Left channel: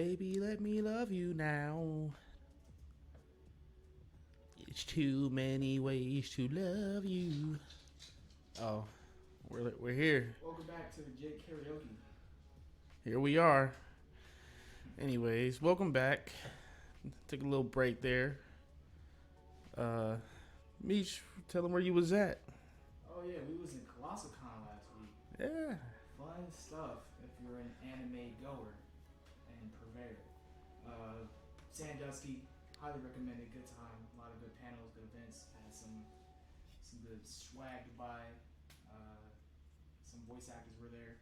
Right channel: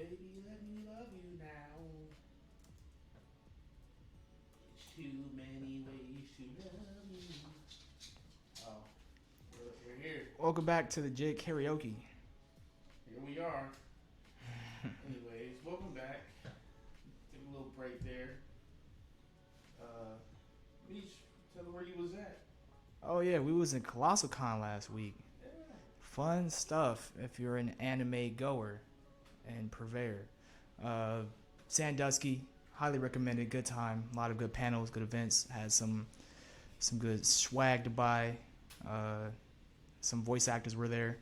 Baby, let me love you now. It's too many ways to love you. Oh, we're here. Welcome back to the Jig Karaoke. Here we are. Anyways, welcome back. Took a little break there. Meech, tell them where you was at. Oh yeah, we was in Colossal Con last week. Yeah. Fun stuff if you're an anime goer and purveyor. Sandusky, highly recommended. Good time. A lot of good panels, good events. Had some good swag to buy. Some voice actors were there.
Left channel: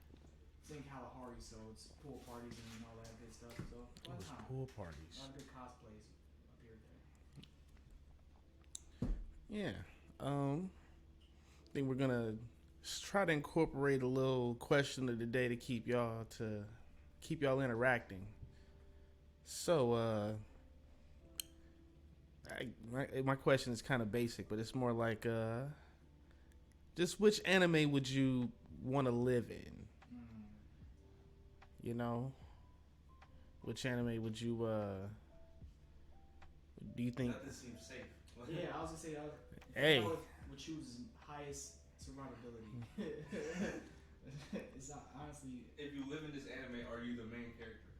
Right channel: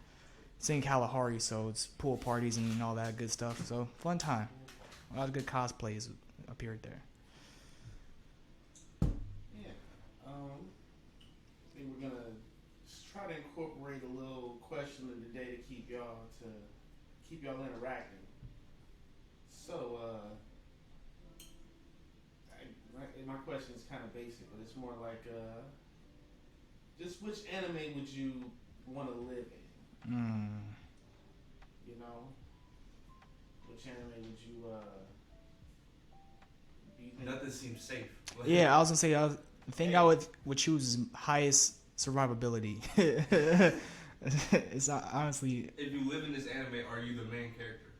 It's in Kalahari, so it's pool parties and all that good stuff. So fun time. Pool parties. A lot of good cosplays appeared there. Yeah. I think we're gonna try to incorporate a little question of the day to keep y'all interacting. So, my question is kind of basic, but it's more like, just which anime would you want to live in? You know, which anime would you? Do you think? Nothing seems safe. Yeah, I was gonna say I would choose highest survivability. It's honestly. If you live in this anime, are you the main character?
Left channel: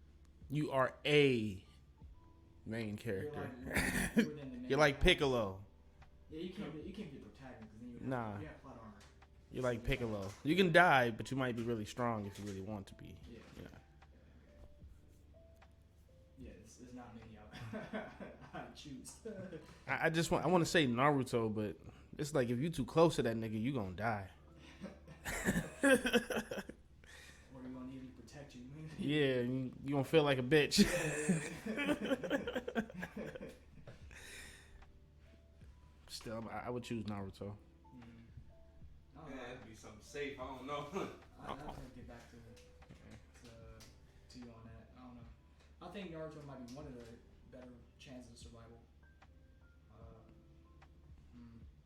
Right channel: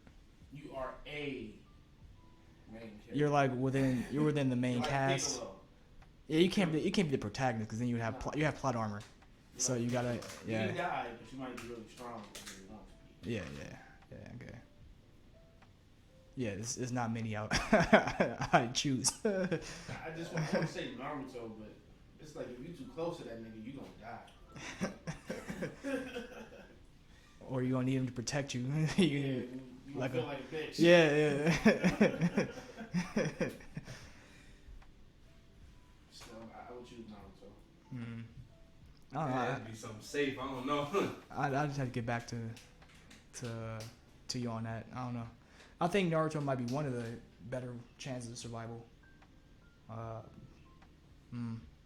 You are a main character. You're within the main. You're like cast. Piccolo. Yeah, you can't be the protagonist because then you would have you have plot armor. You're So like you Piccolo. gotta- You yeah. can die, but you might be really strong if you really want to be. Yeah, okay. Yeah, there's not many out I choose. I want to say Naruto, but it's like if you too close to that nigga, you gonna die. Or you gonna need him to protect you. Yeah, you gonna feel like a bitch. Yeah. Still, I would choose Naruto. I don't know. It has to be something safe. I don't know. I just have to get back to you on that. I don't know. I think Naruto might be one of the better chances of survival.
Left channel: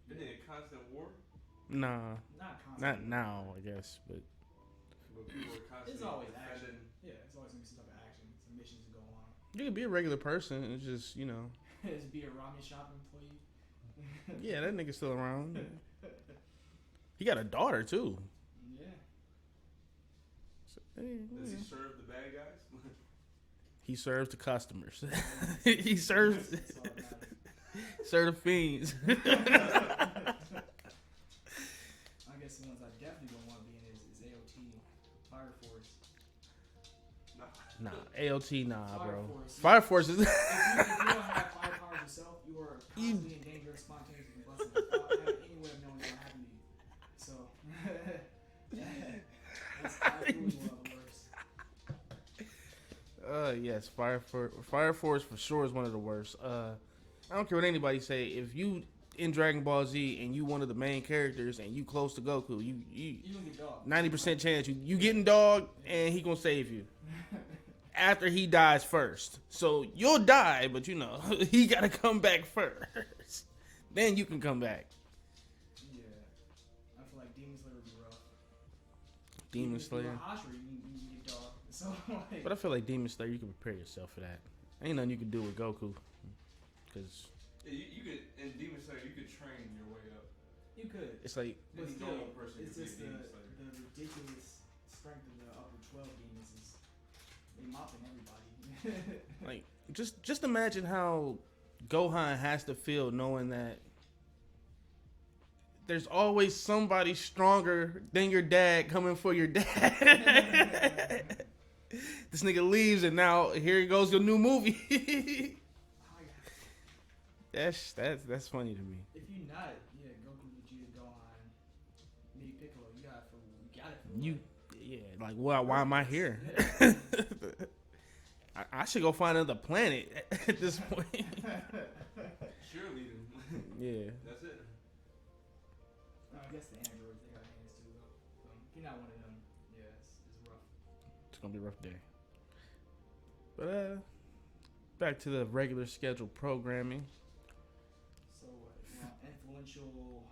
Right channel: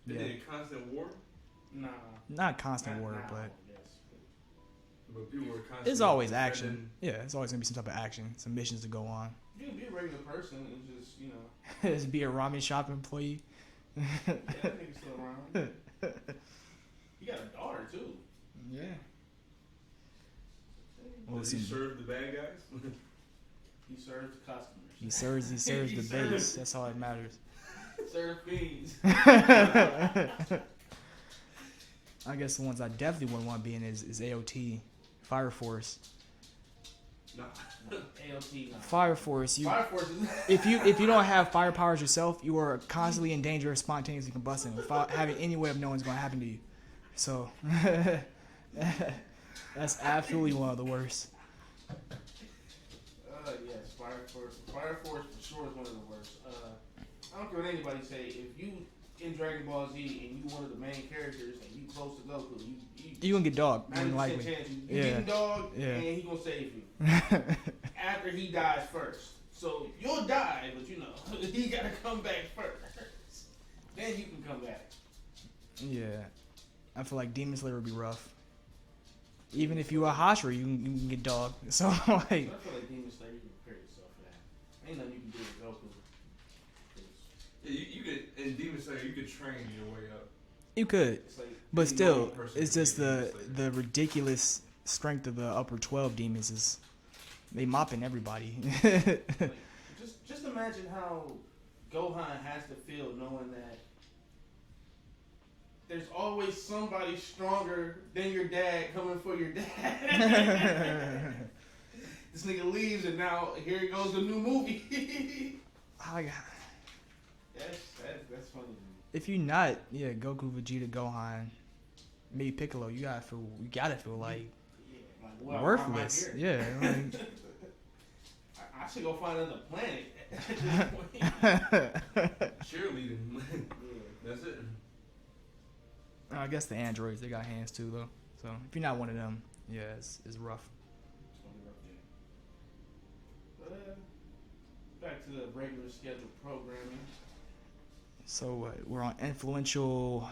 Is it a constant war? Nah, Not constant not war, now, but I guess. But People are constantly it's always defending- action. Yeah, it's always gonna be some type of action, some missions to go on. you can be a regular person. It's just Just be a ramen shop employee. yeah, that nigga's still around. He got a daughter too. Yeah. So, hey, Does he serve the bad guys? he serves the customers. He serves He the serves- base. That's all that matters. Serve the fiends. I guess the ones I definitely wouldn't want to be in is AOT, Fire Force. Nah. Nah, AOT, nah. Fire bro. Force. Fire Force is. If you don't have fire powers yourself, you are constantly in danger of spontaneously combusting without having any way of knowing what's going to happen to you. So that's absolutely one of the worst. Yes, Fire Force for sure is one of the worst. I don't care what anybody say. If you in Dragon Ball Z and you one of the main characters and you close to Goku, You gonna get dogged. 90% chance you Yeah. getting dogged Yeah. and he gonna save you after he dies first. So you'll die, but he gotta come back first. Then you can come back. Yeah, I feel like Demon Slayer would be rough. Demon Even if you're a Slayer. Hashira, you can get dogged. So like, But I feel like Demon Slayer, you can prepare yourself for that. Ain't nothing you can do with Goku. Cause Yeah, you could in Demon Slayer you could train your way up. you could, it's like but Any still, normal person it's could just be the Demon Slayer. the ridiculous strength of the upper 12 demons is they mopping everybody. like just imagine how Gohan has to feel knowing that there's always somebody stronger than your dad coming for your dad. This nigga leaves and now here goes your new movie. I got- That's funny to me. If you're not, Goku, Vegeta, Gohan, maybe Piccolo, you gotta feel like Yeah, like why am I worthless. here? Yeah. I should go find another planet at this point. Cheerleading. Yeah. That's it. I guess the androids, they got hands too though. So if you're not one of them, yeah, it's rough. It's gonna be a rough day. But back to the regular scheduled programming. So we're on influential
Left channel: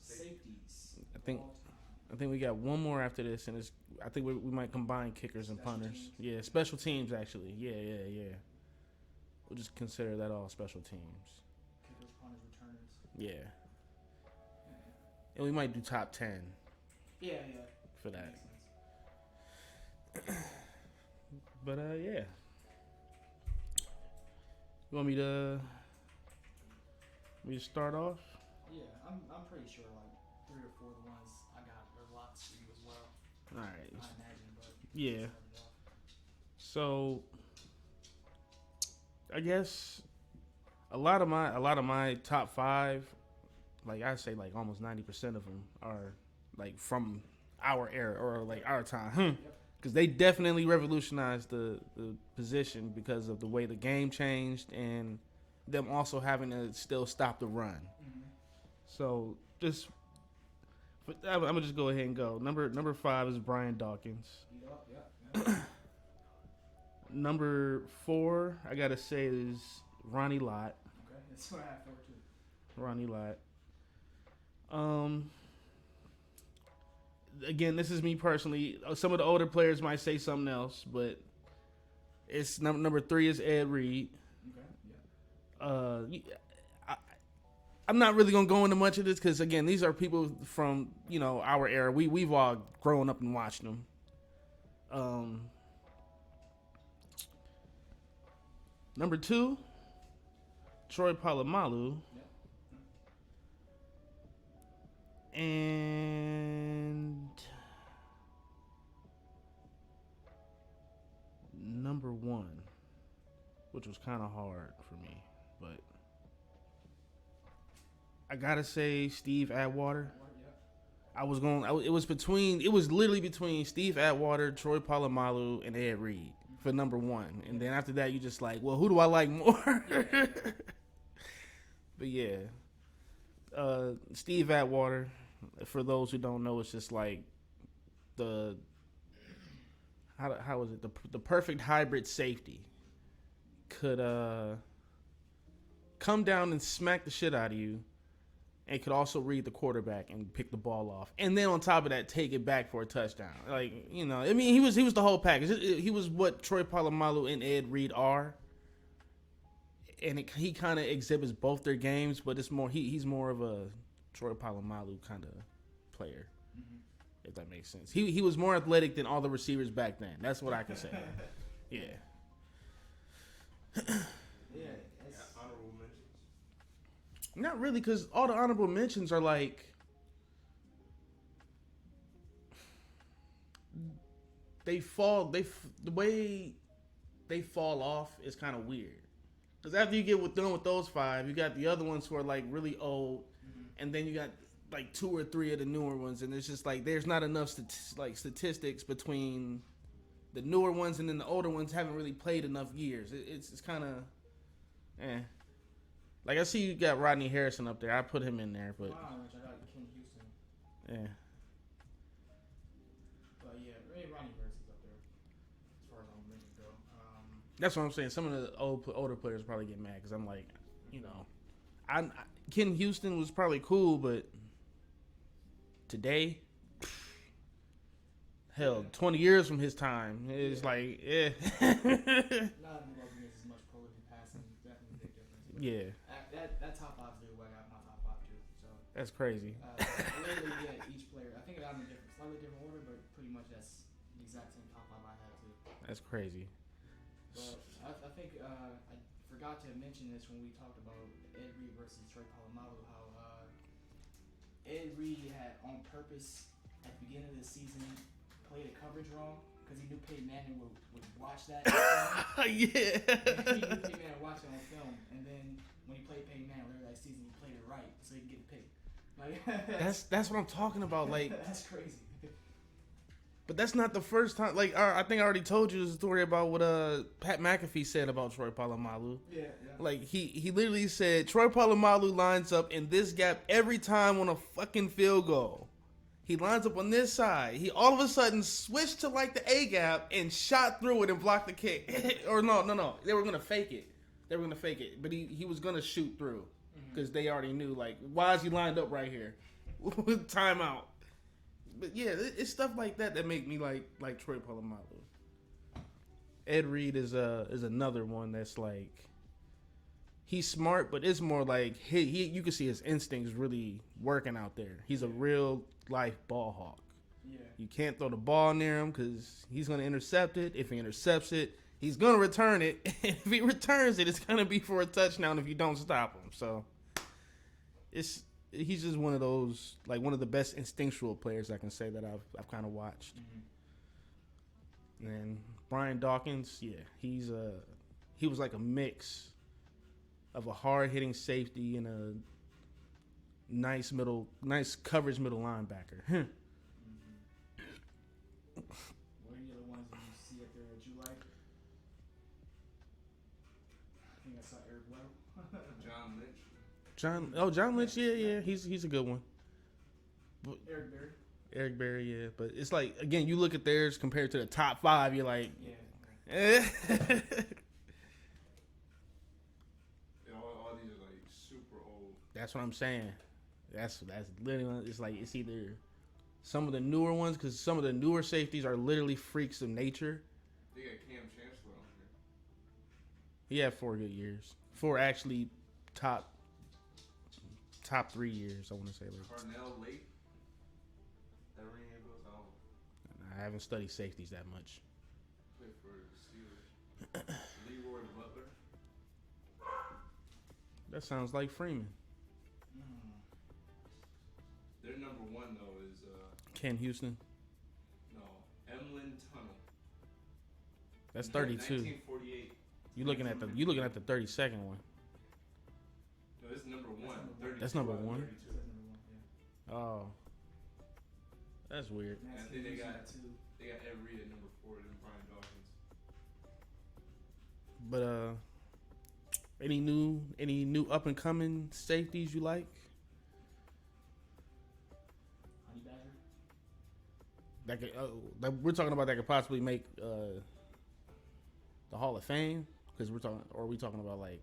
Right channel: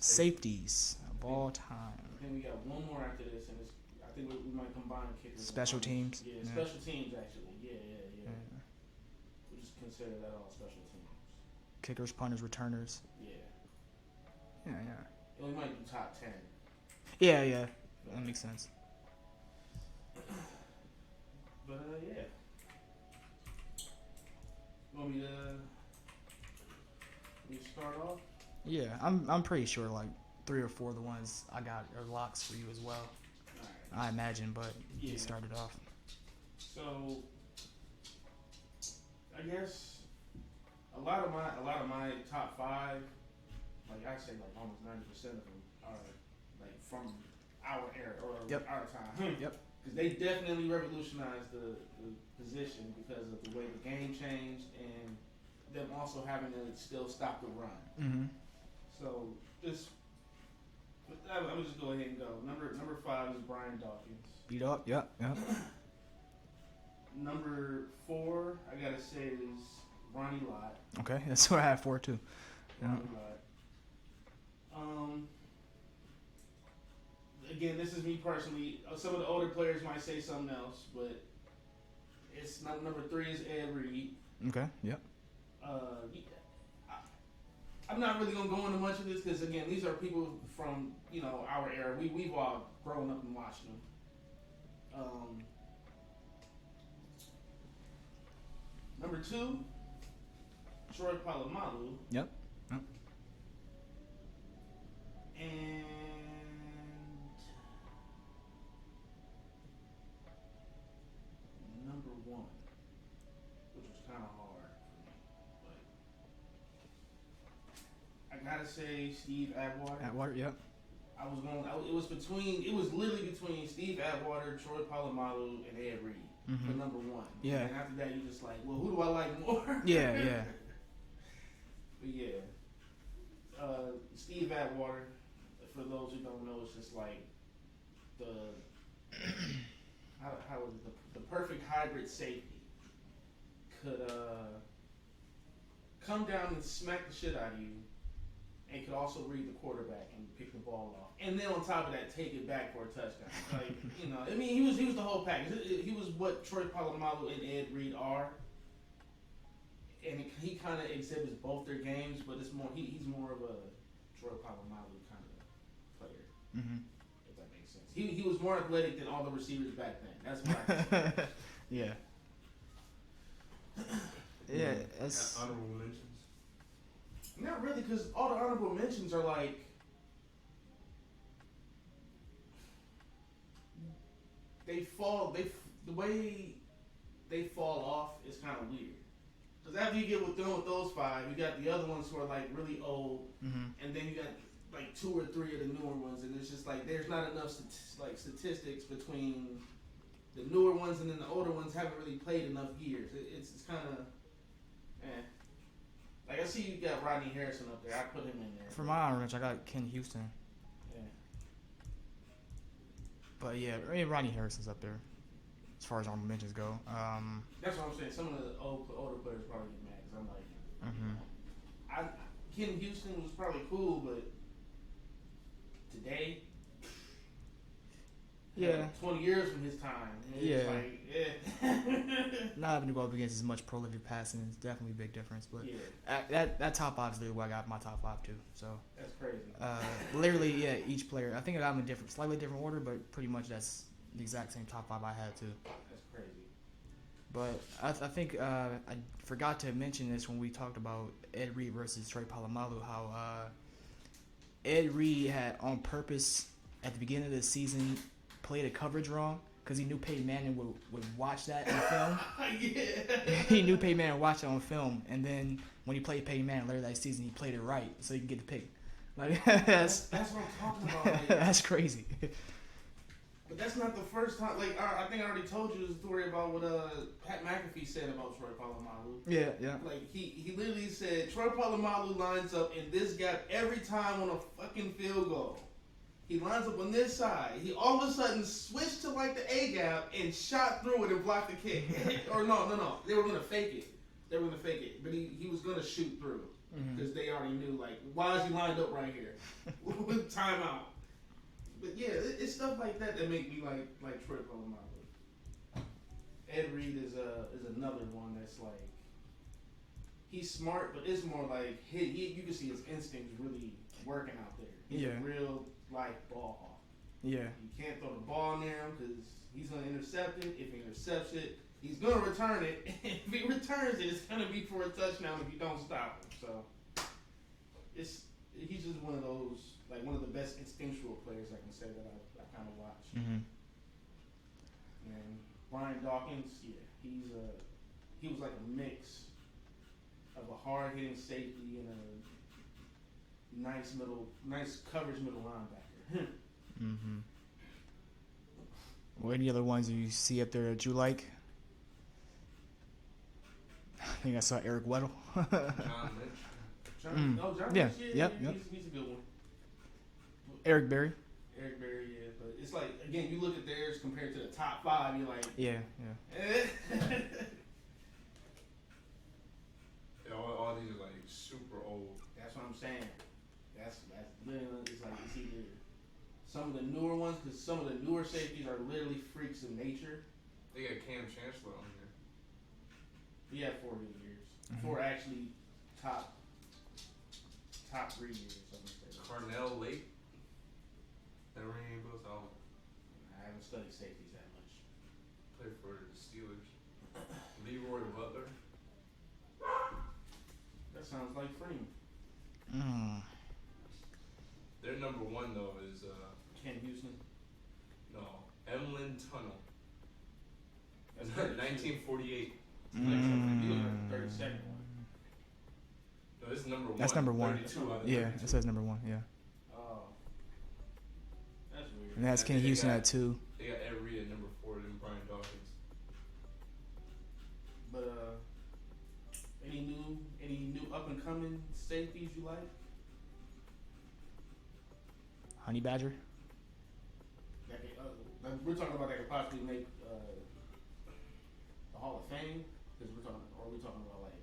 safeties of think- all time. I think we got one more after this, and I think we might combine kickers Special and punters. teams. Yeah, special teams actually. Yeah. We'll just consider that all special teams. Kickers, punters, returners. Yeah. Yeah. And we might do top 10. Yeah. For That makes sense. But yeah. You want me to start off? Yeah, I'm pretty sure like 3 or 4 of the ones I got are locks for you as well. All right. I imagine, but Yeah. you started off. So I guess a lot of my top 5, like I say, like almost 90% of them are like from our era or like our time. Yep. Because they definitely revolutionized the position because of the way the game changed and them also having to still stop the run. Mm-hmm. So I'm gonna just go ahead and go. Number 5 is Brian Dawkins. Beat up. Yep. Number 4, I gotta say, is Ronnie Lott. Okay, that's what I have 4 too. Ronnie Lott. Again, this is me personally. Some of the older players might say something else, but it's number 3 is Ed Reed. Okay. Yep. I'm not really gonna go into much of this because again, these are people from our era. We've all grown up and watched them. Number 2, Troy Polamalu. Yep. And number 1, which was kind of hard for me, but I gotta say Steve Atwater. Yep. It was literally between Steve Atwater, Troy Polamalu, and Ed Reed for number 1. Yeah. And then after that, you just like, well, who do I like more? Yeah. But yeah, Steve Atwater. For those who don't know, it's just like the how is it the perfect hybrid safety. Could come down and smack the shit out of you, and could also read the quarterback and pick the ball off, and then on top of that, take it back for a touchdown. Like I mean, he was the whole package. He was what Troy Polamalu and Ed Reed are, and he kind of exhibits both their games, but it's more he's more of a Troy Polamalu kind of player, if that makes sense. He was more athletic than all the receivers back then. That's what I can say. Yeah. Yeah. That's Honorable mentions. Not really, because all the honorable mentions are like the way they fall off is kind of weird. Because after you get done with those 5, you got the other ones who are like really old, and then you got like 2 or 3 of the newer ones, and it's just like there's not enough statistics between the newer ones and then the older ones haven't really played enough years. It's kind of, Like I see you got Rodney Harrison up there. I put him in there. for my honorable mention. I got Ken Houston. Yeah. But yeah, I mean, Ronnie Harrison's up there as far as honorable mentions go. That's what I'm saying. Some of the older players probably get mad because I'm like, Ken Houston was probably cool, but today, hell, 20 years from his time, it's like, Not having to go up against as much prolific passing is definitely a big difference. But that top 5 is literally where I got my top 5 too. So that's crazy. Literally, each player. I think I got them in slightly different order, but pretty much that's the exact same top 5 I had too. That's crazy. But I think I forgot to mention this when we talked about Ed Reed versus Troy Polamalu, how Ed Reed had on purpose at the beginning of the season played a coverage wrong because he knew Peyton Manning would watch that on film. He knew Peyton Manning would watch it on film, and then when he played Peyton Manning later that season, he played it right so he could get the pick. Like, that's what I'm talking about. Like that's crazy. But that's not the first time. Like I think I already told you the story about what Pat McAfee said about Troy Polamalu. Yeah. Like he literally said Troy Polamalu lines up in this gap every time on a fucking field goal. He lines up on this side. He all of a sudden switched to like the A gap and shot through it and blocked the kick. Or no. They were gonna fake it. But he was gonna shoot through because they already knew like why is he lined up right here? Timeout. But yeah, it's stuff like that that make me like Troy Polamalu. Ed Reed is another one that's like he's smart, but it's more like he you can see his instincts really working out there. He's a real life ball hawk. Yeah. You can't throw the ball near him because he's going to intercept it. If he intercepts it, he's going to return it. If he returns it, it's going to be for a touchdown if you don't stop him. So he's just one of those, like one of the best instinctual players I can say that I've kind of watched. Mm-hmm. And Brian Dawkins, yeah, he was like a mix of a hard hitting safety and a nice coverage middle linebacker. Mm-hmm. Well, any other ones you see up there that you like? I think I saw Eric Weddle. John Lynch. John Lynch, yeah. Yep. He's a good one. Eric Berry. Yeah, but it's like again, you look at theirs compared to the top 5, you're like, Yeah. eh. All these are like super old. That's what I'm saying. That's literally, it's like it's either some of the newer ones, because some of the newer safeties are literally freaks of nature. They got Cam Chancellor on here. He had 4 good years. 4 actually top 3 years, I want to say. Carnell Lake. That ring any bells? I haven't studied safeties that much. Played for the Steelers. Leroy Butler. That sounds like Freeman. Their number 1 though is Ken Houston. no, Emlyn Tunnel. That's 32. 1948. You looking at the 32nd one. No, this is number 1. That's number 1. That's number 1. Yeah, it says number 1. Yeah. Oh, that's weird. And that's Ken Houston at 2. They got Ed Reed at number 4. Then Brian Dawkins. But any new up and coming safeties you like? Honey Badger. That could, we're talking about that could possibly make the Hall of Fame, because we talking about like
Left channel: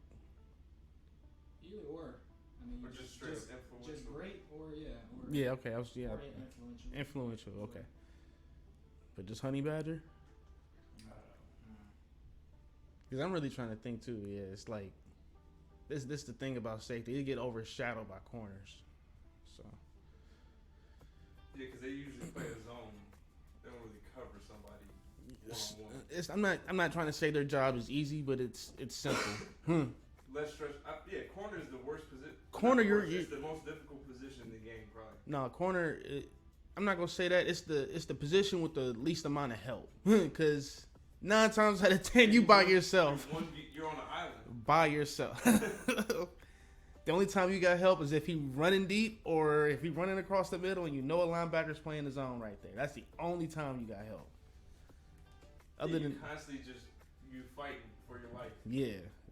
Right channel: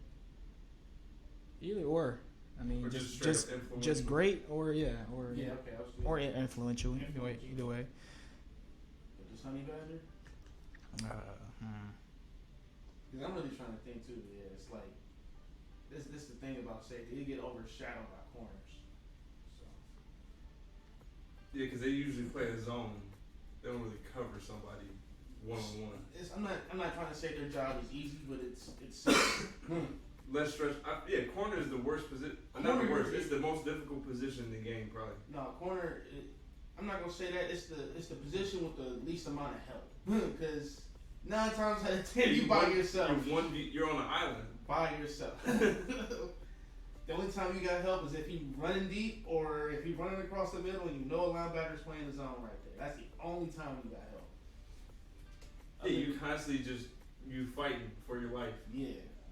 Either or. I mean, Or just great or okay, or influential. Influential, Either way. But just Honey Badger. Because I'm really trying to think too. Yeah, it's like this the thing about safety. They get overshadowed by corners. So Yeah, because they usually play a zone. They don't really cover somebody one-on-one. I'm not trying to say their job is easy, but it's simple. Less stress. Corner is the worst position. It's the most difficult position in the game, probably. No, corner. I'm not gonna say that. It's the position with the least amount of help. Because 9 times out of 10, you by yourself. You're on an island. By yourself. The only time you got help is if he running deep or if he running across the middle and you know a linebacker's playing the zone right there. That's the only time you got help. You constantly you fighting for your life. Yeah,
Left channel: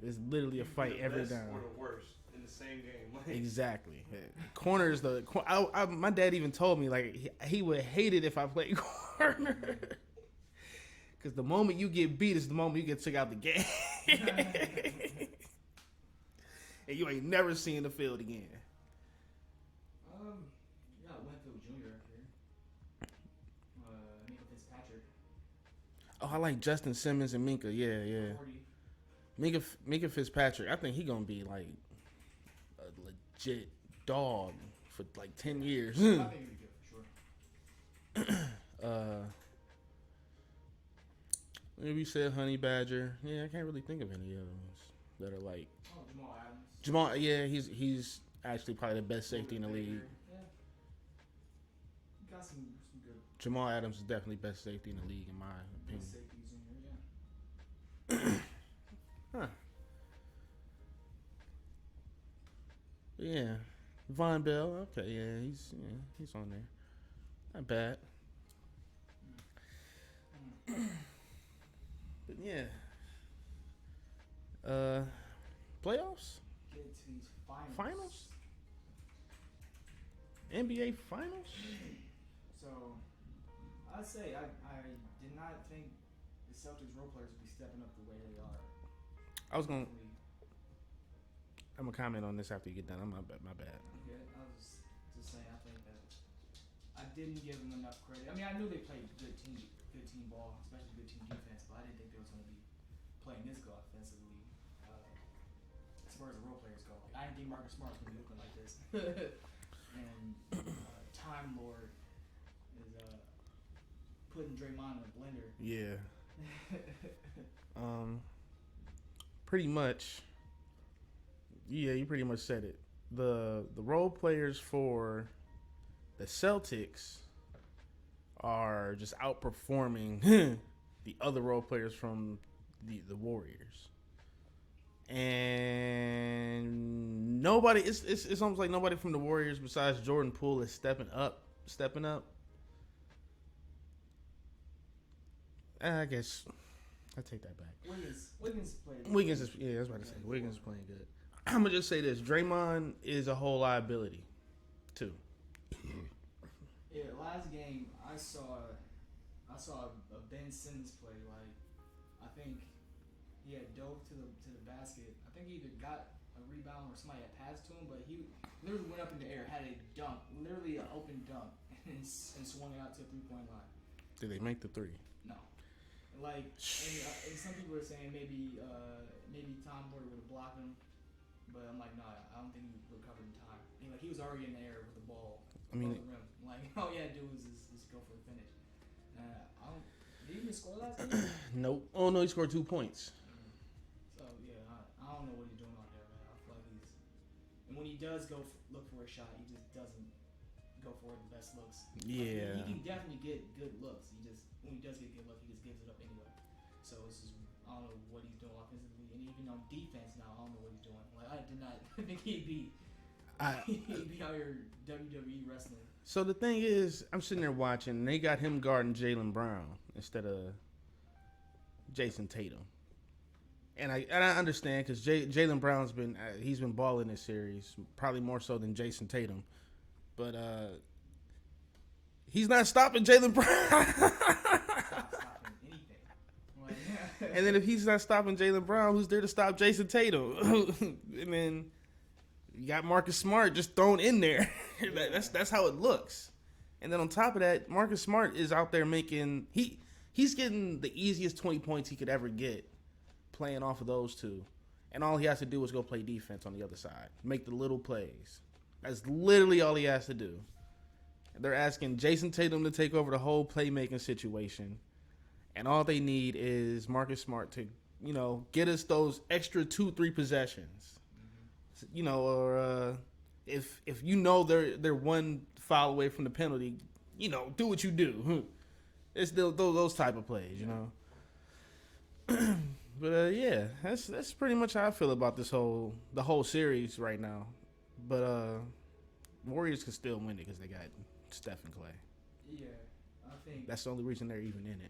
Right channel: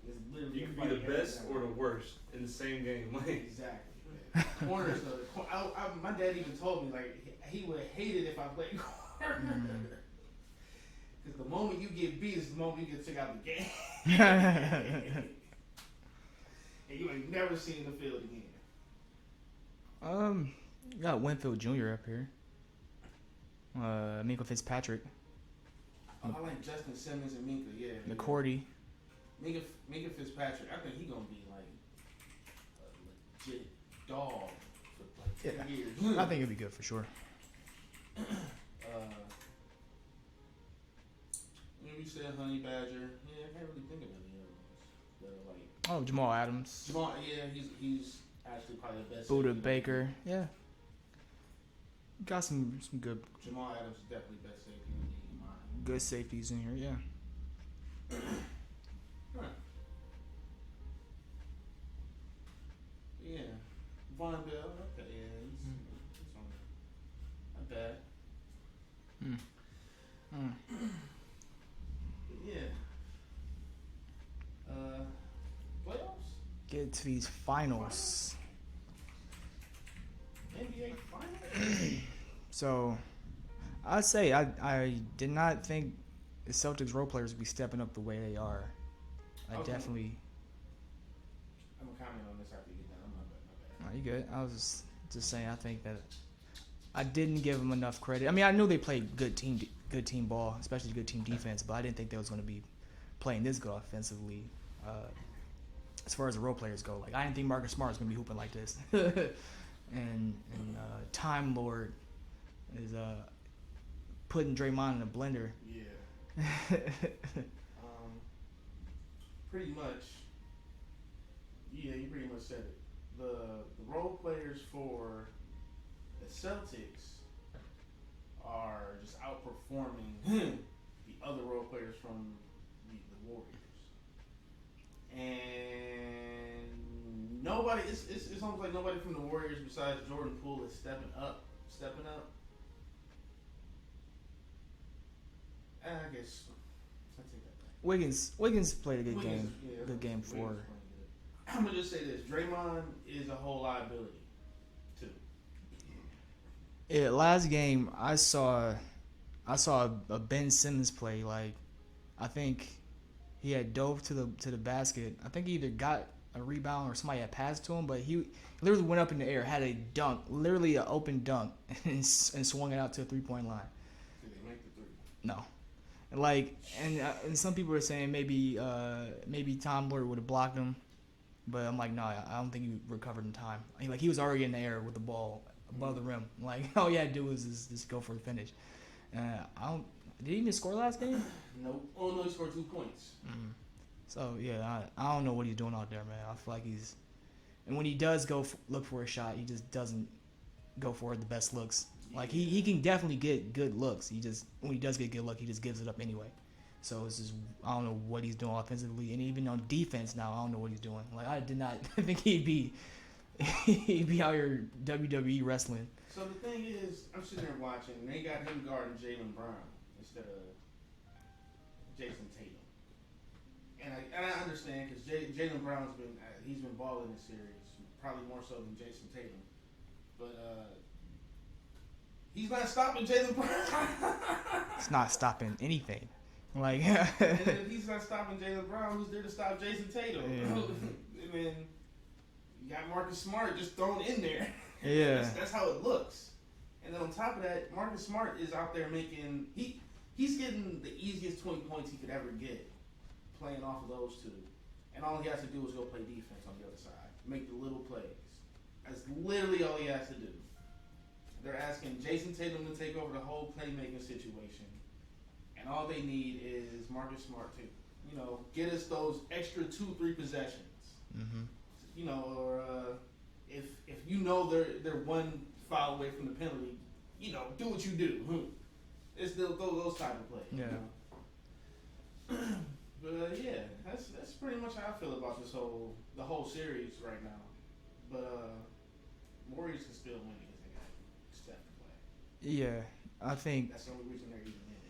it's literally You a can fight be the every best down. or the worst in the same game. Like, Exactly. Man. Corner is my dad even told me like he would hate it if I played corner. Because the moment you get beat is the moment you get took out the game. And you ain't never seen the field again. You got Winfield Jr. up here. Minka Fitzpatrick. Oh, I like Justin Simmons and Minka. Yeah. McCourty. Minka Fitzpatrick. I think he gonna be like a legit dog for like 10 years. I think it'll be good for sure. Maybe you said Honey Badger. Yeah, I can't really think of any other ones that are like. Oh, Jamal Adams. Yeah, he's actually probably the best. Buda Baker. Yeah. Got some good. Jamal Adams is definitely best safety in the league in mine. Good safeties in here, yeah. Huh. Yeah. Von Bell. Okay, yeah, he's on there. Not bad. But yeah. Playoffs? Get to these finals. NBA finals? So, I'd say I did not think the Celtics role players would be stepping up the way they are. I'm gonna comment on this after you get done. My bad. No, you good. I was just saying I think that I didn't give them enough credit. I mean, I knew they played good team ball, especially good team defense, but I didn't think they was going to be playing this good offensively. As far as the role players go, like I didn't think Marcus Smart was going to be hooping like this. and Time Lord is putting Draymond in a blender. Yeah. Pretty much. Yeah, you pretty much said it. The role players for the Celtics are just outperforming the other role players from the Warriors. And nobody, it's almost like nobody from the Warriors besides Jordan Poole is stepping up. And I guess I take that back. Wiggins played a good game. Good game for. Wiggins playing good. I'm gonna just say this: Draymond is a whole liability, too. Yeah, last game I saw a Ben Simmons play. Like, I think he had dove to the basket. I think he either got a rebound or somebody had passed to him, but he literally went up in the air, had a dunk, literally an open dunk, and swung it out to a 3-point line. Did they make the three? No. And some people are saying maybe Tom Lord would have blocked him, but I'm like, no, I don't think he recovered in time. He was already in the air with the ball above the rim. Like, all you had to do was just go for the finish. Did he even score last game? Nope. Oh no, he scored 2 points. Mm-hmm. So yeah, I don't know what he's doing out there, man. I feel like and when he does go look for a shot, he just doesn't go for the best looks. Yeah. Like he can definitely get good looks. When he does get good luck, he just gives it up anyway. So it's just, I don't know what he's doing offensively, and even on defense now, I don't know what he's doing. Like, I did not think he'd be out here WWE wrestling. So the thing is, I'm sitting there watching, and they got him guarding Jaylen Brown instead of Jason Tatum. And I understand because Jaylen Brown's been balling this series, probably more so than Jason Tatum. But he's not stopping Jaylen Brown. It's not stopping anything. Like, and then if he's not stopping Jaylen Brown, who's there to stop Jason Tatum? Yeah. And then you got Marcus Smart just thrown in there. Yeah. That's how it looks. And then on top of that, Marcus Smart is out there making he's getting the easiest 20 points he could ever get playing off of those two. And all he has to do is go play defense on the other side. Make the little plays. That's literally all he has to do. They're asking Jason Tatum to take over the whole playmaking situation. And all they need is Marcus Smart to, get us those extra 2-3 possessions. Mm-hmm. Or if they're one foul away from the penalty, do what you do. It's those type of plays. Yeah. But yeah, that's pretty much how I feel about the whole series right now. But Warriors can still win it because they got Steph and Clay. Yeah, I think that's the only reason they're even in it.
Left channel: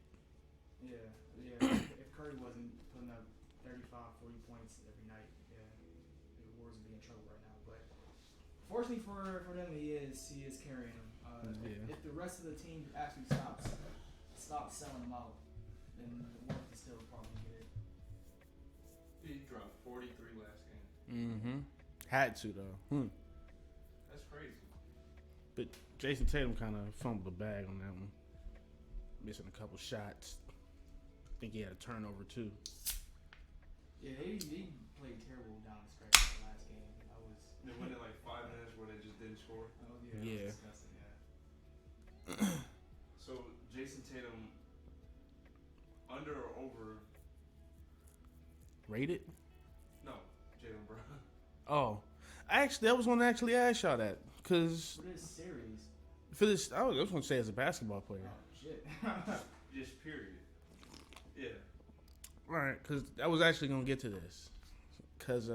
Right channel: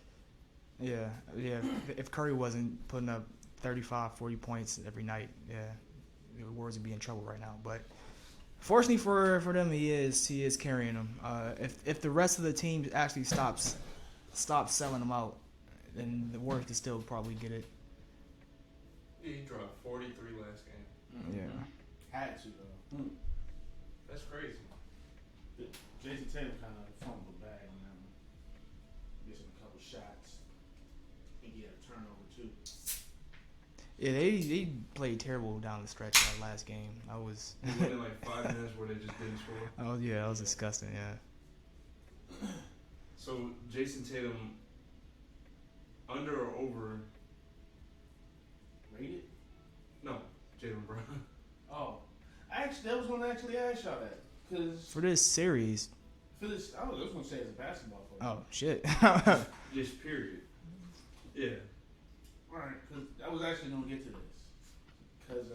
Yeah. If Curry wasn't putting up 35, 40 points every night, the Warriors would be in trouble right now. But fortunately for them, he is carrying them. If the rest of the team actually stops selling them out, then the Warriors can still probably get it. Yeah, he dropped 43 last game. Mm-hmm. Yeah. Had to though. That's crazy. But Jason Tatum kind of fumbled the bag on that one, missing a couple shots. I think he had a turnover too. Yeah, they played terrible down the stretch in that last game. They went in like 5 minutes where they just didn't score. Oh yeah, that was disgusting. Yeah. So Jason Tatum, under or over? Rated? No, Jaylen Brown. Oh, I was going to actually ask y'all that because for this series. I was going to say as a basketball player. Oh shit. Just period. Yeah. Right, because I was actually going to get to this. Because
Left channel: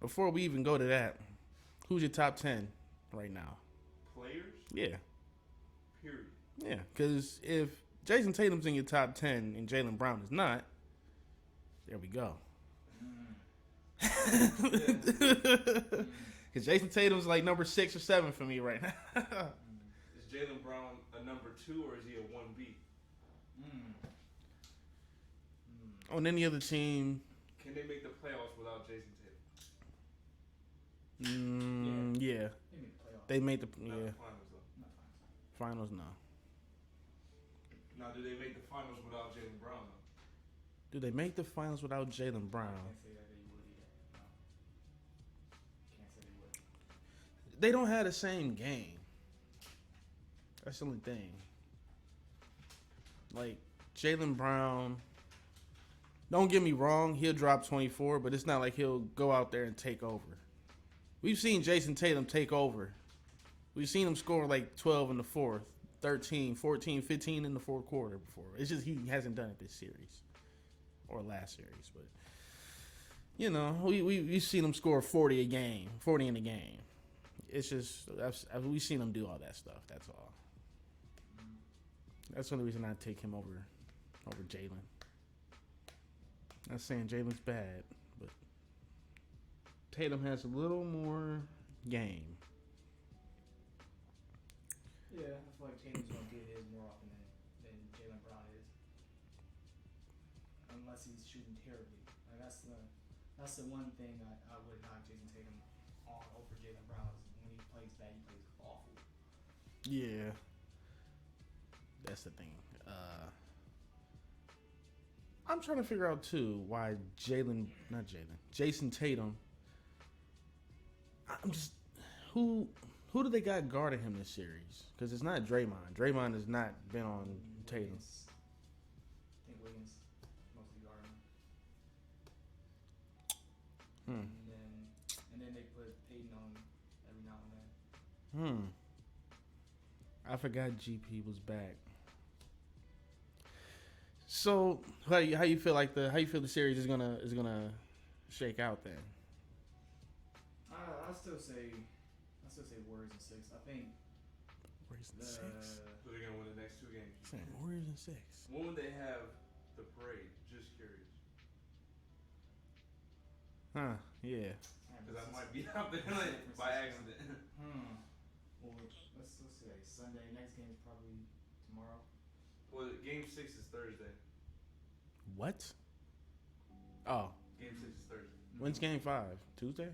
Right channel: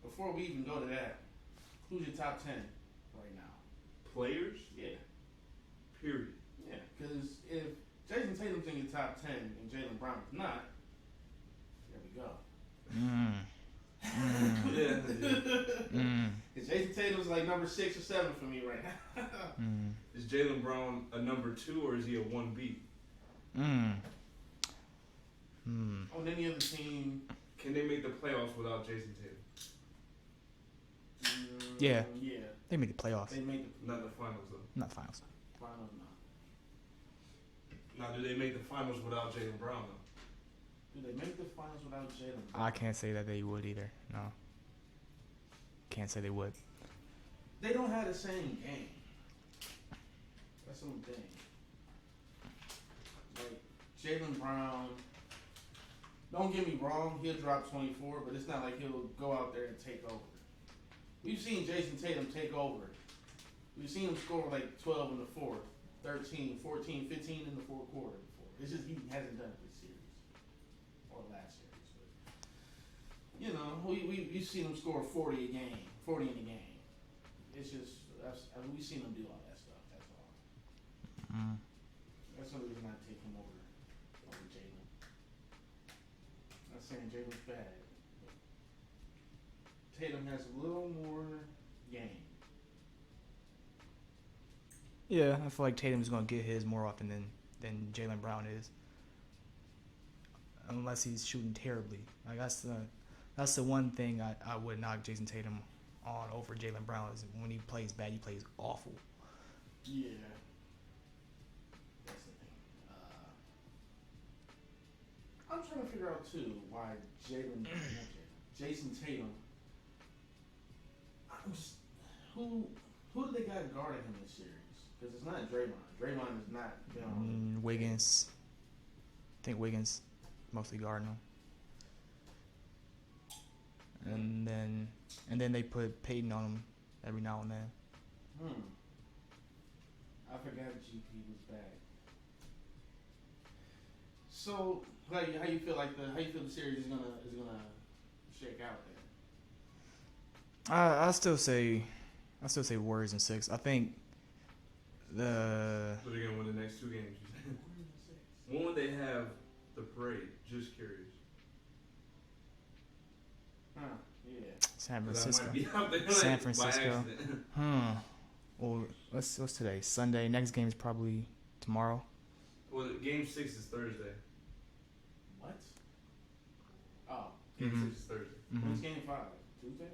before we even go to that, who's your top 10 right now? Players? Yeah. Period. Yeah, because if Jason Tatum's in your top 10 and Jaylen Brown is not, there we go. Because Jason Tatum's like number 6 or 7 for me right now. Is Jaylen Brown a number 2 or is he a 1B? On any other team. Can they make the playoffs without Jason Tatum? Yeah. Yeah. They made the playoffs. They made the Not the finals though. Not finals. Finals, no. Now, do they make the finals without Jaylen Brown though? Do they make the finals without Jaylen Brown? I can't say that they would either. No. Can't say they would. They don't have the same game. That's the only thing. Like, Jaylen Brown, don't get me wrong, he'll drop 24, but it's not like he'll go out there and take over. We've seen Jason Tatum take over. We've seen him score like 12 in the fourth, 13, 14, 15 in the fourth quarter before. It's just he hasn't done it this series or last series. But, you know, we've seen him score 40 a game, 40 in a game. It's just, we've seen him do all that stuff, that's all. That's the only reason I take him over Jalen. Not saying Jalen's bad, but Tatum has a little more game. Yeah, I feel like Tatum's going to get his more often than Jaylen Brown is. Unless he's shooting terribly. Like that's the one thing I would knock Jason Tatum on over Jaylen Brown is when he plays bad, he plays awful. Yeah. That's the thing. I'm trying to figure out too why Jason Tatum. I'm just who do they got guarding him this series? Because it's not Draymond. Draymond has not been on Wiggins. I think Wiggins mostly guarding him. And then they put Peyton on him every now and then. I forgot GP was back. So how you feel the series is gonna shake out then? I still say Warriors in 6. I think So they're gonna win the next 2 games. Warriors in 6. When would they have the parade? Just curious. Yeah. San That Francisco. might be out there San like, Francisco. by accident. Well, what's today? Sunday. Next game is probably tomorrow. Well, game 6 is Thursday. What? Oh, Game 6 is Thursday. when's game 5? Tuesday?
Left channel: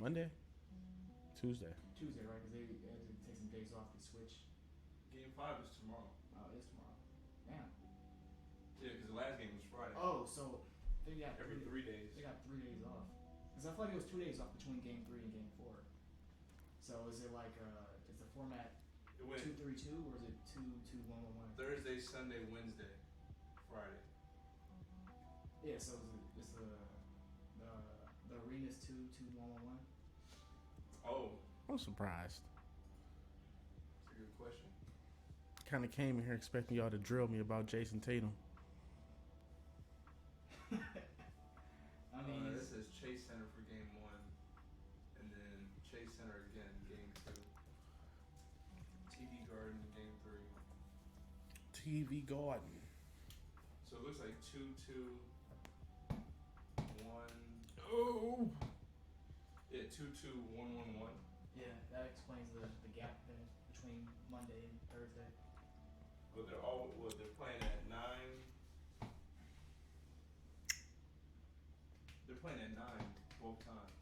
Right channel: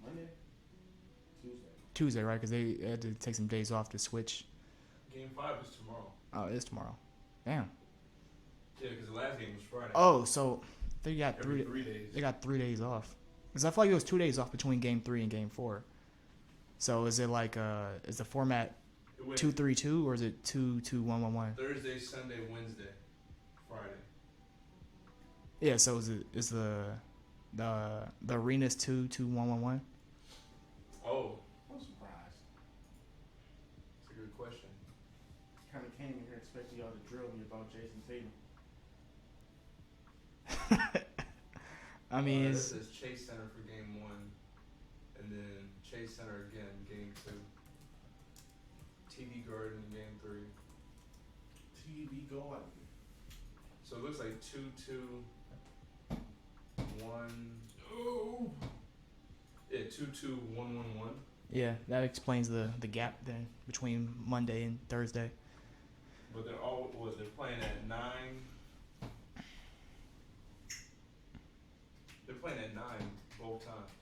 Monday? Tuesday, right? Because they had to take some days off to switch. Game 5 is tomorrow. Oh, it is tomorrow. Damn. Yeah, because the last game was Friday. Oh, so they got Every 3 days. They got 3 days off. Because I feel like it was 2 days off between game 3 and game 4. So is it like is the format 2-3-2 or is it 2-2-1-1-1? Thursday, Sunday, Wednesday, Friday. Yeah. So is the arena's 2-2-1-1-1? Oh, I'm surprised. that's a good question. Kind of came in here expecting y'all to drill me about Jason Tatum. I mean, this is Chase Center for game 1, and then Chase Center again, game 2. TV Garden, game 3. TV Garden. So it looks like 2-2-1. Oh. Yeah, 2-2-1-1-1. yeah, that explains the gap then between Monday and Thursday. But they're playing at 9. They're playing at 9 both times.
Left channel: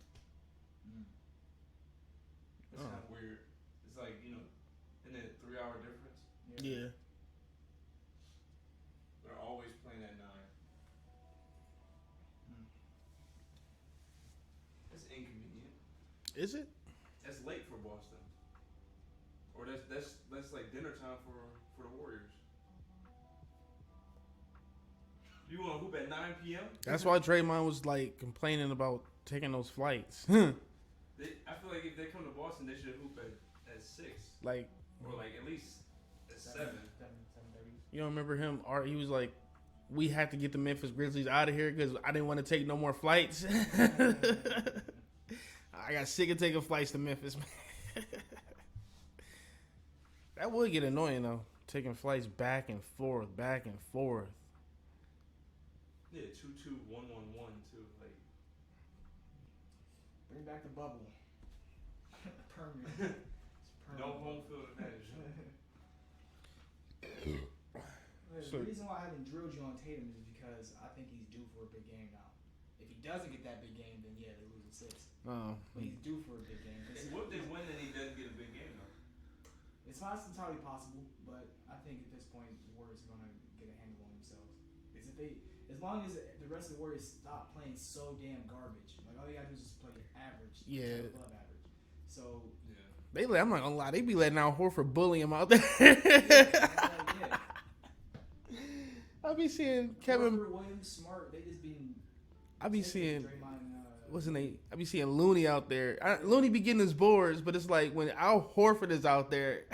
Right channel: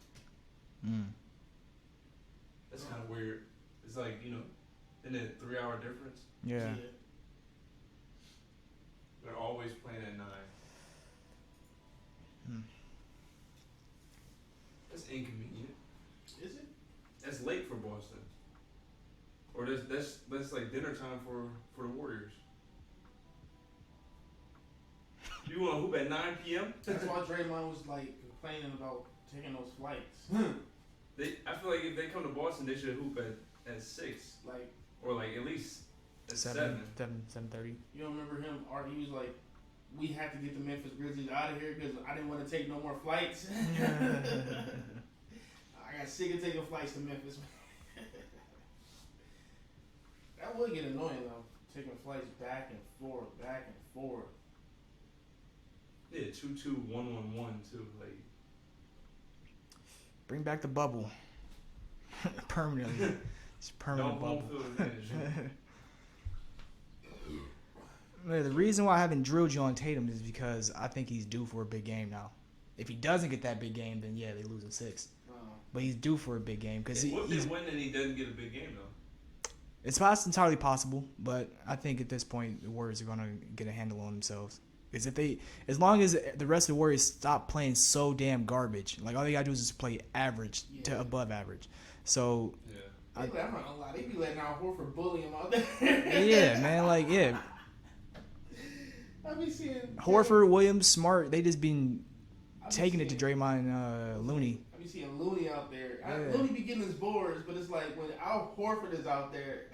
That's kind of weird. It's like, isn't it a 3-hour difference? Yeah. They're always playing at 9. That's inconvenient. Is it? That's late for Boston. Or that's like dinner time for the Warriors. You want to hoop at 9 p.m.? That's why Draymond was like complaining about taking those flights. I feel like if they come to Boston, they should hoop at 6. Like, or like at least at 7. 7:30. you don't remember him? He was like, we had to get the Memphis Grizzlies out of here because I didn't want to take no more flights. I got sick of taking flights to Memphis. That would get annoying though, taking flights back and forth. Yeah, 2-2-1-1-1 too. Like, Bring back the bubble. Permanently. It's a permanent no bubble. home field advantage. Man, the reason why I haven't drilled you on Tatum is because I think he's due for a big game now. If he doesn't get that big game, then yeah, they lose in 6. Oh. But he's due for a big game because What if they win and he doesn't get a big game though? it's entirely possible. But I think at this point the Warriors are gonna get a handle on themselves. Because as long as the rest of the Warriors stop playing so damn garbage, like all they gotta do is just play average to above average. So I'm not gonna lie, they be letting Al Horford bully him out there. yeah, man, like I be seeing Horford, Williams, Smart. They just been taking it to Draymond and Looney. I be seeing Looney out there. Looney be getting his boards, but it's like when Al Horford is out there,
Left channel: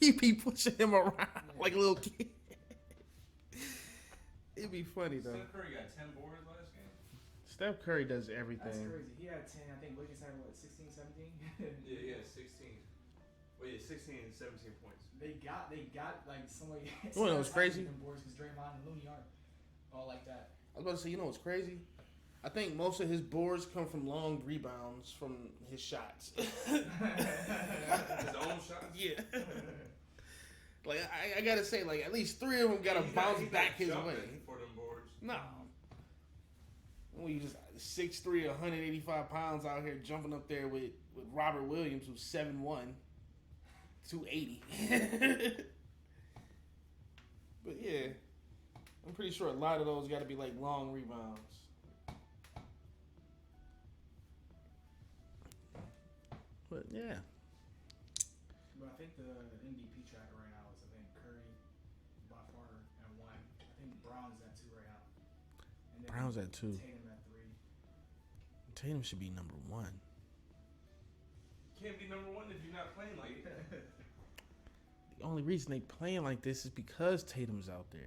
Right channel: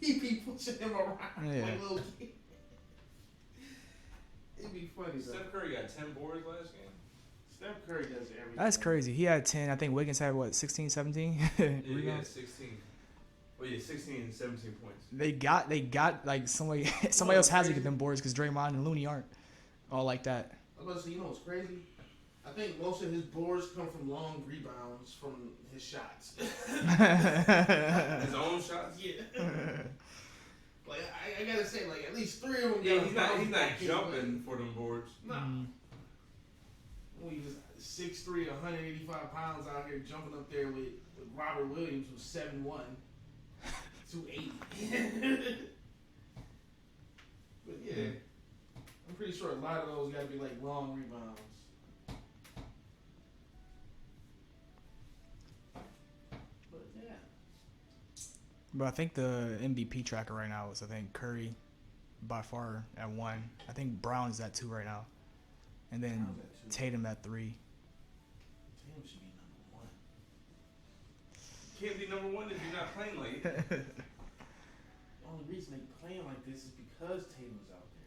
he be pushing him around like a little kid. It'd be funny though. Steph Curry got 10 boards last game. Steph Curry does everything. That's crazy. He had 10. I think Wiggins had 16, 17? Yeah, he had 16. Well, yeah, 16 and 17 points. They got like somebody else has to get them boards because Draymond and Looney aren't all like that. I was about to say, you know what's crazy? I think most of his boards come from long rebounds from his shots. His own shots? Yeah. Like, I gotta say, like, at least 3 of them got he's not jumping for them boards. No. We just 6'3", 185 pounds out here jumping up there with Robert Williams, who's 7'1", 280. But yeah, I'm pretty sure a lot of those got to be like long rebounds. But yeah. But I think the MVP tracker right now is Curry by far at 1. I think Brown's at 2 right now. And then Brown's at 2. Tatum at 3. Tatum should be number 1. Can't be number 1 if you're not playing like it. The only reason they playing like this is because Tatum's out there.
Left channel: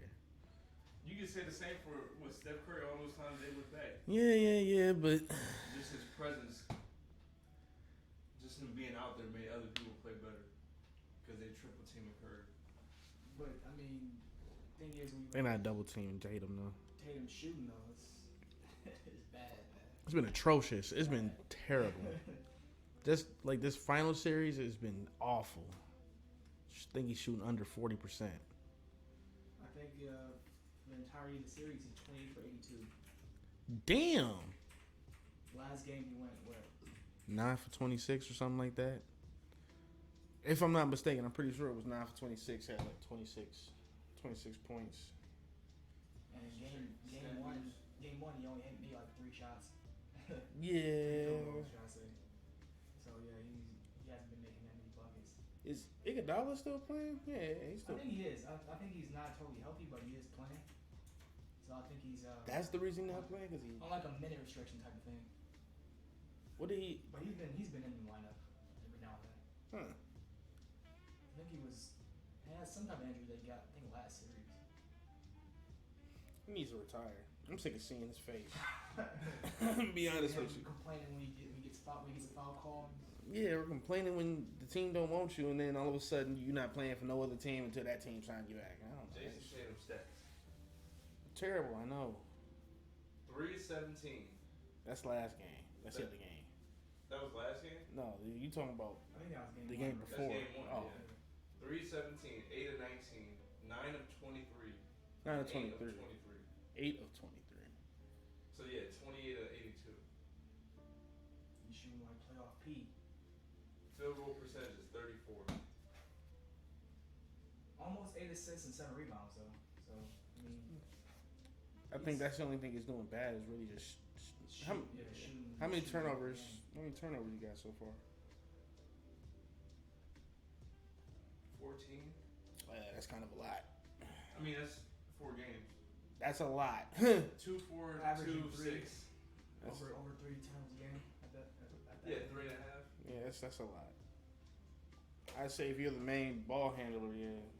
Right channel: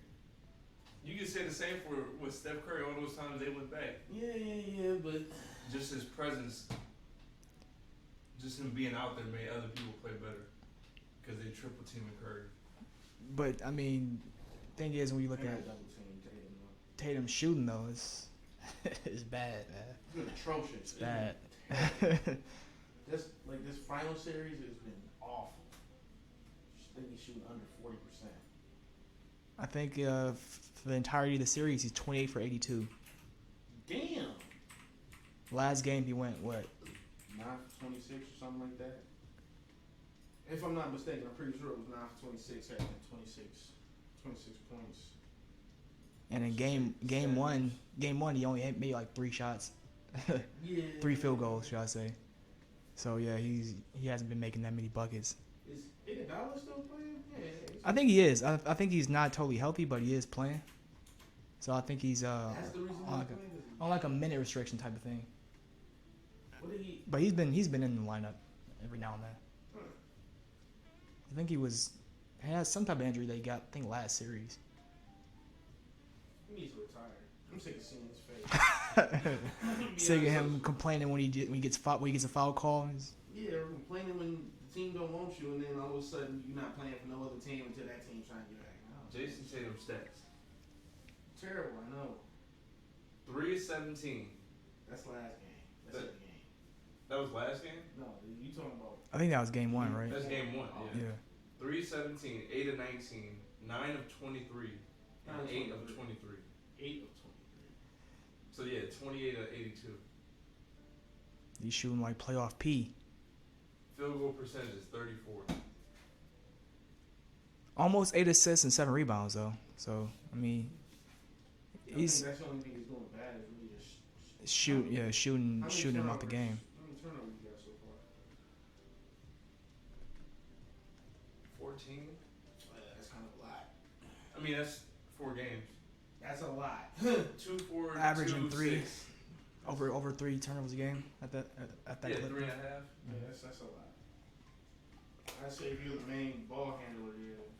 You can say the same with Steph Curry all those times they went back. Yeah, but just his presence, just him being out there made other people play better because they triple teaming Curry. But I mean, thing is when you look at double teaming Tatum though. Tatum shooting though, it's bad, man. It's been atrocious. It's been terrible. Just like this final series has been awful. I think he's shooting under 40%. I think for the entirety of the series, he's 28 for 82. Damn. Last game he went what? 9 for 26 or something like that. If I'm not mistaken, I'm pretty sure it was 9 for 26. Had like 26 points. And in game one, he only made like 3 shots. Yeah. 3 field goals, should I say? So yeah, he hasn't been making that many buckets. Is Iguodala still playing? Yeah. I think he is. I think he's not totally healthy, but he is playing. So I think he's That's the reason why he's playing. On like a minute restriction type of thing. What did he? But he's been in the lineup every now and then. Huh. I think he had some type of injury that he got. I think last series. He needs to retire. I'm sick of seeing his face. Sick of him complaining when he gets a foul call. Yeah, or complaining when the team don't want you, and then all of a sudden you're not playing for no other team until that team signs you back. Jason Tatum stats. Terrible, I know. 3-17. That's last game. That's every game. That was last game? No, you talking about? I think that was game 1, right? That's game 1. Oh. Yeah. 3-17, 8 of 19, 9 of 23, 9 of 8 of 23. 23. 8 of 23. So yeah, 28 of 82. He's shooting like playoff P. Field goal percentage is 34. Almost 8 assists and 7 rebounds though. So I mean, I think that's the only thing he's doing bad is really just shooting out the game. How many turnovers you got so far? 14. That's kind of a lot. I mean, that's 4 games. That's a lot. 2, 4, Averaging 2, 3. 6. Over 3 turnovers a game at that Yeah, clip. 3.5. Yeah, that's a lot. I'd say if you're the main ball handler,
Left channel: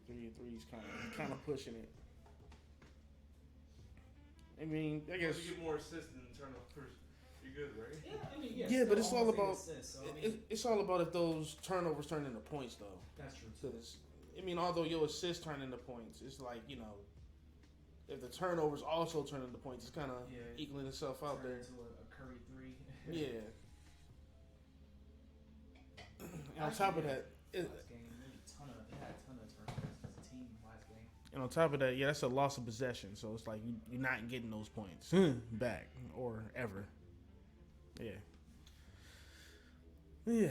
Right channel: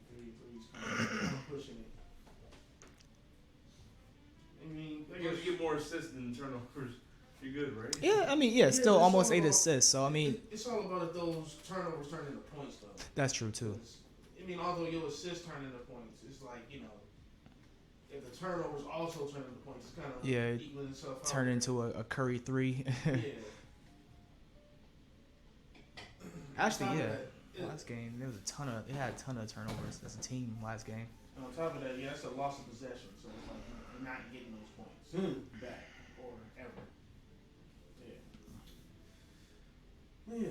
three's kind of pushing it. I mean, I guess you get more assists than turnovers. You're good, right? Yeah, I mean, Yeah, still but it's almost all 8 about- assists. So I mean, it's all about if those turnovers turn into points, though. that's true too. 'Cause, I mean, although your assists turn into points, it's like if the turnovers also turn into points, it's kind of equaling itself out. Turn into a Curry 3. Yeah. Actually, yeah. Last game, it had a ton of turnovers as a team last game. And on top of that, that's a loss of possession. So it's like you're not getting those points back. or ever. Yeah. Yeah.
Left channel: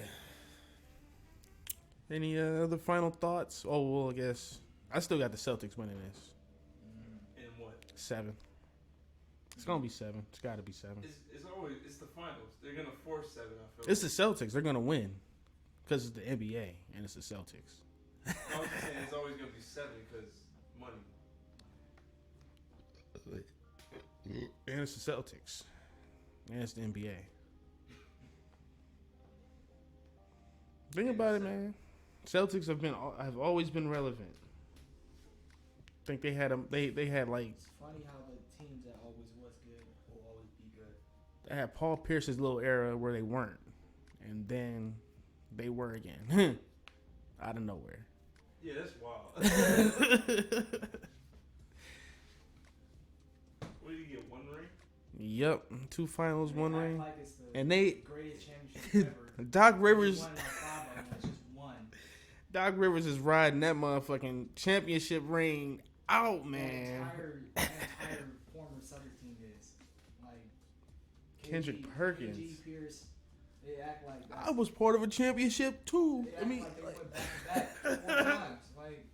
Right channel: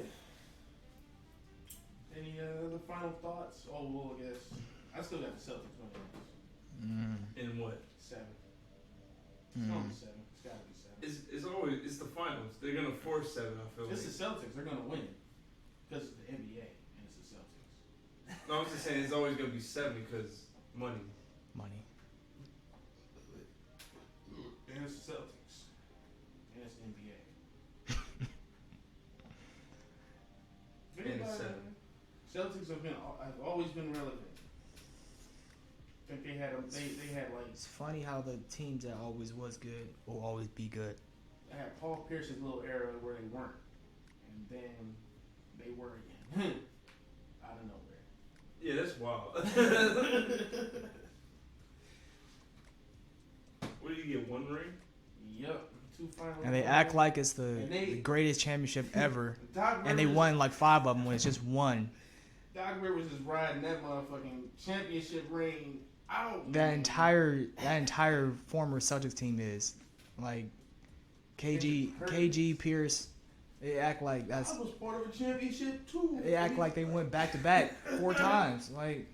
Any other final thoughts? Oh, well, I guess I still got the Celtics winning this. In what? 7. It's gonna be 7. It's gotta be 7. It's the finals. They're gonna force 7. I feel. It's the Celtics. They're gonna win because it's the NBA and it's the Celtics. No, I'm just saying it's always gonna be 7 because money. And it's the Celtics. And it's the NBA. Think about it, man. Celtics have always been relevant. I think they had like. It's funny how the teams that always was good will always be good. They had Paul Pierce's little era where they weren't, and then they were again, out of nowhere. Yeah, that's wild. What did you get? 1 ring? Yep, 2 finals. And they act like it's the greatest championship ever. Doc Rivers, and they won like 5 of them when it's just 1. Doc Rivers is riding that motherfucking championship ring out, man. That entire former Celtics team is like KG Pierce. They act like I was part of a championship too. They act like they went back to back 4 times. Like,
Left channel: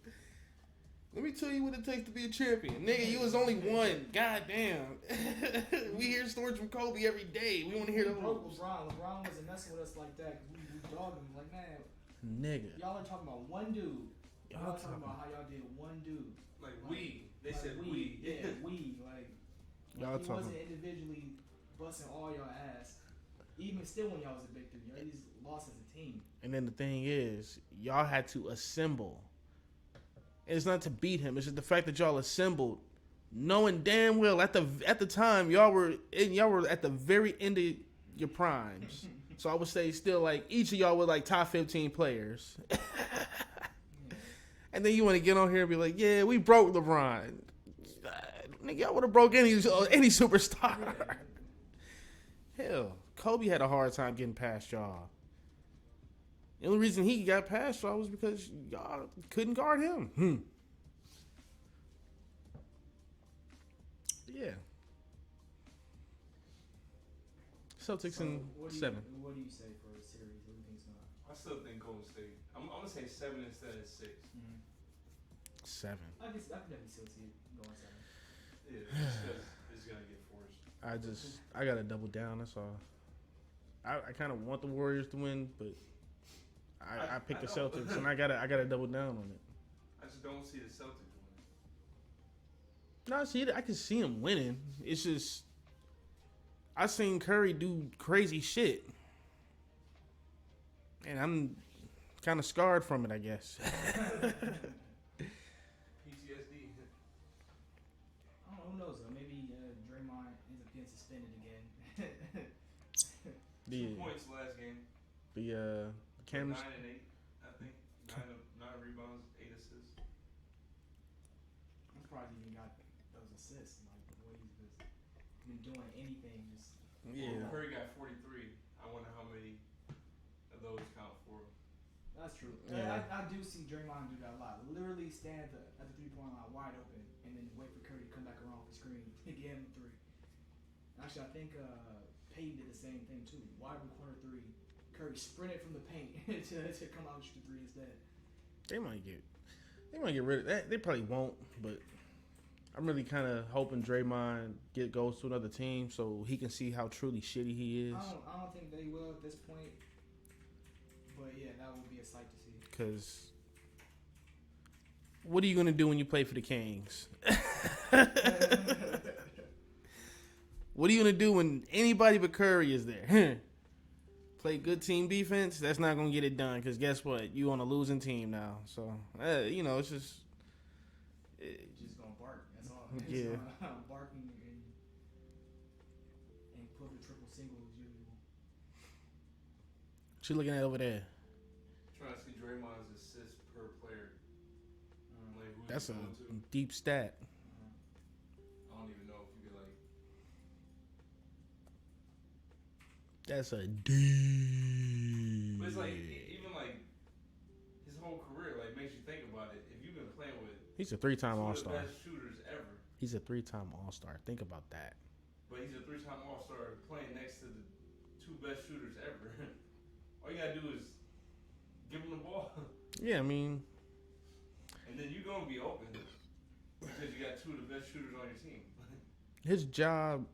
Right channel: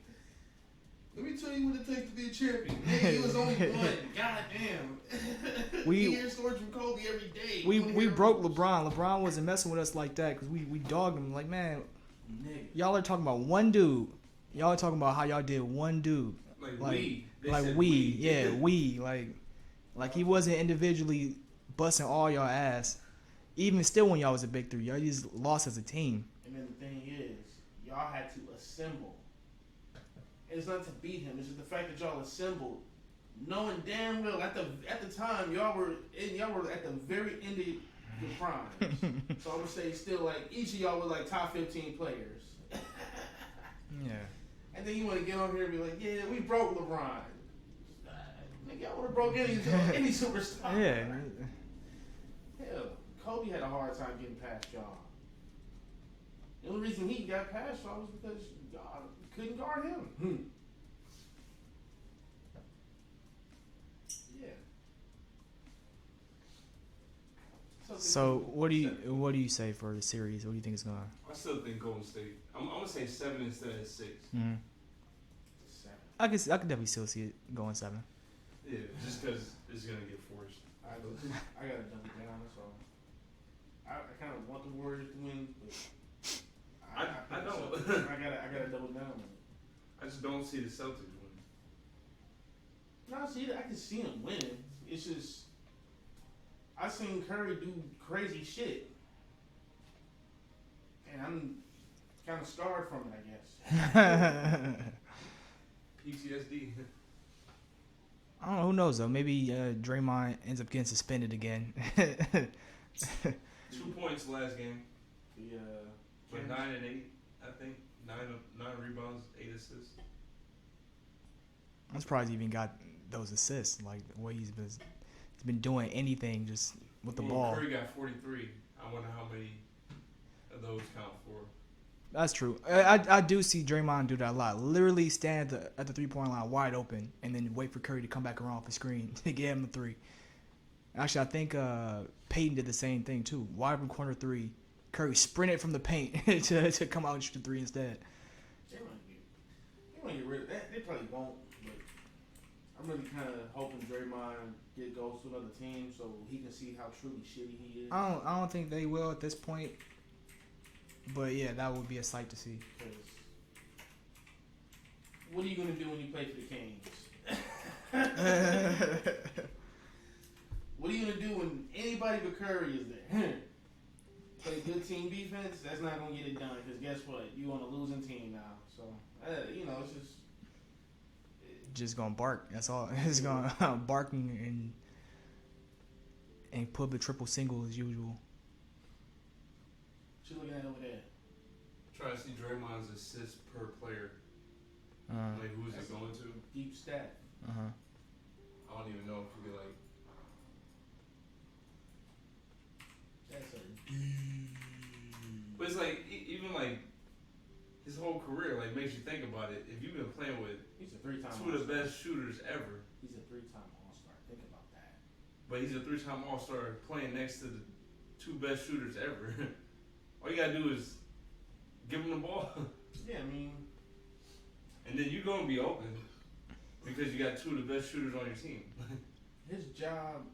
let me tell you what it takes to be a champion. Nigga, it was only 1. Goddamn. We hear stories from Kobe every day. We broke LeBron. LeBron wasn't messing with us like that because we dogged him. Like, man, nigga, y'all are talking about 1 dude. Y'all are talking about how y'all did 1 dude. We. Like he wasn't individually busting all y'all ass. Even still, when y'all was a big 3, y'all just lost as a team. And then the thing is, y'all had to assemble. It's not to beat him. It's just the fact that y'all assembled, knowing damn well at the time y'all were at the very end of your primes. So I would say still like each of y'all were like top 15 players. Yeah. And then you want to get on here and be like, yeah, we broke LeBron. Nigga, y'all would have broke any superstar. Yeah. Hell, Kobe had a hard time getting past y'all. The only reason he got past y'all was because y'all couldn't guard him. Yeah. So what do you say for the series? What do you think is going to? I still think Golden State. I'm gonna say 7 instead of 6. 7. I could definitely still see it going 7. Yeah, just because it's gonna get forced. I gotta double down. That's all. I kind of want the Warriors to win, but I picked the Celtics, and I gotta double down on it. I just don't see the Celtics win. No, I can see them winning. It's just I seen Curry do crazy shit, and I'm kind of scarred from it, I guess. PTSD. I don't know. Who knows though? Maybe Draymond ends up getting suspended again. 2 points last game. The 9 and 8, I think. 9 rebounds, 8 assists. I'm surprised he even got those assists. Like the way he's been doing anything just with the ball. Curry got 43. I wonder how many of those count for. That's true. I do see Draymond do that a lot. Literally stand at the 3-point line wide open and then wait for Curry to come back around off the screen to get him the 3. Actually, I think Peyton did the same thing too. Wide open corner 3. Curry sprinted from the paint to come out and shoot the 3 instead. They might get rid of that. They probably won't, but I'm really kind of hoping Draymond goes to another team so he can see how truly shitty he is. I don't think they will at this point. But yeah, that would be a sight to see. Because what are you gonna do when you play for the Kings? What are you gonna do when anybody but Curry is there? Play good team defense. That's not gonna get it done. Because guess what? You on a losing team now. So it's just gonna bark. That's all. It's gonna bark and put the triple single as usual. What you looking at over there? Trying to see Draymond's assists per player. Who's that's he going to? Deep stat. I don't even know if we could That's a deep. But it's like even like his whole career makes you think about it. If you've been playing with he's a 3-time two All-Star. of the best shooters ever. He's a 3-time All-Star. Think about that. but he's a 3-time All-Star playing next to the 2 best shooters ever. All you gotta do is give him the ball. Yeah, I mean, and then you're gonna be open because you got 2 of the best shooters on your team. his job.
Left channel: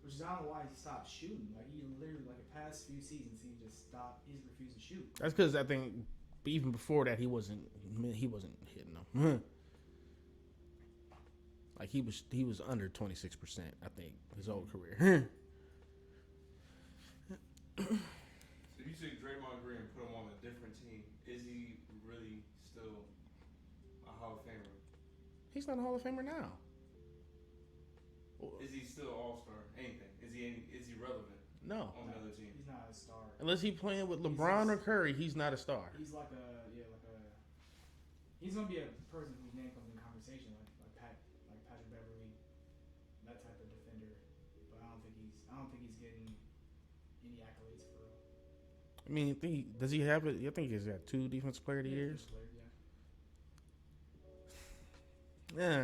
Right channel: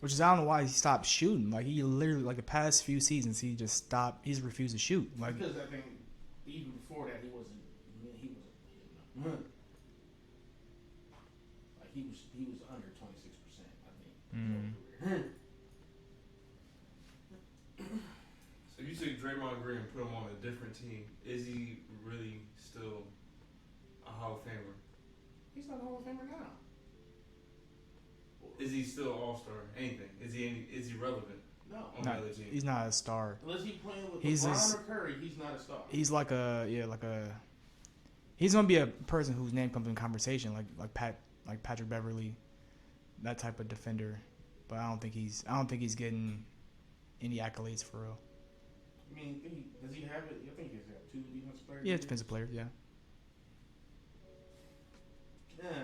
Which is, I don't know why he stopped shooting. Like, he literally, like, the past few seasons, he just stopped. He's refused to shoot. That's because I think even before that he wasn't hitting them. Like he was under 26%. I think his whole career. So you took Draymond Green and put him on a different team. Is he really still a Hall of Famer? He's not a Hall of Famer now. Is he still All-Star? Anything? Is he relevant? No, on the other team? He's not a star. Unless he's playing with He's LeBron or Curry, he's not a star. He's like he's gonna be a person whose name comes in conversation, like Patrick Beverly, that type of defender. But I don't think he's getting any accolades for real. I mean, does he have it? I think he's got 2 defensive players. Yeah, defensive players. Yeah. Yeah.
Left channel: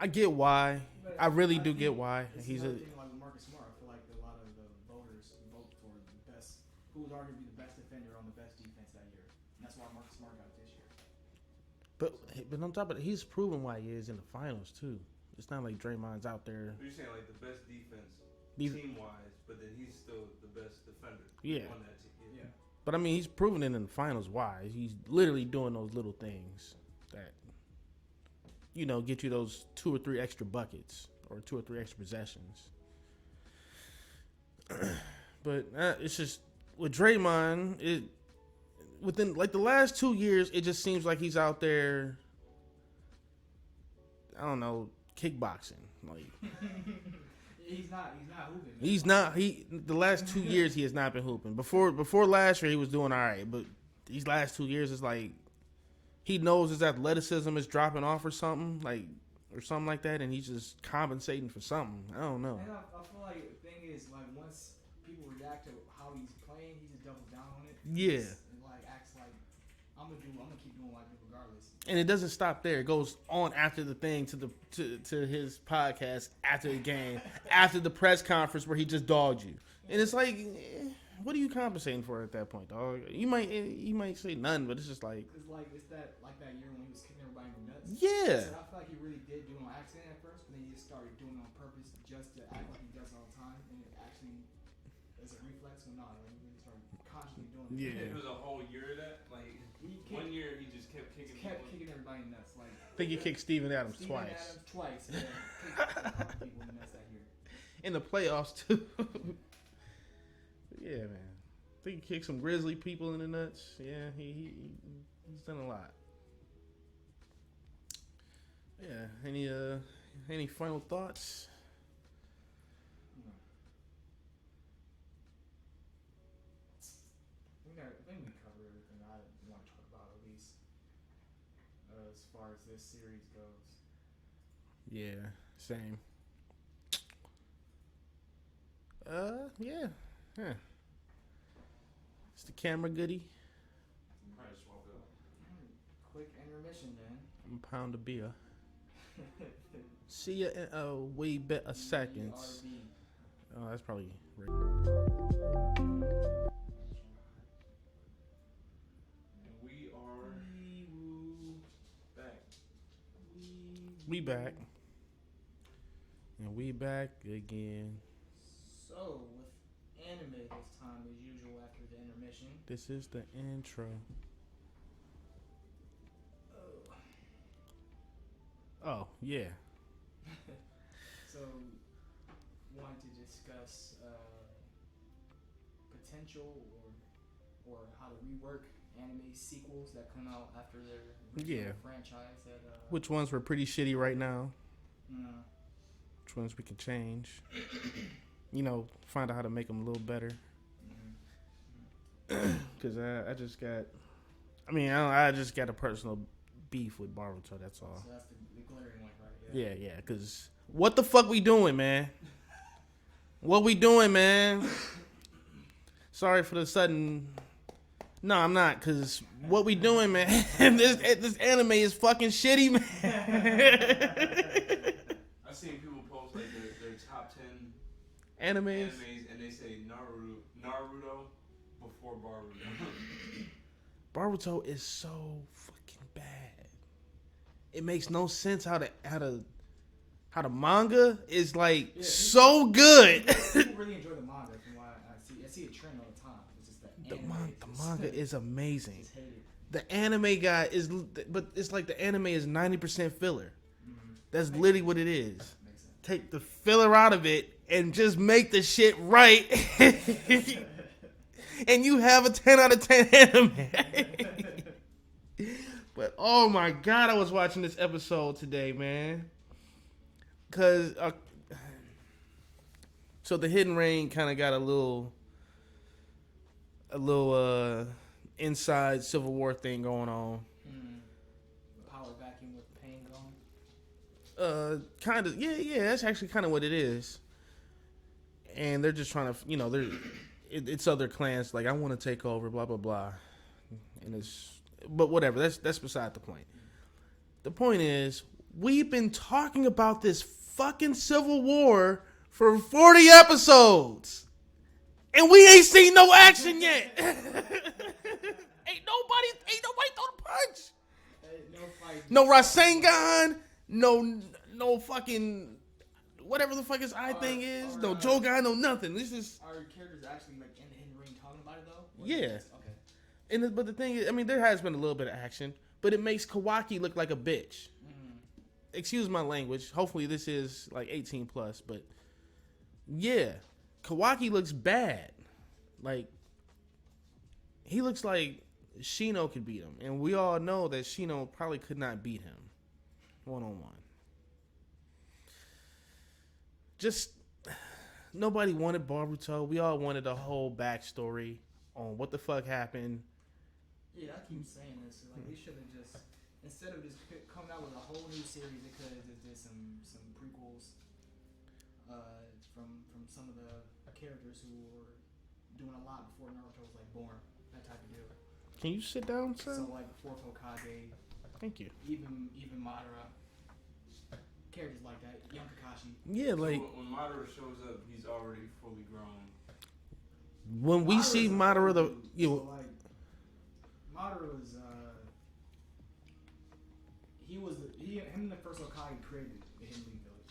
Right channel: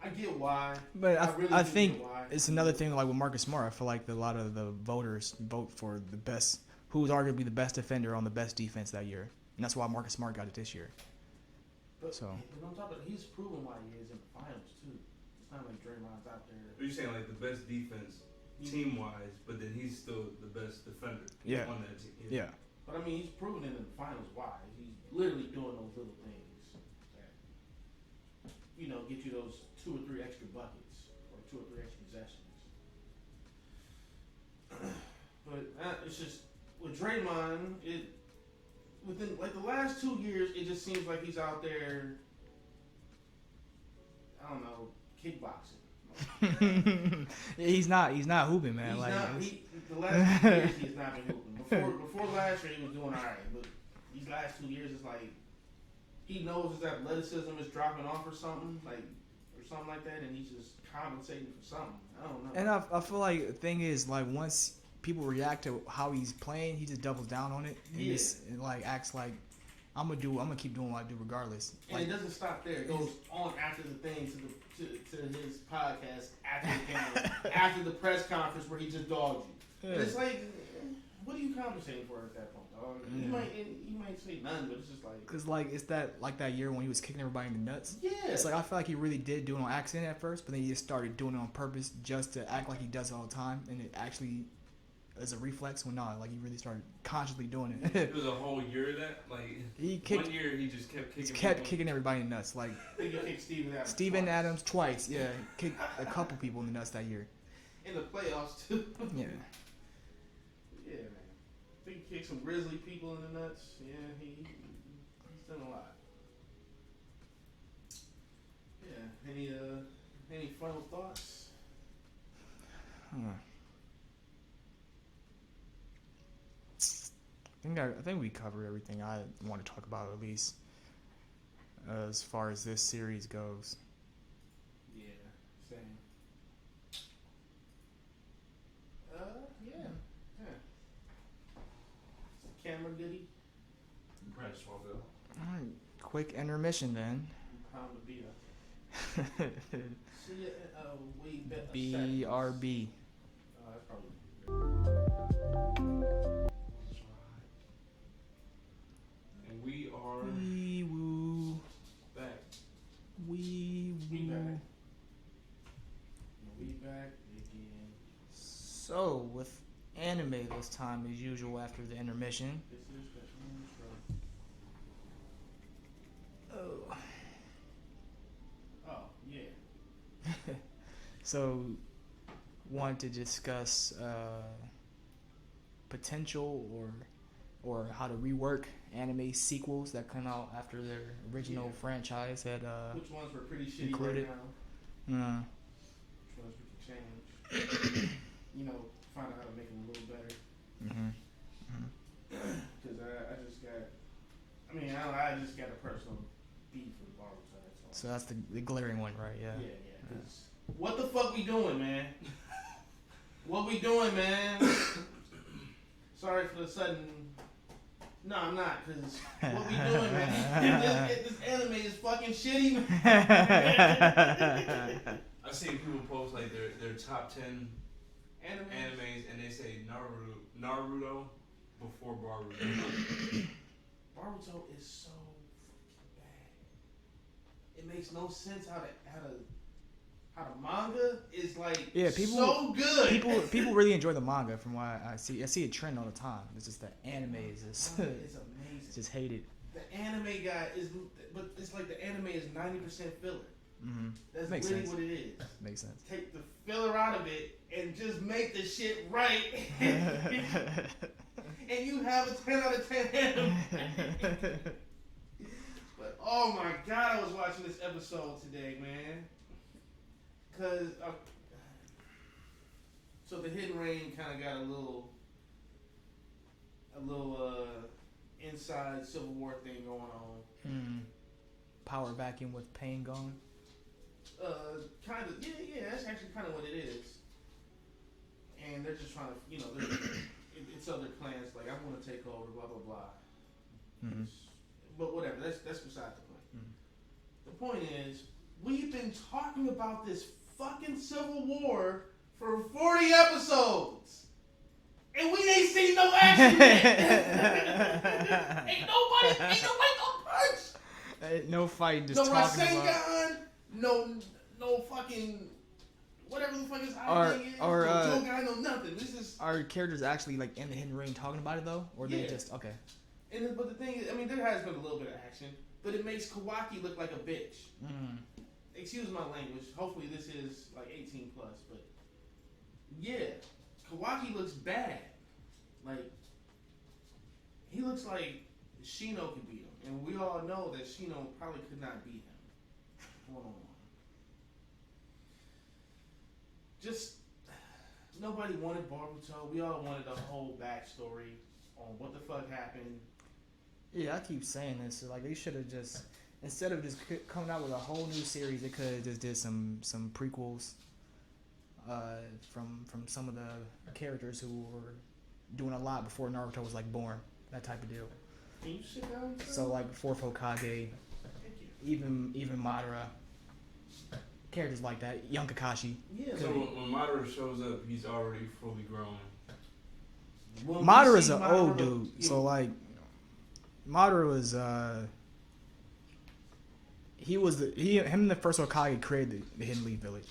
I get why, but I really do think get why. It's another thing, like with Marcus Smart. I feel like a lot of the voters vote for the best, who was arguably the best defender on the best defense that year, and that's why Marcus Smart got it this year. But on top of it, he's proven why he is in the finals too. It's not like Draymond's out there. You're saying like the best defense team wise, but then he's still the best defender on that team. Yeah. But I mean, he's proven it in the finals. Why? He's literally doing those little things that, get you those 2 or 3 extra buckets or 2 or 3 extra possessions. But it's just with Draymond, within like the last 2 years, it just seems like he's out there. I don't know, kickboxing. He's not hooping, man. He's not. The last 2 years he has not been hooping. Before last year he was doing all right, but these last 2 years it's like he knows his athleticism is dropping off or something like that, and he's just compensating for something. I don't know. And I feel like the thing is, like, once people react to how he's playing, he just doubles down on it. Yeah, and like acts like I'm gonna keep doing what I do regardless. And it doesn't stop there. It goes on after the thing to his podcast after the game, after the press conference where he just dogged you. Yeah. And it's like, what are you compensating for at that point, dog? You might say none, but it's just like, cause like it's that year when he was kicking everybody in the nuts. Yeah, it's like I feel like he really did do it on accident at first, but then he just started doing it on purpose just to act like he does it all the time, and it actually as a reflex when not, like he really started consciously doing it. It was a whole year of that. Like one year he just kept kicking everybody in the nuts. Like I think he kicked Steven Adams twice. Yeah, kicked a couple people in the nuts that year. In the playoffs too. Yeah. Yeah, man. I think he kicked some Grizzly people in the nuts. Yeah, he's done a lot. Yeah. Any final thoughts? I think we covered everything I want to talk about, at least as far as this series goes. Yeah, same. Yeah. It's the camera goodie. Probably swap it up. All right, quick intermission then. Pound of beer. See ya in a way better seconds. BRB. Oh, that's probably. We back. And we back again. So, with anime this time as usual after the intermission. This is the intro. Oh, yeah. So, want to discuss potential or how to rework anime sequels that come out after their original franchise had which ones were pretty shitty right now, which ones we can change, find out how to make them a little better, because I just got a personal beef with Boruto, that's all. So that's the glaring one, right? Yeah, because what the fuck we doing, man? What we doing, man? Sorry for the sudden. No, I'm not, because what we doing, man? this anime is fucking shitty, man. I seen people post their top 10 Animes, and they say Naruto before Boruto. Boruto is so fucking bad. It makes no sense how the manga is like so good. People really enjoy the manga from what I see. I see a trend all the time. It's just that The anime manga is amazing. Just hate it. The anime guy but it's like the anime is 90% filler. Mm-hmm. That's Makes literally sense. what it is. Makes sense. Take the filler out of it and just make the shit right. And you have a 10 out of 10 anime. But oh my god, I was watching this episode today, man. Cause so the Hidden Rain kind of got a little inside Civil War thing going on. Power vacuum with pain going. Kind of, yeah. That's actually kind of what it is. And they're just trying to, it's other clans like I want to take over, blah blah blah. And but whatever. That's beside the point. The point is, we've been talking about this fucking Civil War for 40 episodes, and we ain't seen no action yet. ain't nobody gonna punch. No fighting. No Rasengan. No fucking whatever the fuck his thing is. No Jogan. No nothing. This is. Are characters actually like in the Hidden Ring talking about it though? Or yeah. They just okay. But the thing is, I mean, there has been a little bit of action, but it makes Kawaki look like a bitch. Excuse my language. Hopefully this is like 18 plus, but yeah, Kawaki looks bad. Like he looks like Shino could beat him, and we all know that Shino probably could not beat him one-on-one. Just nobody wanted Boruto. We all wanted a whole backstory on what the fuck happened. Yeah, I keep saying this. Like they should have just instead of just coming out with a whole new series, they could have just did some prequels from some of the characters who were doing a lot before Naruto was like born. That type of deal. Can you sit down, sir? So like before Hokage. Thank you. Even Madara. Characters like that. Young Kakashi. Yeah, So like when Madara shows up, he's already fully grown. when Madara's we see an Madara, old dude. So like Madara was him and the first Hokage created the Hidden Leaf Village.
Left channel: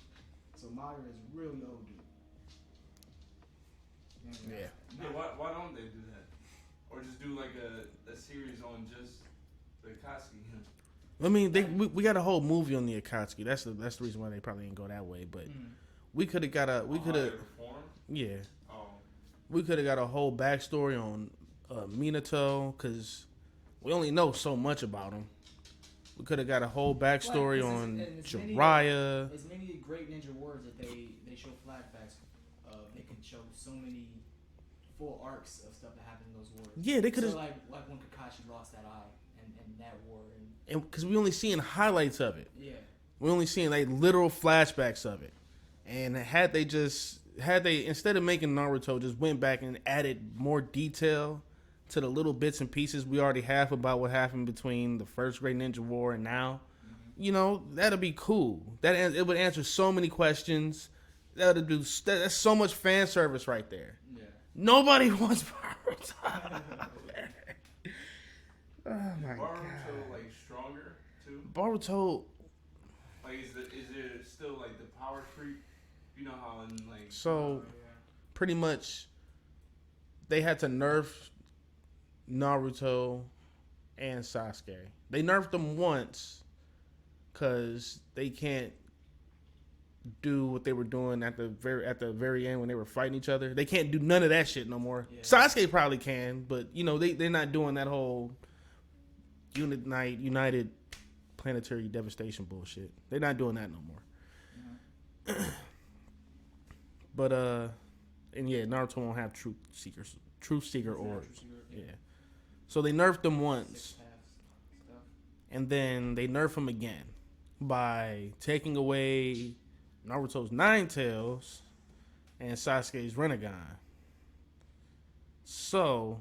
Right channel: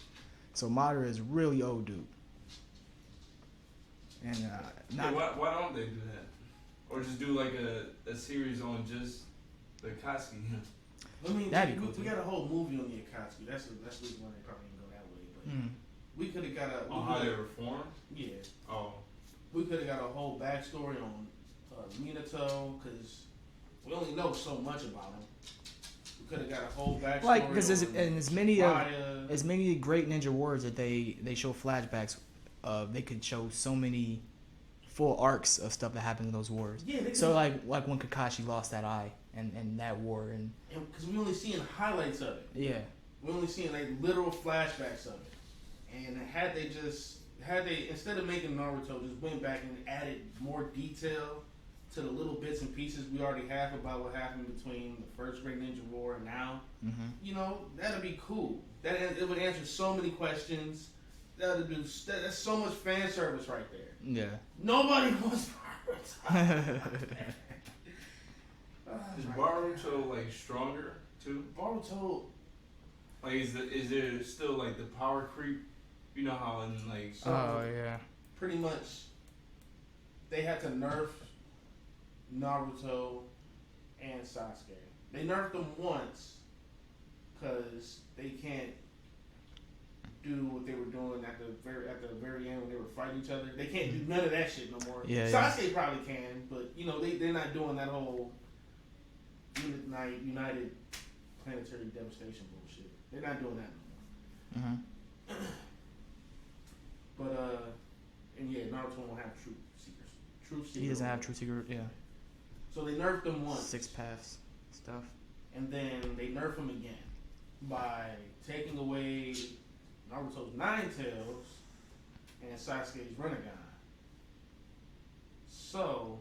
So Madara is really old dude. And why don't they do that? Or just do like a series on just the Akatsuki? I mean, we got a whole movie on the Akatsuki. That's the reason why they probably didn't go that way. But we could have got how they reformed? Yeah. Oh. We could have got a whole backstory on Minato because we only know so much about him. We could have got a whole backstory on as many great ninja warriors that they show flashbacks of. They could show so many full arcs of stuff that happened in those wars. Yeah, they could. So like when Kakashi lost that eye and that war and because we only seeing highlights of it. Yeah, we only seeing like literal flashbacks of it. And had they instead of making Naruto just went back and added more detail to the little bits and pieces we already have about what happened between the first Great Ninja War and now, that'd be cool. It would answer so many questions. That's so much fan service right there. Yeah. Nobody wants Boruto. Is Boruto like stronger too? Boruto, like is there still like the power creep? You know how in like pretty much they had to nerf Naruto and Sasuke. They nerfed them once because they can't do what they were doing at the very end when they were fighting each other. They can't do none of that shit no more. Yeah, Sasuke probably can, but they're not doing that whole united planetary devastation bullshit. They're not doing that no more. But and yeah, Naruto won't have truth seekers. He doesn't have truth seeker. Yeah. So they nerfed them once. 6 paths stuff. And then they nerf him again by taking away Naruto's 9 tails and Sasuke's Rinnegan. So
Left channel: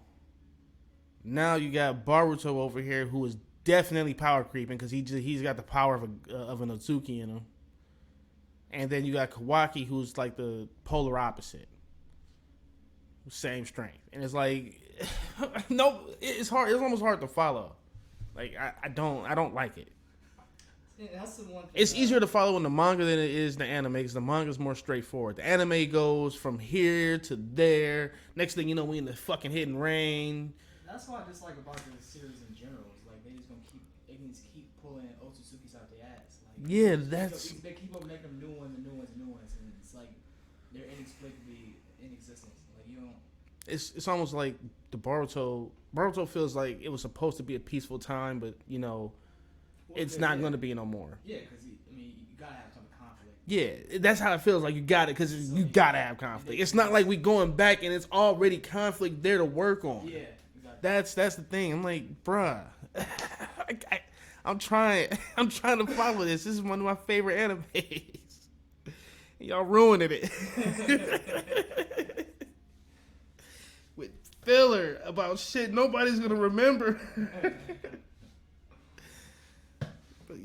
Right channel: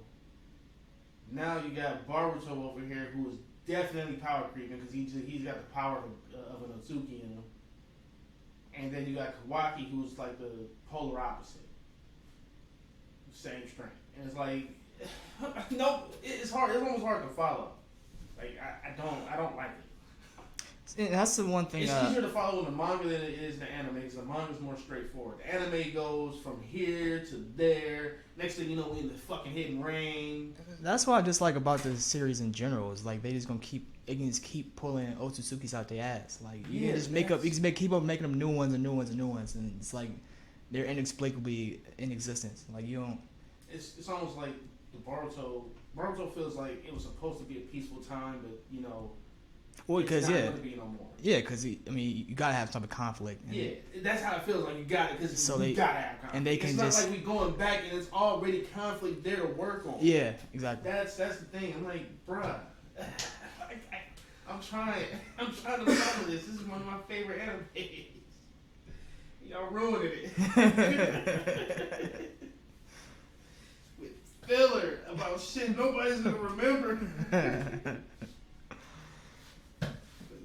now you got Boruto over here who is definitely power creeping because he's got the power of an Ozuki in him. and then you got Kawaki, who's like the polar opposite, same strength, and it's like, no, it's hard. It's almost hard to follow. Like I don't like it. That's the one thing. It's easier to follow in the manga than it is the anime because the manga is more straightforward. The anime goes from here to there. Next thing you know, we in the fucking hitting rain. That's what I dislike about the series in general. Is like they just gonna keep pulling Otsutsuki's out their ass. Like yeah, keep up making them new ones, and it's like they're inexplicably in existence. Like you don't. It's almost like the Boruto. Boruto feels like it was supposed to be a peaceful time, but you know. Well, it's not going to be no more. Yeah, because you gotta have some conflict. Yeah, that's how it feels. Like you got it because you gotta have conflict. It's not like we going back and it's already conflict there to work on. Yeah, exactly. That's the thing. I'm like, bruh, I'm trying to follow this. This is one of my favorite animes. Y'all ruining it with filler about shit nobody's gonna remember.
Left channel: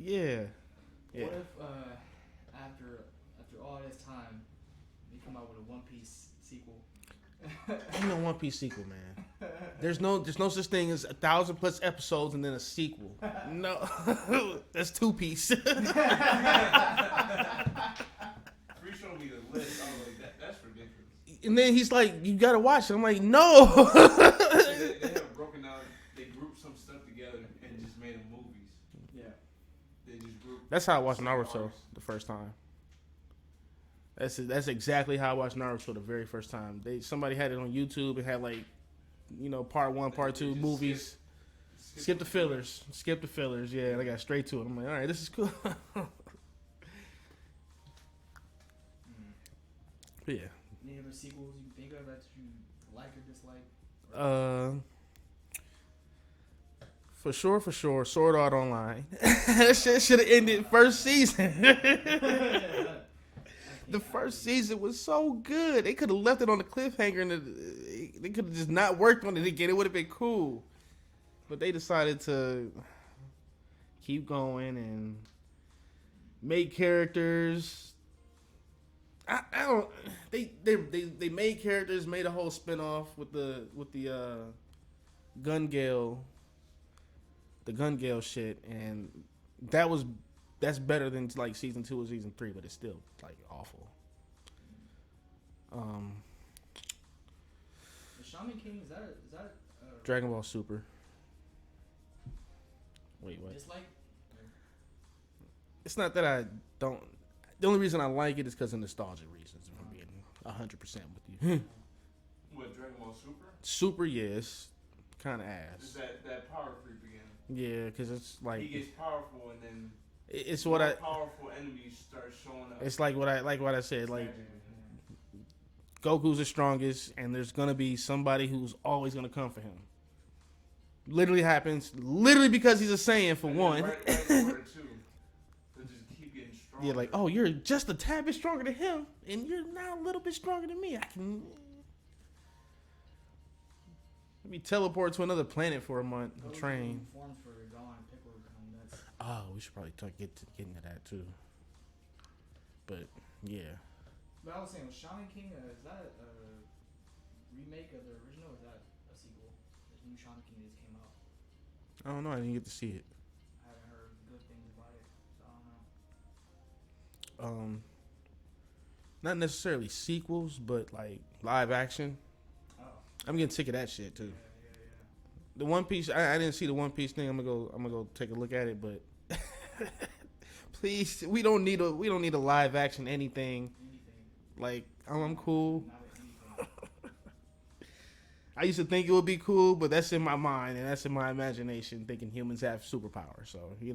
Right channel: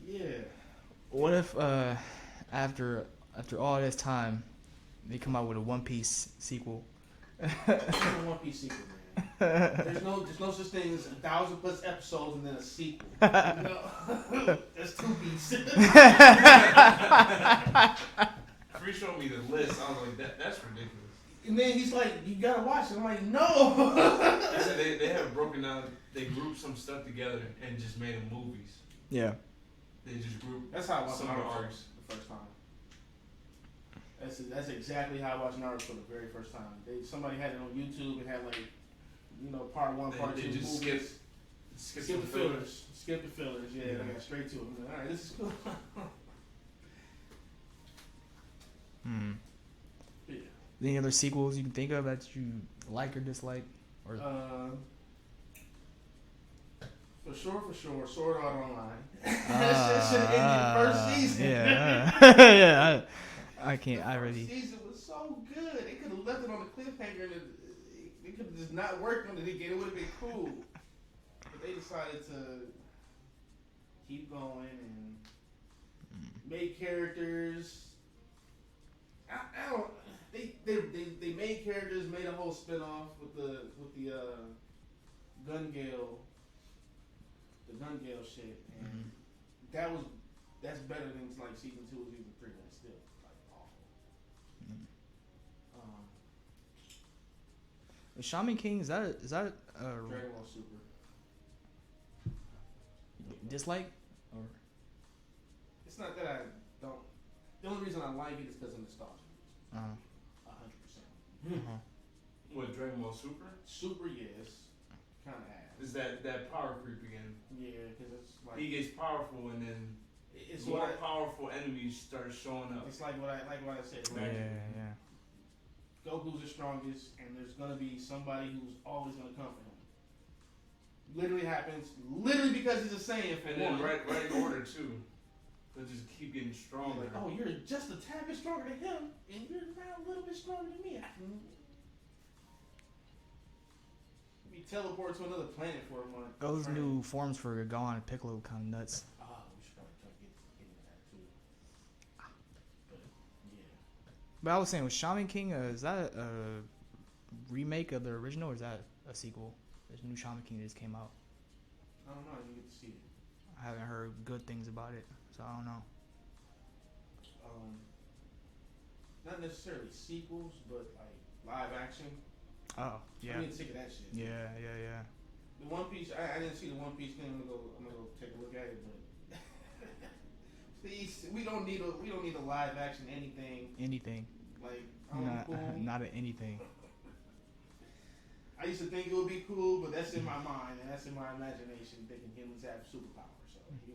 Yeah. What if after all this time they come out with a One Piece sequel? One Piece sequel, man. There's no such thing as 1,000+ episodes and then a sequel. No, that's 2 Piece. Free showed me the list. I was like, that's ridiculous. And then he's like, you gotta watch it. I'm like, no. they have broken down. They grouped some stuff together and just made them movies. Yeah. They just grouped. That's how I watched Naruto the first time. That's exactly how I watched Naruto the very first time. Somebody had it on YouTube and had like, part 1, part 2 movies. Skip the fillers. Skip the fillers. Yeah, mm-hmm. They got straight to it. I'm like, all right, this is cool. Yeah. Any other sequels you can think of that you like or dislike? Or For sure, Sword Art Online. That shit should have ended first season. Yeah. I can't. The first season was so good. They could have left it on the cliffhanger and they could have just not worked on it again. It would have been cool. But they decided to keep going and make characters. I don't. They made characters, made a whole spinoff with the Gun Gale. The Gun Gale shit, and that's better than like season 2 or season 3, but it's still like awful. The Shaman King is that Dragon Ball Super? Wait, what? Dislike? It's not that I don't. The only reason I like it is because of nostalgia reasons. I'm being 100% with you. What, Dragon Ball Super? Super, yes. Kind of ass. Just that power creep again. Yeah, because it's like he gets powerful and then it's more powerful enemies start showing up. It's like what I said. Like Goku's the strongest, and there's gonna be somebody who's always gonna come for him. Literally happens. Literally because he's a Saiyan for one. Right order too. They'll just keep getting stronger. Yeah, like you're just a tad bit stronger than him, and you're now a little bit stronger than me. Let me teleport to another planet for a month. Those new forms for Gohan and Piccolo kind of nuts. Oh, we should probably get into that too. But yeah. But I was saying, with Shaman King, is that a remake of the original, or is that a sequel? There's a new Shaman King that just came out. I don't know. I didn't get to see it. I haven't heard good things about it, so I don't know. Not necessarily sequels, but like live action. Oh, yeah. I'm getting sick of that shit too. Yeah. The One Piece, I didn't see the One Piece thing. I'm gonna go take a look at it, but please, we don't need a live action anything. Like I'm cool. Not at anything. I used to think it would be cool, but that's in my mind and that's in my imagination, thinking humans have superpowers. So yeah.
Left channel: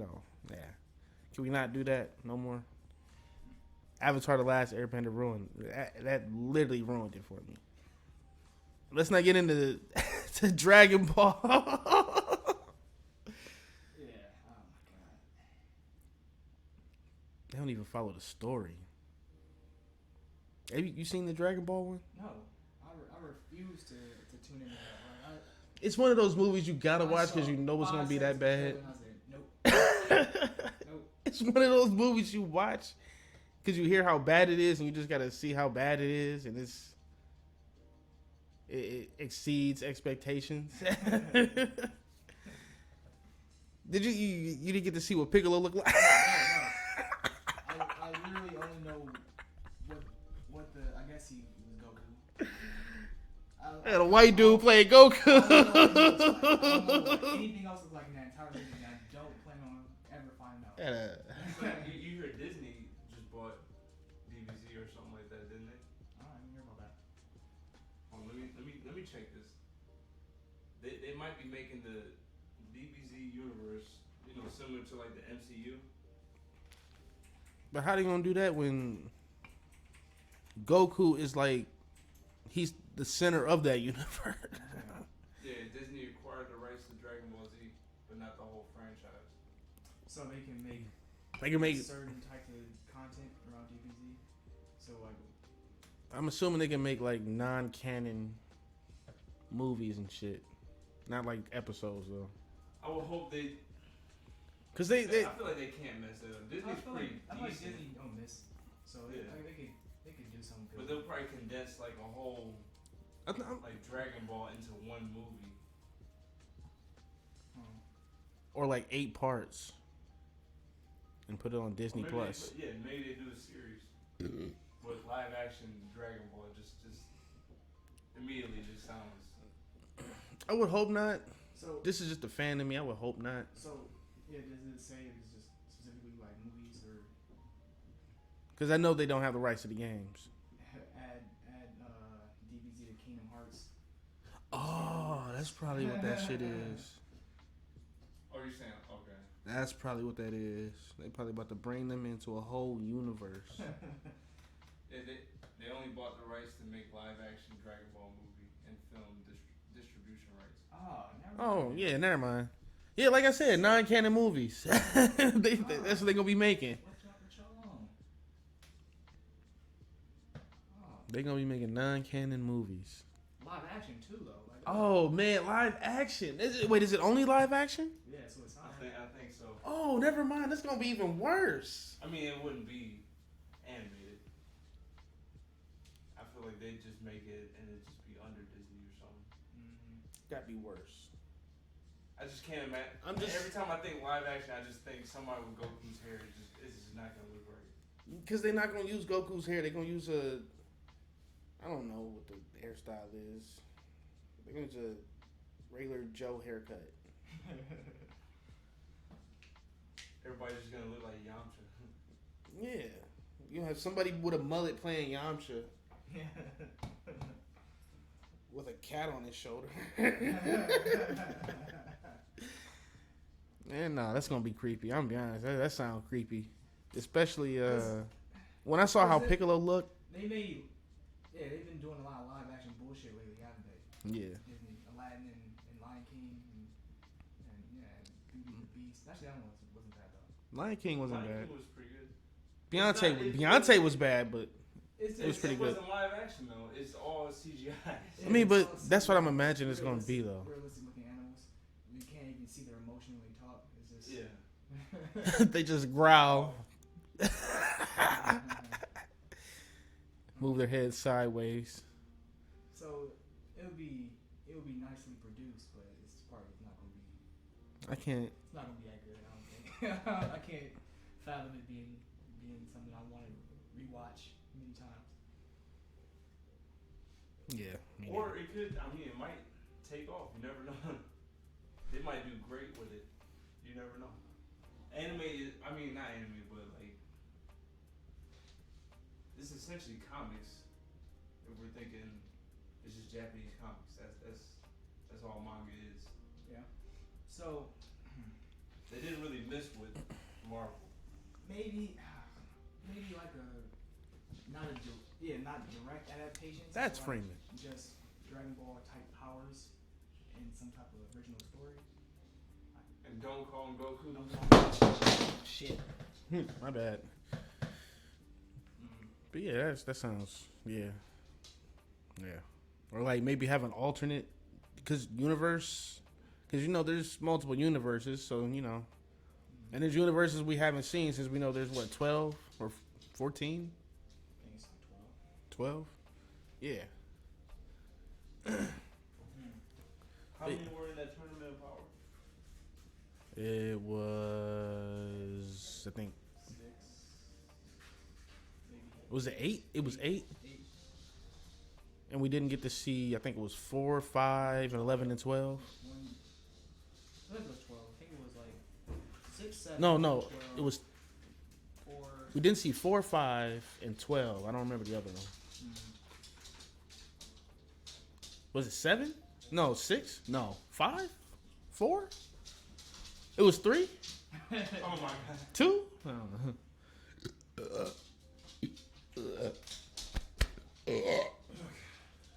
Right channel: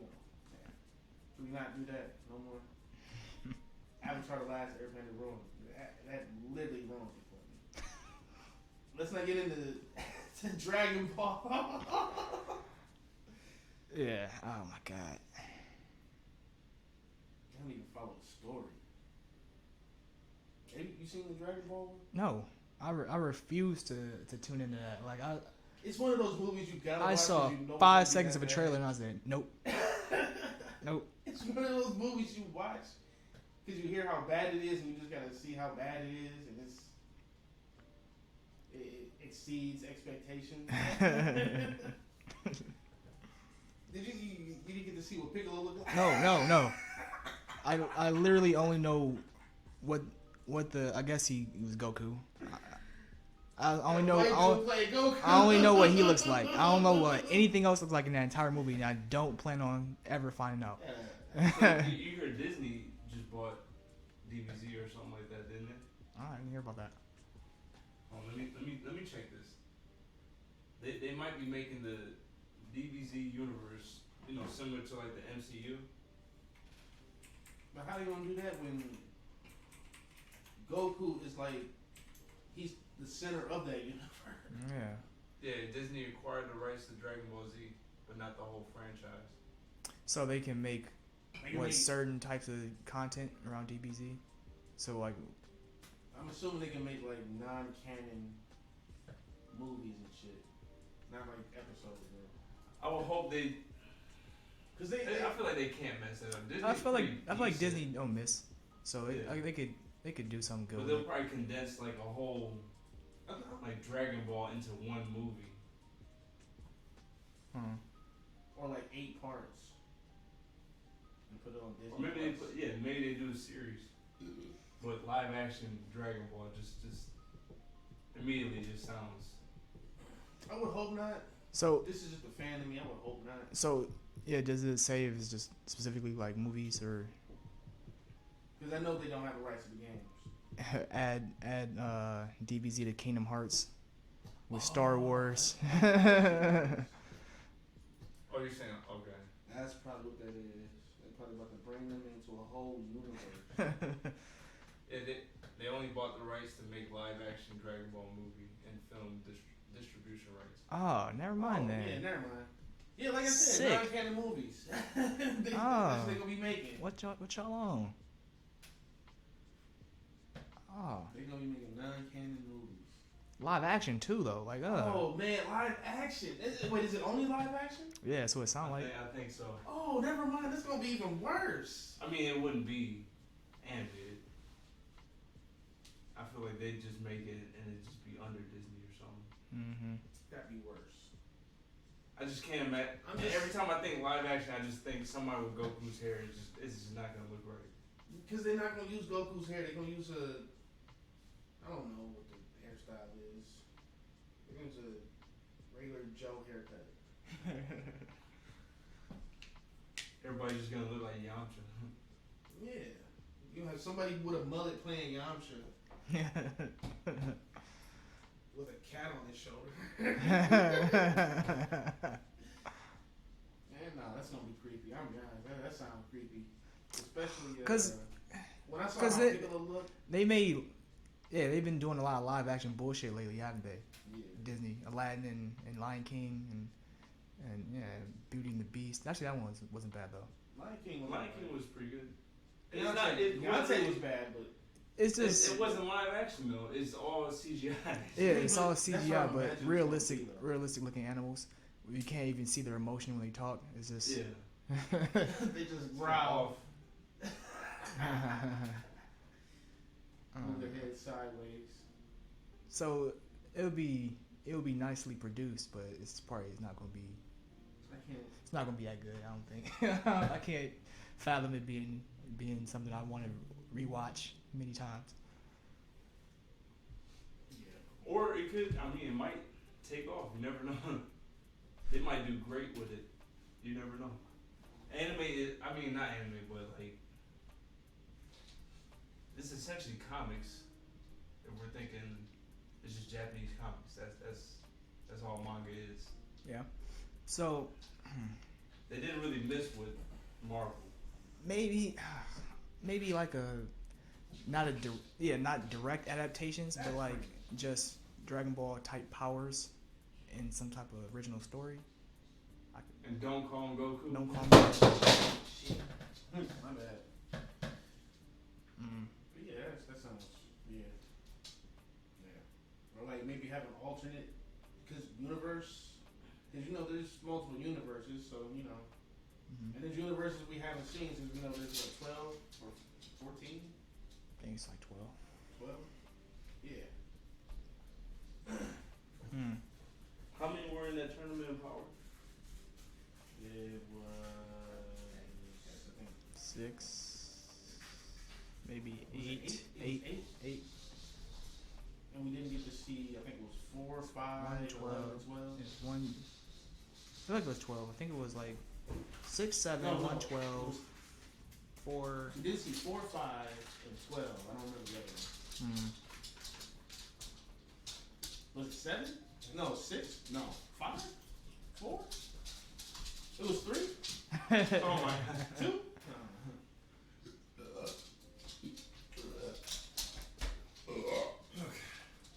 Can we not do that no more? Avatar: The Last Airbender ruined that. Literally ruined it for me. Let's not get into to Dragon Ball. Yeah. Oh my god. They don't even follow the story. Have you seen the Dragon Ball one? No. I refuse to tune into that. Like it's one of those movies you gotta watch because you know it's gonna be that bad. 5 seconds of a trailer and I was like, nope. Nope. It's one of those movies you watch because you hear how bad it is, and you just gotta see how bad it is, and it exceeds expectations. Did you didn't get to see what Piccolo looked like? No. I literally only know what the I guess he was Goku. A white dude playing Goku. I only know what he looks like. I don't know what anything else looks like in that entire movie, and I don't plan on ever finding out. You heard Disney just bought DBZ or something like that, didn't it? I didn't hear about that. Oh, let me check this. They might be making the DBZ universe, similar to like the MCU. But how they gonna do that when Goku is like he's the center of that universe? Yeah, Disney acquired the rights to Dragon Ball Z, but not the whole franchise. So they can make certain types of content around DBZ. So like, I'm assuming they can make like non-canon movies and shit, not like episodes though. I would hope they. Cause I feel like they can't mess it up. I feel like Disney don't miss. So they could do something good. But they'll probably condense like a whole like Dragon Ball into one movie. Or like 8 parts and put it on Disney Plus. Maybe they do a series. But live action Dragon Ball just immediately just sounds. I would hope not. So this is just a fan of me. I would hope not. So yeah, does it say if it's just specifically like movies or? Because I know they don't have the rights to the games. Add DBZ to Kingdom Hearts with Star Wars. You're saying okay. That's probably what that is. They probably about to bring them into a whole universe. They only bought the rights to make live action Dragon Ball movie and film distribution rights. Oh, never mind. Yeah, never mind. Yeah, like I said, non-canon movies. That's what they're gonna be making. What y'all on? Oh, they're gonna be making non-canon movies. Live action too, though. Like, oh man, live action. Wait, is it only live action? Yeah, so it sounds like. I think so. Oh, never mind. That's gonna be even worse. I mean, it wouldn't be animated. I feel like they'd just make it and it'd just be under Disney or something. Mm-hmm. That'd be worse. I just can't imagine. Every time I think live action, I just think somebody with Goku's hair. It's just not gonna look right. Because they're not gonna use Goku's hair. They're gonna use I don't know what the hairstyle is. They're gonna use a regular Joe haircut. Everybody's just gonna look like Yamcha. Yeah, you have somebody with a mullet playing Yamcha. With a cat on his shoulder. Man, no, that's gonna be creepy. I'm gonna be honest. That sounds creepy, especially when I saw how Piccolo looked. They've been doing a lot of live action bullshit lately, haven't they? Yeah. Disney, Aladdin and Lion King and Beauty and the Beast. Actually, that one wasn't bad though. Lion King wasn't bad. Lion King was pretty good. Beyonce was bad, but it's just it wasn't live action though. It's all CGI. Yeah, I mean, but CGI, that's what I'm imagining it's gonna be though. Realistic looking animals. You can't even see their emotion when they talk. It's just they just growl. Move their heads sideways. So it'll be nicely produced, but it's not gonna be. It's not gonna be that good. I don't think. I can't fathom it being something I want to rewatch many times. Yeah. Or it could. I mean, it might take off. You never know. They might do great with it. You never know. Animated. I mean, not anime, but like it's essentially comics. If we're thinking it's just Japanese comics, that's all manga is. Yeah. So they didn't really miss with Marvel. Maybe like not direct adaptations. That's but like friendly. Just Dragon Ball type powers in some type of original story. And don't call him Goku. Don't call him Goku. Shit. My bad. But yeah, that sounds yeah. Or like maybe have an alternate universe, because there's multiple universes, so and there's universes we haven't seen since we know there's 12 or 14, I think it's like 12. Yeah. How many were in that tournament in Power? It was, I think, 6, maybe. was it 8? It was 8. 8. And we didn't get to see, I think it was 4, 5, 11, and 12. One. I feel like it was 12. I think it was like 6, 7. No, 12. it was. 4. We didn't see 4, 5, and 12. I don't remember the other one. Was it 7? No, 6? No, 5? 4? It was 3? Oh my god. 2?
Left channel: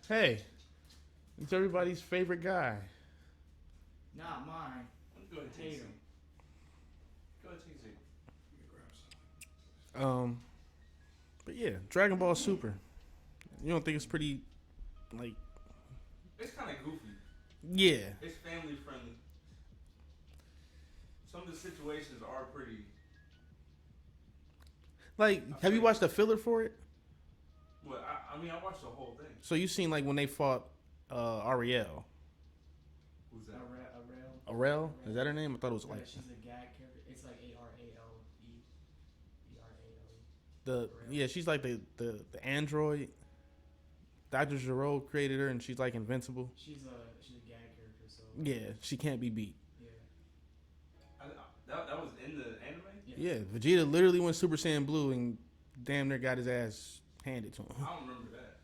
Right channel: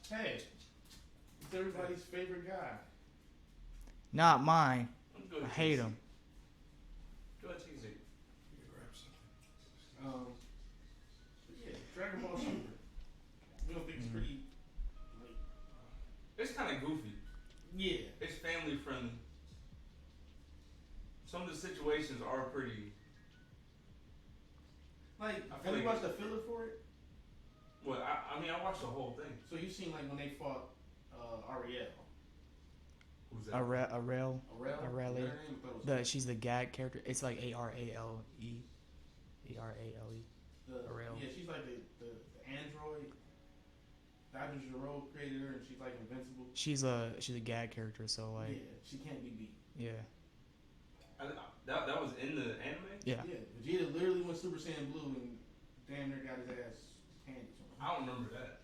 Hey, it's everybody's favorite guy. Not mine. Go I ahead, hate TC. him. Go ahead, TC. But yeah, Dragon Ball Super. You don't think it's pretty, like, It's kind of goofy. yeah. It's family friendly. Some of the situations are pretty. Like, have you watched the filler for it? Well, I mean, I watched the whole thing. So you seen like when they fought Ariel. Who's that? Arel. Arel? Is that her name? I thought it was. She's the gag character. It's like Arale. Arale. Arel. Yeah, she's like the android. Dr. Gero created her, and she's like invincible. She's a gag character, so like Yeah, she can't be beat. yeah. That was in the anime? Yeah. Yeah, Vegeta literally went Super Saiyan Blue and damn near got his ass handed to him. I don't remember that.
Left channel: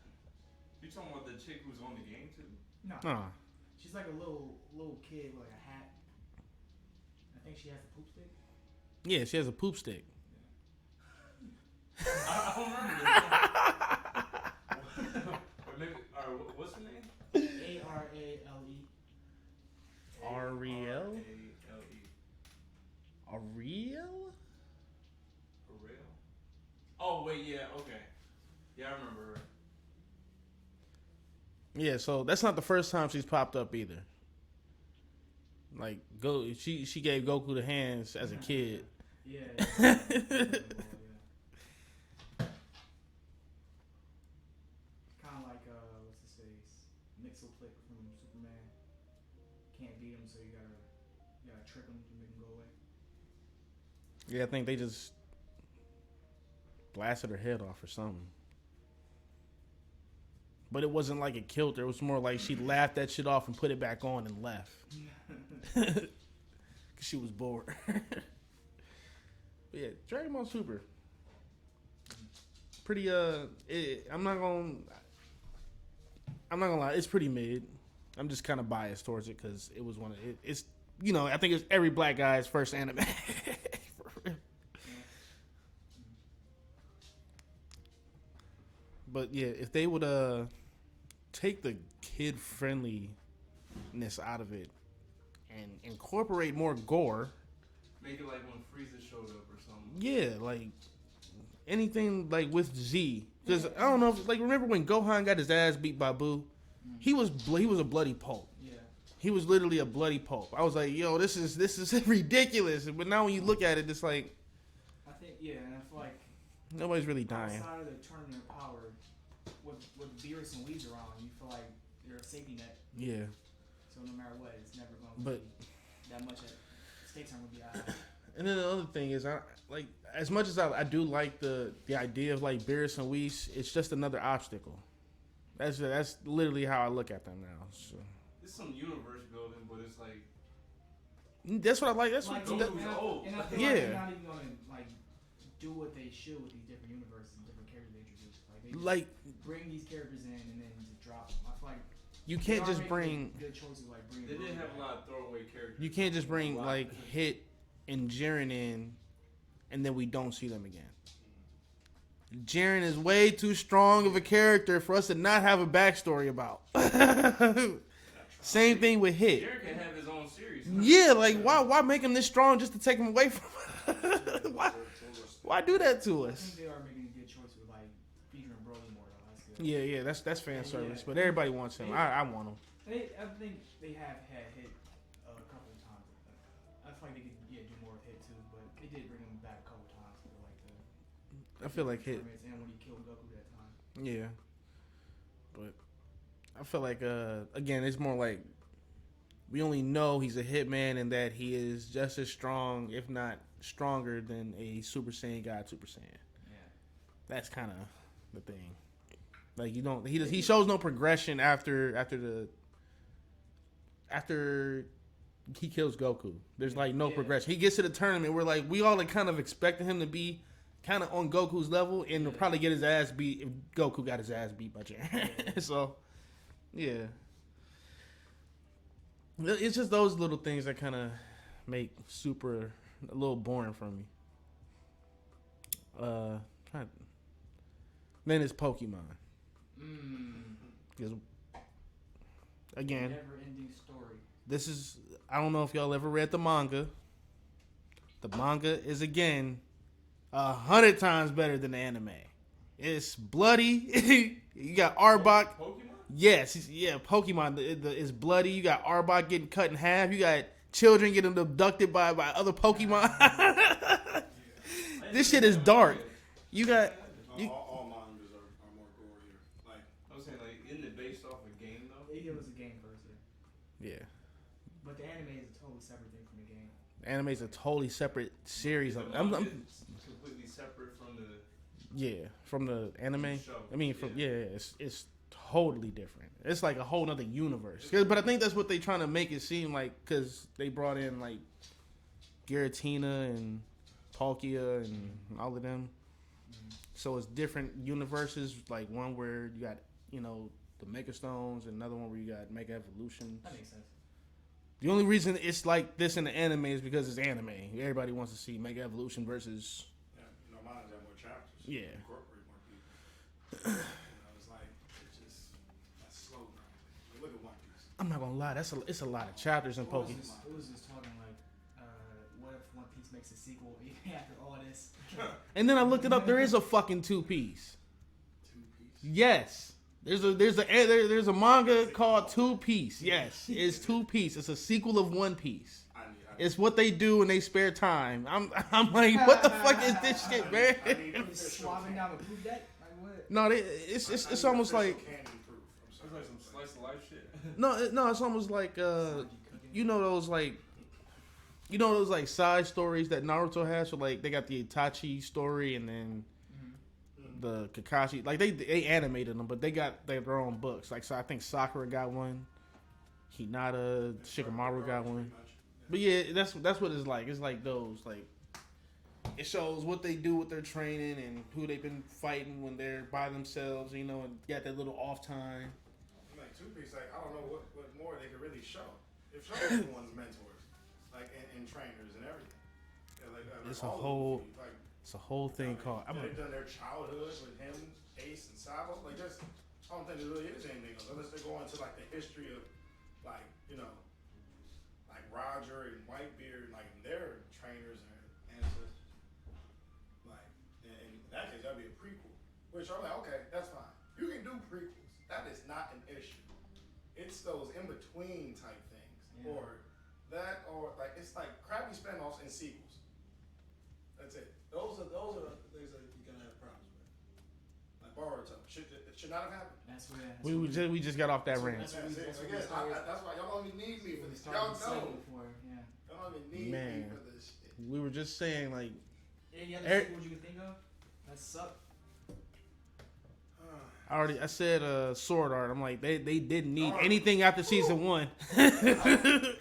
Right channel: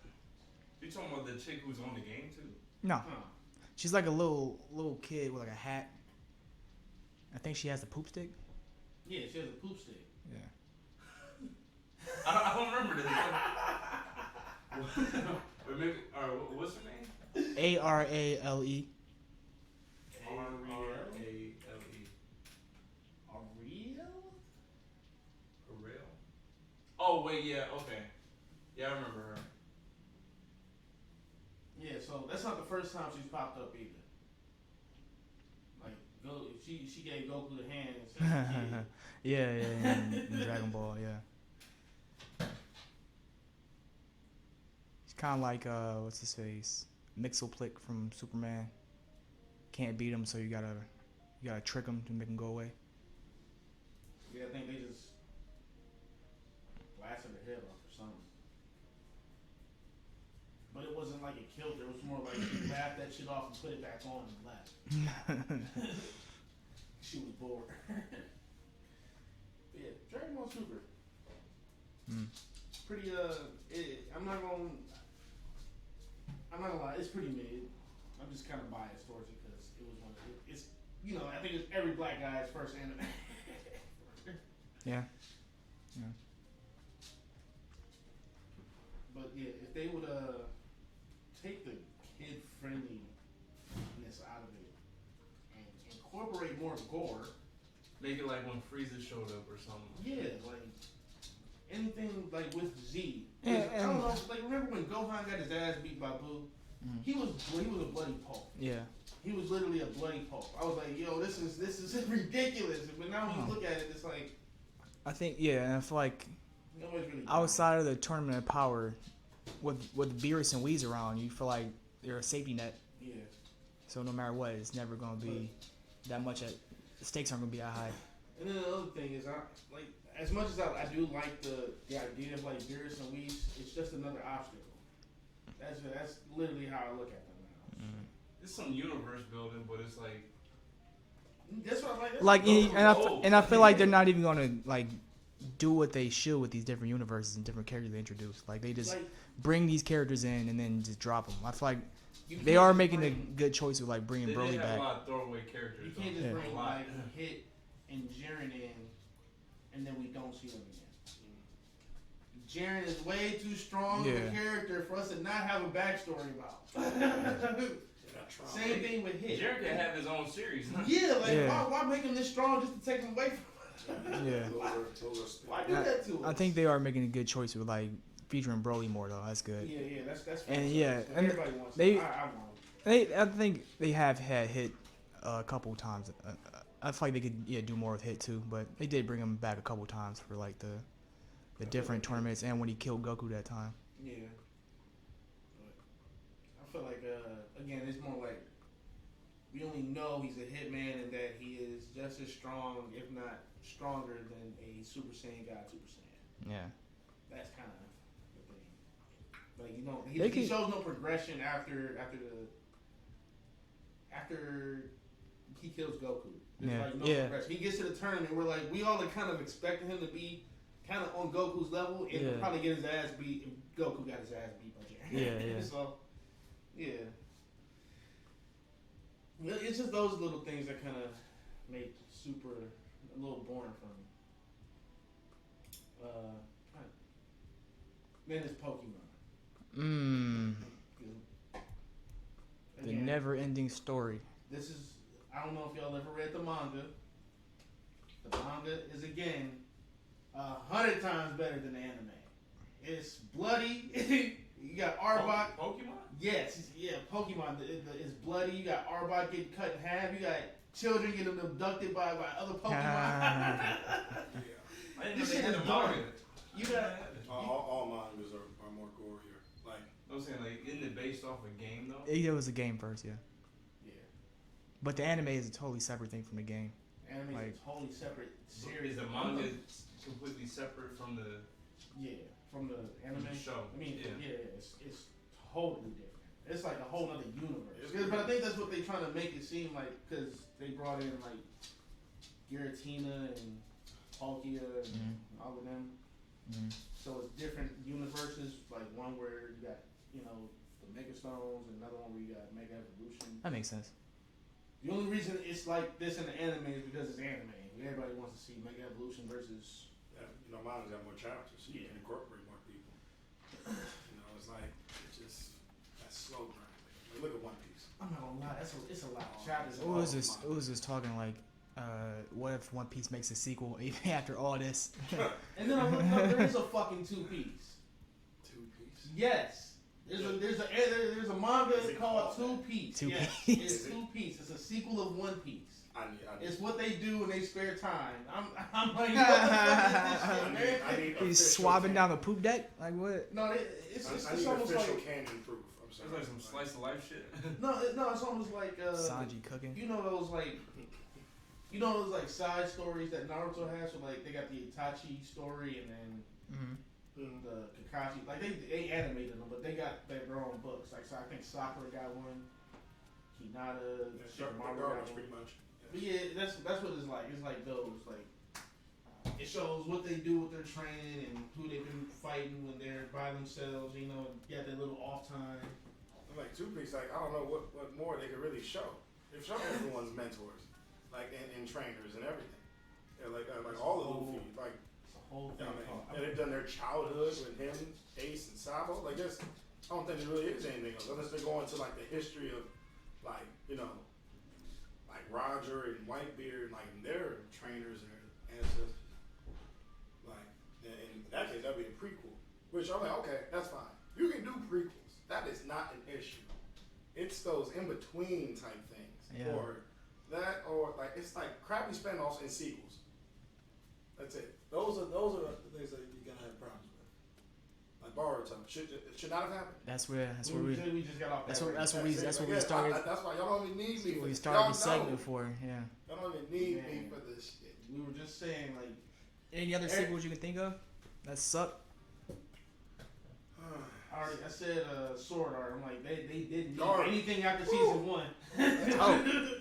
You talking about the chick who's on the game too? No. Huh. She's like a little kid with like a hat. I think she has the poop stick. Yeah, she has a poop stick. Yeah. I don't remember that. Or maybe, what's her name? Arale. Ariel? Ariel? Ariel? Ariel? Oh, wait, yeah, okay. Yeah, I remember her. Yeah, so that's not the first time she's popped up either. Like, she gave Goku the hands as a kid. yeah. Dragon Ball, yeah. It's kind of like what's his face, Mixoplick from Superman. Can't beat him, so you gotta trick him to make him go away. Yeah, I think they just blasted her head off or something. But it wasn't like it killed her. It was more like she laughed that shit off and put it back on and left. She was bored. But yeah, Dragon Ball Super. Pretty I'm not gonna lie, it's pretty mid. I'm just kind of biased towards it because it was it's I think it's every black guy's first anime. Yeah. But yeah, if they would take the kid friendliness out of it and incorporate more gore. Make it like when Frieza showed up or something. Yeah, like anything like with Z. Because I don't know, like remember when Gohan got his ass beat by Boo? He was a bloody pulp. Yeah. He was literally a bloody pulp. I was like, yo, this is ridiculous. But now when you look at it, it's like I think and I feel like nobody's really dying. outside of the Tournament of Power, with Beerus and Whis around, you feel like they're a safety net. Yeah. So no matter what, it's never gonna be that much. The stakes aren't gonna be that high. And then the other thing is, I like as much as I do like the idea of like Beerus and Whis, it's just another obstacle. That's literally how I look at them now. So. It's some universe building, but it's like That's what I like. That's Like, what and I feel like they're not even gonna like do what they should with these different universes and different characters they introduce. Like they just bring these characters in and then just drop them. I feel like they are making a good choice of like bringing they Broly have back. a lot of throwaway characters. You can't just bring like Hit and Jiren in, and then we don't see them again. Jiren is way too strong of a character for us to not have a backstory about. Same thing with Hit. Jiren can have his own series. Why make him this strong just to take him away from? Why do that to us? I think they are making a good choice with like featuring Broly more though. That's good. Yeah, that's fan service. yeah, But everybody wants him. I want him. I think they have had Hit a couple times. I feel like they could do more with Hit too, but they did bring him back a couple times for like the the I feel different like tournaments and when he killed Goku that time. Yeah, but I feel like again, it's more like we only know he's a hitman and that he is just as strong, if not stronger, than a Super Saiyan God Super Saiyan. Yeah. That's kind of the thing. Like you don't, he They can- shows no progression after he kills Goku. There's like no progression. He gets to the tournament where like we all are kind of expecting him to be kind of on Goku's level and to probably get his ass beat if Goku got his ass beat by Jiren. Yeah. So, yeah. It's just those little things that kind of make Super a little boring for me. Then it's Pokemon. Again, never-ending story. this is, I don't know if y'all ever read the manga. The manga is again 100 times better than the anime. It's bloody. You got Arbok. Pokemon? Yes, yeah, Pokemon. It's bloody. You got Arbok getting cut in half. You got children getting abducted by other Pokemon. This shit is dark. You got. All mangas are more gorier. Like I was saying, like, isn't it based off a game though? It was a game first, yeah. Yeah. But the anime is a totally separate thing from the game. Anime's Like, a totally separate series. Is the I'm manga completely separate from the from the anime. show? I mean, it's totally different. It's like a whole nother universe. But I think that's what they're trying to make it seem like, because they brought in like Giratina and Palkia and all of them. So it's different universes. Like one where you got the Mega Stones, and another one where you got Mega Evolution. That makes sense. The only reason it's like this in the anime is because it's anime. Everybody wants to see Mega Evolution versus. mine's got more chapters. Yeah. Incorporate more people. It's like that's slow grinding. Look at One Piece. I'm not gonna lie, it's a lot of chapters in What was Pokemon. this? It was just talking like, what if One Piece makes a sequel even after all this? And then I looked it up. There is a fucking 2-piece. 2-piece. Yes. There's a manga called 2-piece. Yes, it's 2-piece. It's a sequel of One Piece. It's what they do in their spare time. I'm like, what the fuck is this shit, man? He's swabbing down the poop deck? Like what? No, it's almost like Canon proof. I'm It's sorry. like some slice of life shit. no, it's almost like Sanji cooking. you know those like side stories that Naruto has. So like they got the Itachi story and then the Kakashi. Like they animated them, but they got their own books. Like so, I think Sakura got one. Hinata, Shikamaru got one. But yeah, that's what it's like. It's like those like it shows what they do with their training and who they've been fighting when they're by themselves. And got that little off time. I'm like 2-piece. Like I don't know what more they could really show. They've shown everyone's mentors, like and trainers and everything. Yeah, like It's all of them. Like it's a whole thing called. they've done their childhood with him, Ace, and Sabo. Like this, I don't think there really is anything else unless they're going to like the history of like like Roger and Whitebeard, like their trainers and ancestors. Like in that case, that'd be a prequel. Which I'm like, okay, that's fine. You can do prequels. That is not an issue. It's those in between type things, or that, or like it's like crappy spin-offs and sequels. That's it. Those are the things that you're gonna have problems with. Like Boruto should not have happened. That's where We just got off that range. That's what we That's started. That's why y'all don't even need me. We For started y'all the segment for. Yeah. Y'all don't even need me Man. for this shit. We were just saying like Any other Eric- sequels you can think of that suck? I said Sword Art. I'm like they didn't need Darn. anything after season 1. I don't know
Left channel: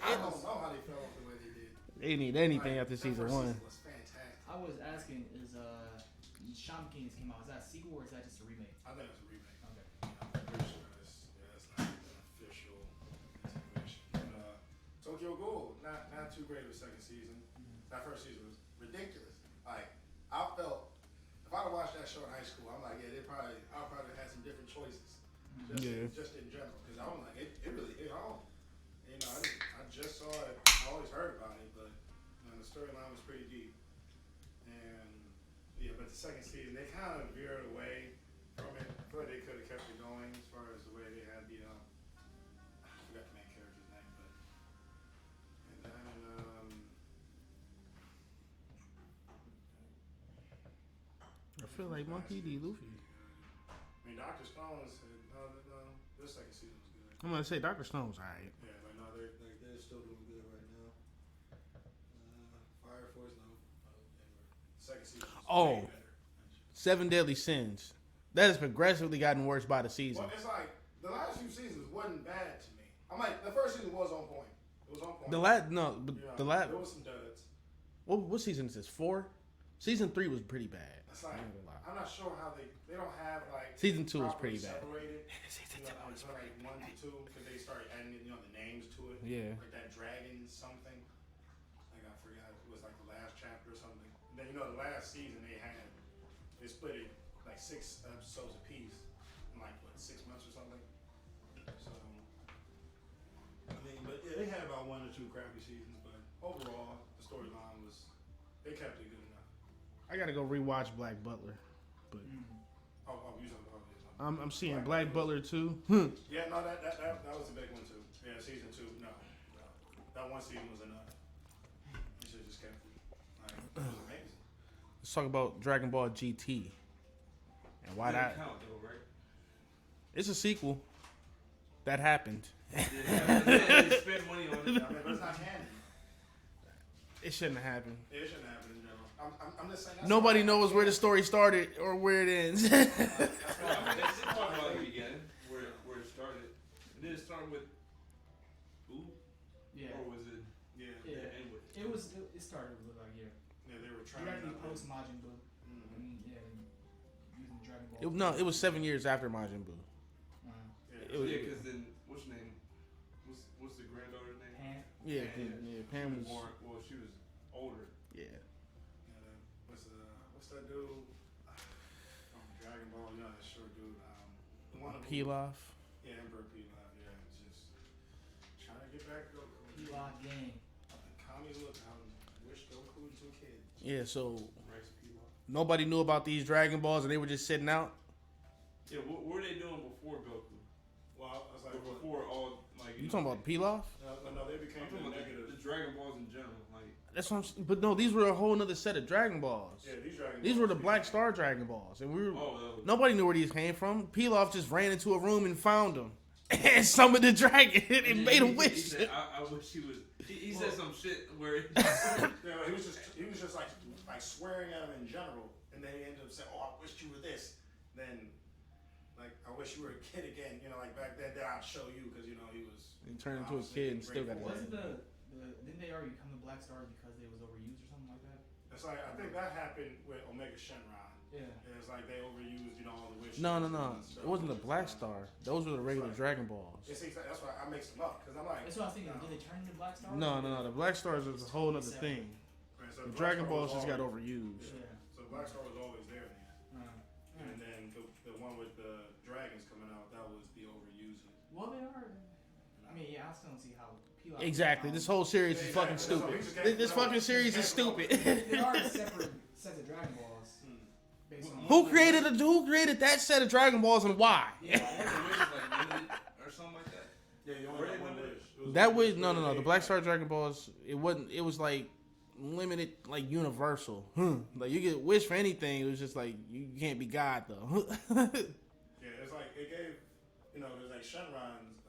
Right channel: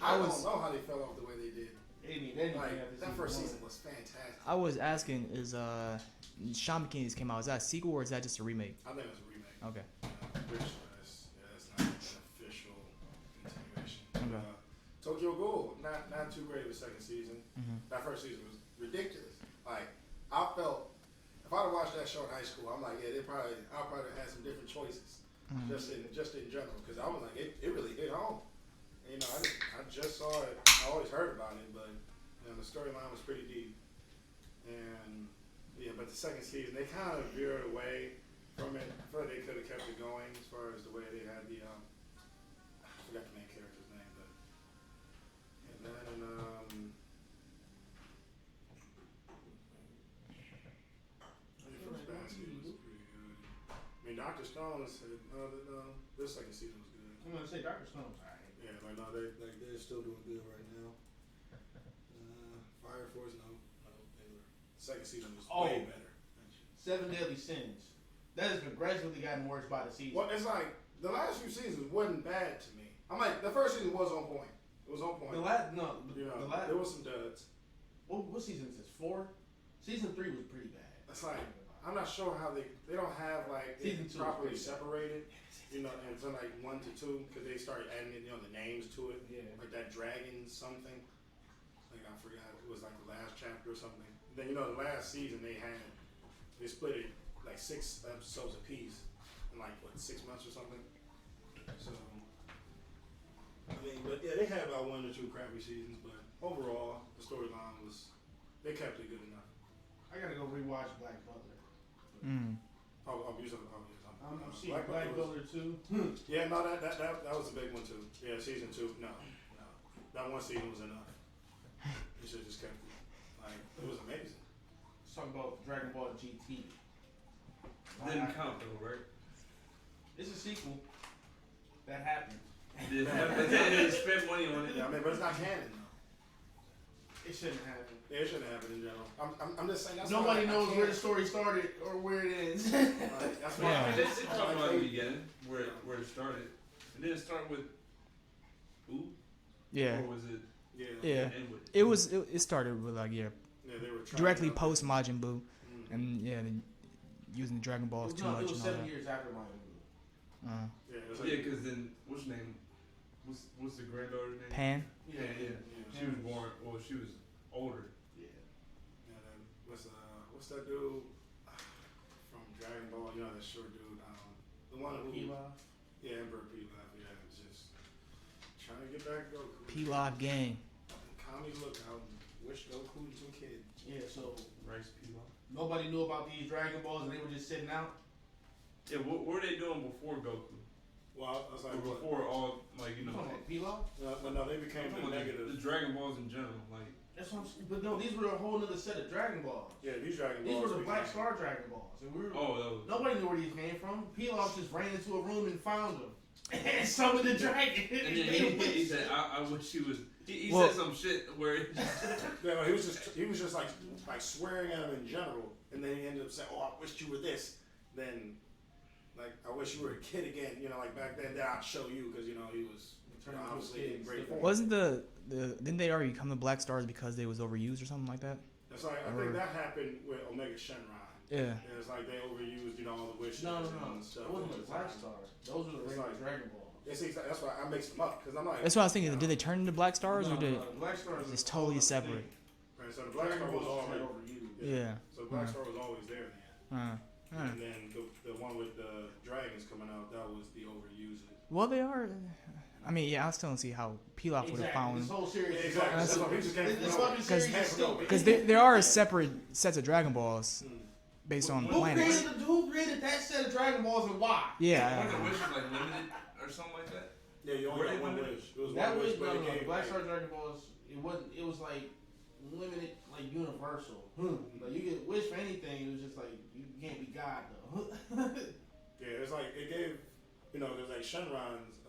how they fell off the way they did. They didn't need anything Like, after that season first 1. season was fantastic. I was asking, is Shaman King just came out? Is that a sequel or is that just a remake? I think it's a remake. Okay. I'm pretty sure it's not an official continuation. Tokyo Ghoul, not too great of a second season. That first season was ridiculous. Like I felt if I'd have watched that show in high school, I'm like, yeah, I'll probably had some different choices. Just in general, because I was like, it really hit home. I just saw it. I always heard about it, but the storyline was pretty deep. And but the second season they kind of veered away from it. I feel like they could have kept it going as far as the way they had the I forgot the main character's name, but and then I feel Luffy. I mean, Dr. Stone said this second season was good. I'm gonna say Dr. Stone's alright. Yeah, like no, they're still doing good right now. Fire Force, no. Second season was way better. 7 Deadly Sins. That has progressively gotten worse by the season. Well, it's like the last few seasons wasn't bad to me. I'm like the first season was on point. It was on point. The last there was some duds. What season is this? 4? Season 3 was pretty bad. It's like I'm not sure how they don't have like season 2 is pretty separated. From like 1 to 2 because they started adding the names to it. Yeah. Like that dragon something. Like I forgot it was like the last chapter or something. Then the last season they split it like 6 episodes apiece in like 6 months or something. So I mean, but yeah, they had about 1 or 2 crappy seasons, but overall the storyline they kept it good enough. I gotta go rewatch Black Butler. But I'm seeing Black Butler too. Yeah, no, that was a big one too. Yeah, season 2, no. That one season was enough. You should just kept it. Like, it was amazing. Let's talk about Dragon Ball GT. And why Didn't that? count though, right? It's a sequel. That happened. Yeah, they spent money on it. I mean, but it's not canon. It shouldn't have happened. Yeah, it shouldn't happen in general. I'm just saying. Nobody knows where the story started or where it ends. That's why. Let's talk about it again, where it started. Did it start with Ooh? Yeah. Or was it? Yeah. End with It started with like Yeah, they were trying directly to- post Majin Buu, and then using the Dragon Balls. It was 7 years after Majin Buu. Yeah, because then what's her name? What's the granddaughter's name? Pan. Yeah. She was born. Well, she was older. Yeah. And then what's that dude from Dragon Ball? That short dude. The one who. Pilaf. Yeah, Emperor Pilaf. Yeah, it's just trying to get back to Goku. Pilaf gang. Kami look out and wish Goku was a kid. Yeah, so Rice Pilaf. nobody knew about these Dragon Balls and they were just sitting out. Yeah, what were they doing before Goku? Well, I was like, Or before all You talking about Pilaf? No, they became I'm talking about negative. the Dragon Balls in general, like. That's what I'm saying. But no, these were a whole other set of Dragon Balls. Yeah, these Dragon These Balls were the Black became- Star Dragon Balls. And Nobody knew where these came from. Pilaf just ran into a room and found them. And summoned the dragon and made a wish. He said, I wish he was. He Well- said some shit where. Yeah, he was just like swearing at him in general, and then he ended up saying, "Oh, I wish you were this." Then, like, I wish you were a kid again. Like back then, I'd show you because he was. He turned into a kid and still got. Wasn't didn't they already become the Black Stars because they was overused or something like that? That's like I think that happened with Omega Shenron. Yeah. It was like they overused, all the wishes. No. and stuff. It wasn't the Black Star. Those were the regular like- Dragon Balls. Yeah, see, that's why I mix them up because I'm like. That's what I was thinking. Did they turn into Black Stars? No, or did the Black Stars is It's a whole totally other separate. thing. Right, so The the Black Dragon Star Balls was just got always- overused. Yeah. So Black Star was always there in the end. And then the one with the dragons coming out, that was the overusing. Well, they are. I mean, yeah, I still don't see how Pilaf Exactly. This whole series is Exactly. fucking That's what stupid. he just came This from. fucking series is stupid. there are separate sets of Dragon Balls based on Who planets. created that set of Dragon Balls and why? Yeah. The wish was like limited or something like that. Yeah, you only got one wish. That was no. The Black Star Dragon Balls. It wasn't. It was like limited, like universal. Like you get wish for anything. It was just like you can't be God though. Yeah, it's like it gave. There's like Shenron's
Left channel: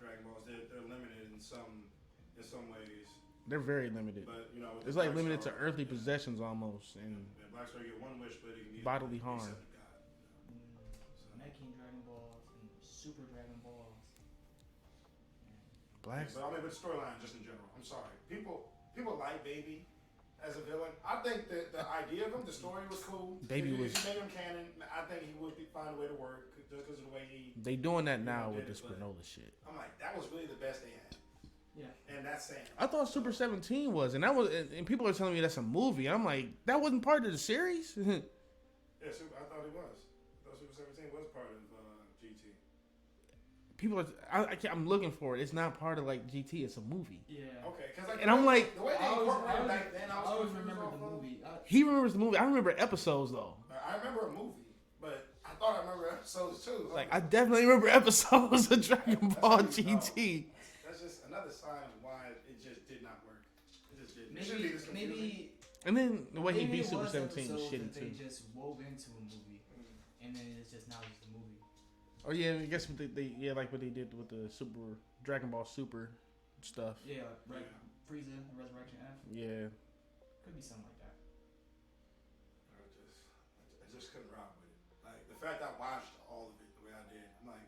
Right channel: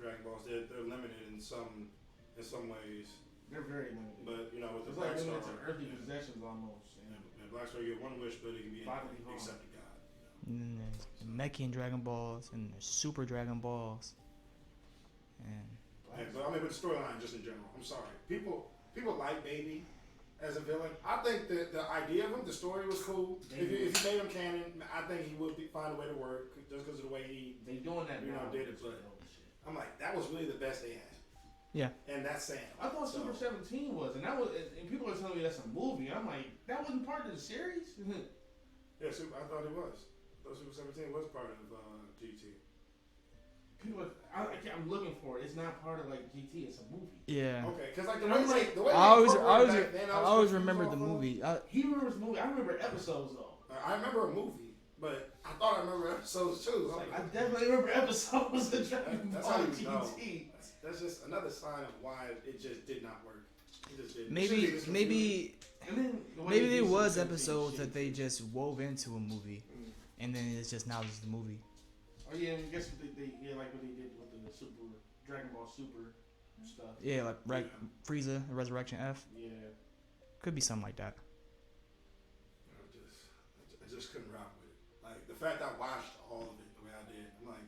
Dragon Balls. They're limited in some ways. They're very limited. But with the It's like Black limited to Star, earthly possessions almost. And Black Star, you get one wish, but it can be bodily harm. except God. And then there's Mechian Dragon Balls and there's Super Dragon Balls. And Black. Yeah, but the storyline just in general. I'm sorry, people like Baby as a villain. I think that the idea of him, the story was cool. Baby if you made him canon, I think he would find a way to work just because of the way he. They doing that You know, now with did this it, but- Granola shit. I'm like, that was really the best they had. Yeah. And that's saying. I thought Super 17 was, and that was, and people are telling me that's a movie. And I'm like, that wasn't part of the series. Yeah, I thought it was. I thought Super 17 was part of GT. People are, I'm looking for it. It's not part of like GT. It's a movie. yeah. Okay, because like, And I'm like, the way I always I always remembered the movie. He remembers the movie. I remember episodes though. I remember a movie, but I thought I remember episodes too. It's like I definitely remember episodes of Dragon That's Ball how you know. GT. That's just another sign of why it just did not work. It just didn't. It shouldn't be this Maybe And then the way Maybe he there beat was Super 17 is episodes shitty, that they too. just wove into a movie, and then it's just now just the movie. Oh yeah, I guess like what they did with the Super Dragon Ball Super stuff. Yeah, like Frieza, the Resurrection F. Yeah. Could be something like that. I just couldn't rock with it. Like the fact I watched all of it the way I did, I'm like,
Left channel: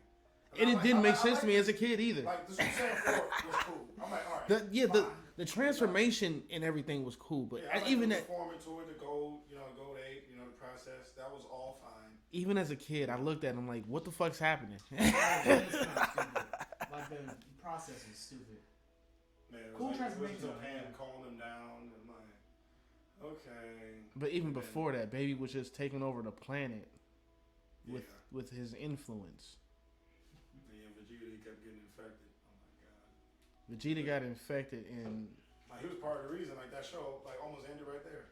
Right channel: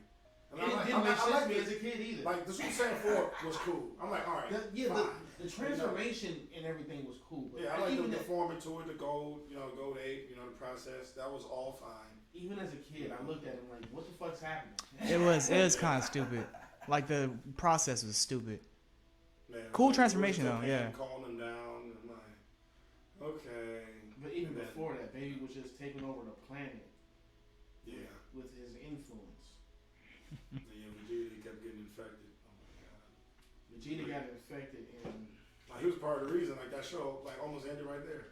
And it didn't make sense to me as a kid either. Like the Super Saiyan 4 was cool. I'm like, all right. The transformation and everything was cool, but I like even the that, forming to it, the gold, gold 8, the process, that was all fine. even as a kid, I looked at him like, what the fuck's happening? It was kind of stupid. Like the process was stupid. Man, Cool transformation though, yeah. Calling them down, I'm like, okay. But even before that, Baby was just taking over the planet Yeah. with his influence. And Vegeta, he kept getting infected. Oh my god. Vegeta got infected and Like he was part of the reason, like that show, like almost ended right there.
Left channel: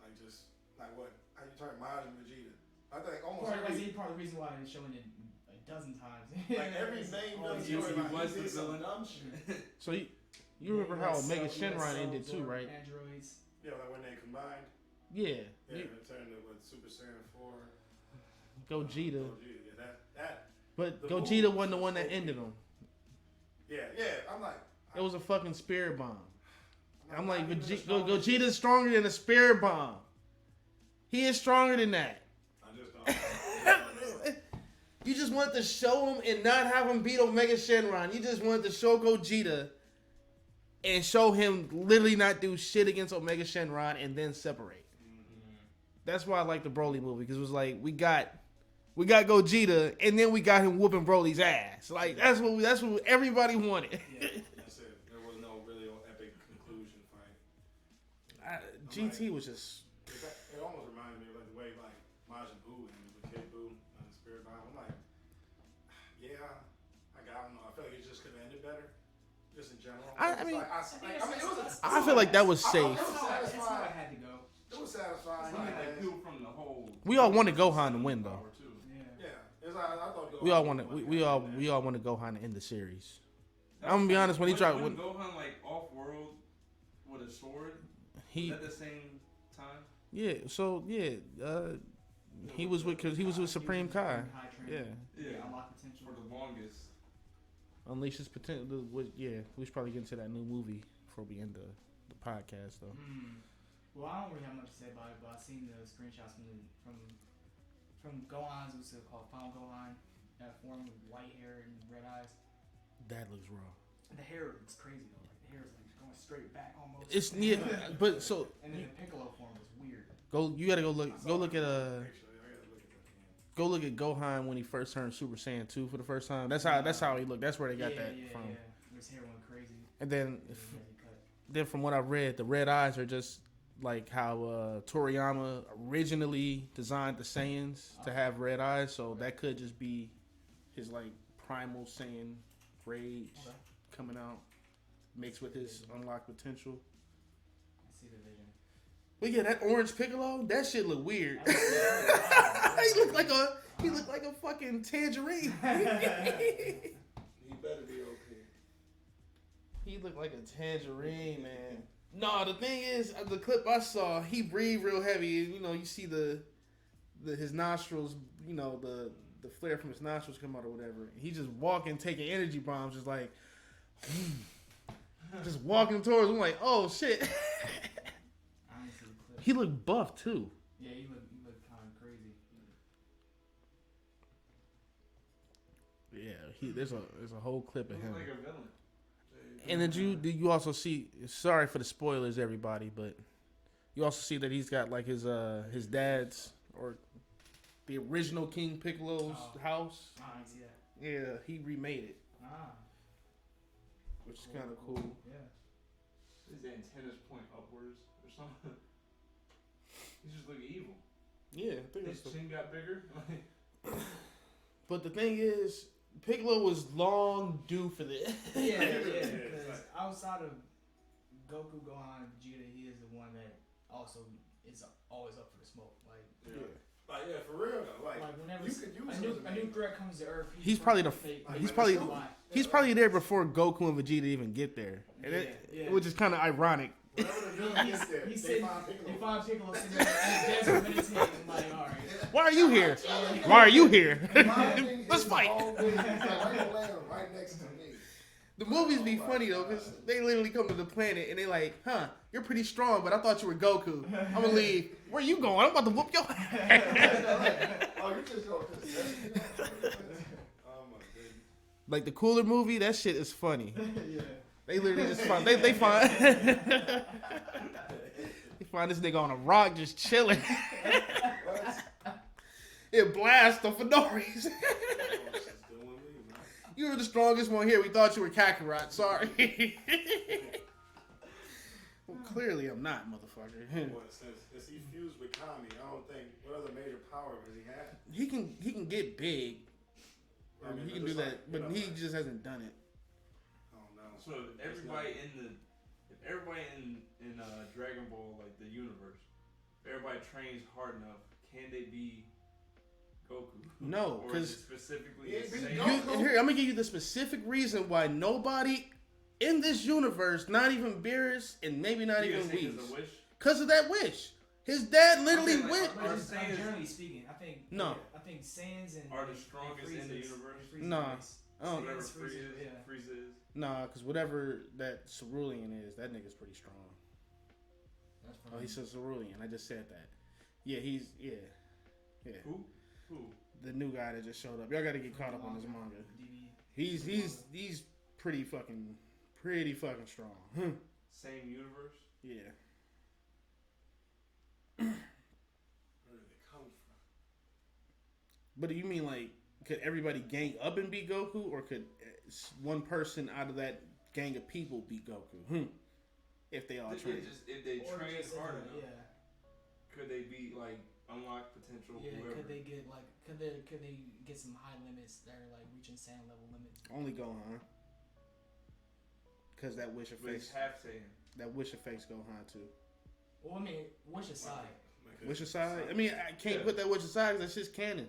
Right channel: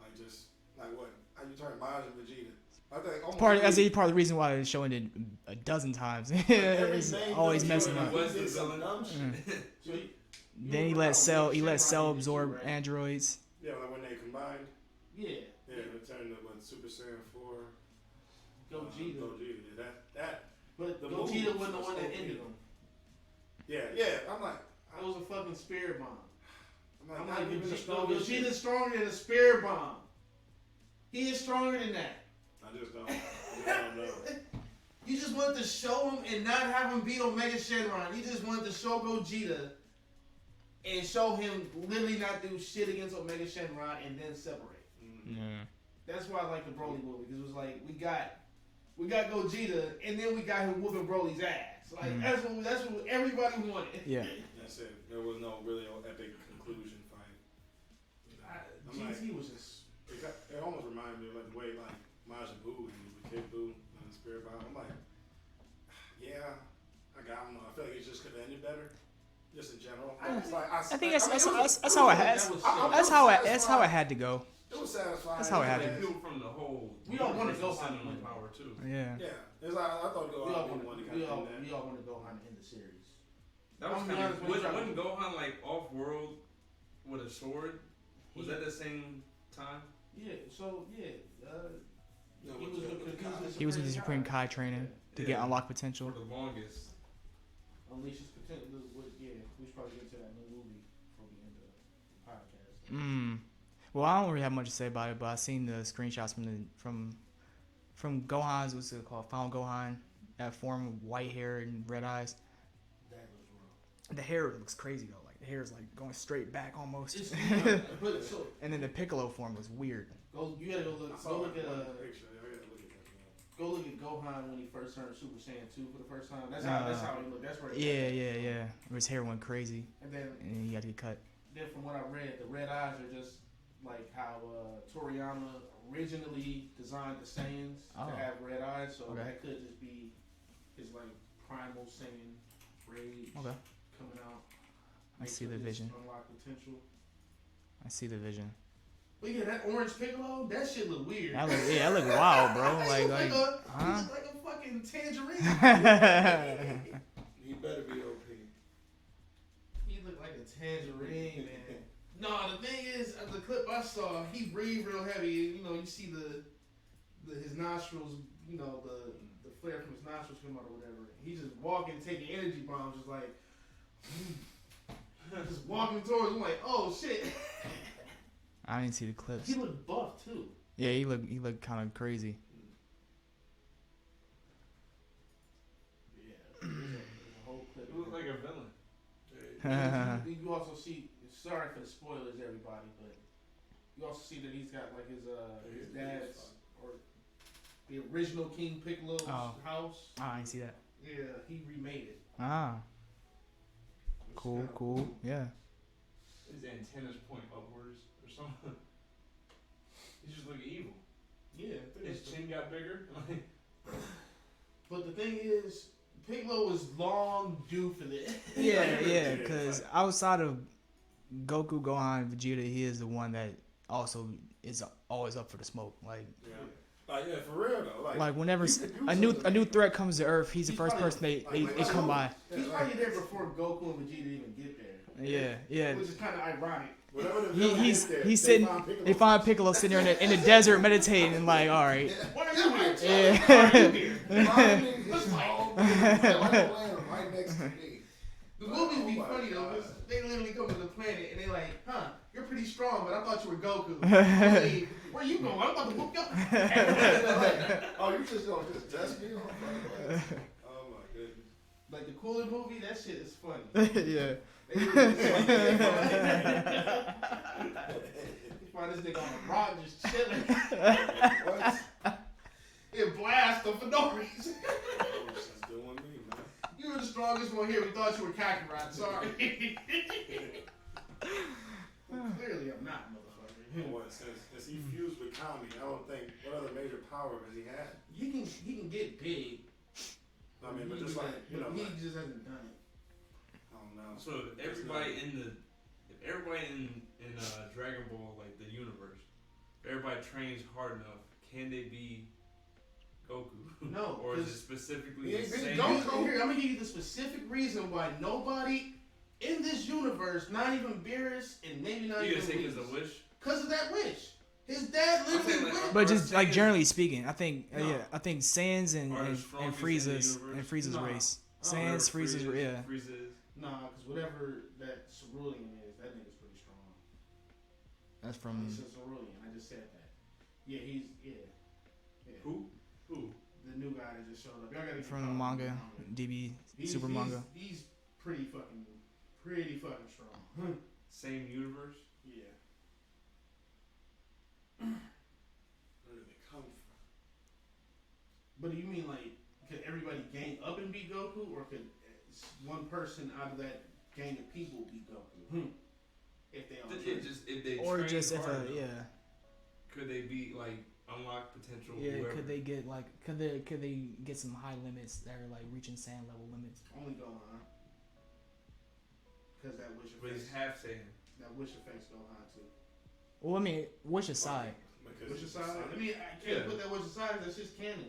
Like just, like what? How you turn Maj and Vegeta? I think almost Part of the reason why the show ended a dozen times. It's always messing up. Was the villain dumb shit? so Then he let Cell absorb right? androids. Yeah, like when they combined. Yeah. Yeah, they turned into what, Super Saiyan 4. Gogeta. Gogeta, yeah, that. But The Gogeta moves wasn't the was one that so ended good. him. Yeah, I'm like. It was a fucking spirit bomb. I'm like, not even the strongest- Gogeta's stronger than a spirit bomb. He is stronger than that. I just don't know. You just wanted to show him and not have him beat Omega Shenron. You just wanted to show Gogeta and show him literally not do shit against Omega Shenron and then separate. Yeah. That's why I like the Broly movie, because it was like we got Gogeta and then we got him whooping Broly's ass. Like that's what everybody wanted. Yeah. That's it. There was no really epic conclusion fight. GT was just. It almost reminded me of like the way like Majin Buu and the Kid Buu on the Spirit Bomb. I'm like, yeah, I don't know. I feel like it just could have ended better, just in general. I think that's I how feel it like has- that was safe. That's how it had to go. It was satisfying. That's how it happened. People from the whole. We all wanted Gohan to win, though. Power too. Yeah. Yeah, it's like, I thought We all want Gohan to end the series. That I'm gonna was be kinda- honest, when he tried- Wasn't Gohan like off world with a sword? He Was that the same time? he was with He was Supreme in the Supreme Kai. Kai training to Yeah. get unlocked potential. For the longest. Unleash his potential. We should probably get into that new movie before we end the podcast. Though. Well, I don't really have much to say about it, but I seen the screenshots from Gohan's, what's it called, Final Gohan, that form with white hair and red eyes. That looks wrong. The hair looks crazy though, like the hair is like going straight back almost. It's but so and then the Piccolo form was weird. you gotta go look at picture. I gotta look at that again. go look at Gohan when he first turned Super Saiyan 2 for the first time. That's how he looked. That's where they got that from. Where his hair went crazy, And then he had to be cut. from what I read, the red eyes are just like how Toriyama originally designed the Saiyans to have red eyes. So that could just be his like primal Saiyan rage coming out. I see the vision. Unlock potential. I see the vision. But yeah, that orange Piccolo, that shit look weird. That look wild, bro. He look like a fucking tangerine. He better be okay. He looked like a tangerine, man. No, the thing is, the clip I saw, he breathed real heavy, and you see his nostrils, the flare from his nostrils come out or whatever. He just walking, taking energy bombs, just like, just walking towards him, like, oh shit. I didn't see the clips. He looked buff too. Yeah, he looked kind of crazy. Yeah, there's a whole clip of He him. looked like a villain. And did you also see? Sorry for the spoilers, everybody, but you also see that he's got like his dad's or the original King Piccolo's house. I didn't see that. Yeah, he remade it. Which is Cool, kinda cool. Yeah. His antennas point upwards or something. He just look evil. Yeah, I think His that's chin got bigger. But the thing is, Piccolo was long due for this. Yeah, because outside of Goku, Gohan, and Vegeta, he is the one that also is always up for the smoke. Like, Yeah, for real though. like whenever you could do a new something. threat comes to Earth, he's the first probably person they probably come by. He's probably there before Goku and Vegeta even get there. Yeah. Which is kind of ironic. Whatever the villain He's is there, he's they sitting. find Piccolo They find first. Piccolo sitting there in the desert meditating, and like, all right, Why are you here? yeah. Why are you here? Minding Let's his fight. own business. Like, I'm laying right next to me. The movies be Oh my funny though, God. because they literally come to the planet and they like, huh, you're pretty strong, but I thought you were Goku. Holy, where you going? I'm about to whoop your ass. Oh, you just gonna just dress me? Oh my goodness. Like the Cooler movie, that shit is funny. Yeah. They literally just find, they find they find this nigga on a rock just chilling. What? It blasts him for no reason. Oh, she's doing me, man. You were the strongest one here. We thought you were Kakarot. Sorry. Well, clearly I'm not, motherfucker. What, since he fused with Kami, I don't think, what other major power has he had? He can get big. I mean, He but can just do like, that, you but know, he like, just hasn't done it. I don't know. So if everybody in Dragon Ball, like the universe, if everybody trains hard enough, can they be Goku? No, Or is because it specifically He ain't the been same? Goku. here I'm gonna give you the specific reason why nobody in this universe, not even Beerus and maybe not You even gonna say Whis, it's a wish? because of that wish. His dad literally saying, like, went. But Are just like Saiyans- generally speaking, I think No. yeah, I think Sans and Are the and strongest in the Frieza's universe? No. race. I don't Sans, Frieza's Frieza, yeah. Frieza is. Nah, because whatever that Cerulean is, that nigga's pretty strong. That's Oh, from he said Cerulean. I just said that. Yeah, he's Who? the new guy that just showed up. Y'all gotta get from caught the up on manga, this DB He's Super Manga. he's pretty fucking strong. Same universe? Yeah. Where did they come from? But do you mean like could everybody gang up and be Goku, or could one person out of that gang of people be Goku? If they all train. If they Or train just if hard a, enough, yeah. could they be like unlock potential? Yeah, whoever? could they get like could they get some high limits that are like reaching sand level limits? Only Gohan. Because that wish But it's affects half Saiyan. Gohan too. Well, I mean, wish aside. Because Wish it's aside? I mean, I can't Yeah. put that wish aside because that's just canon.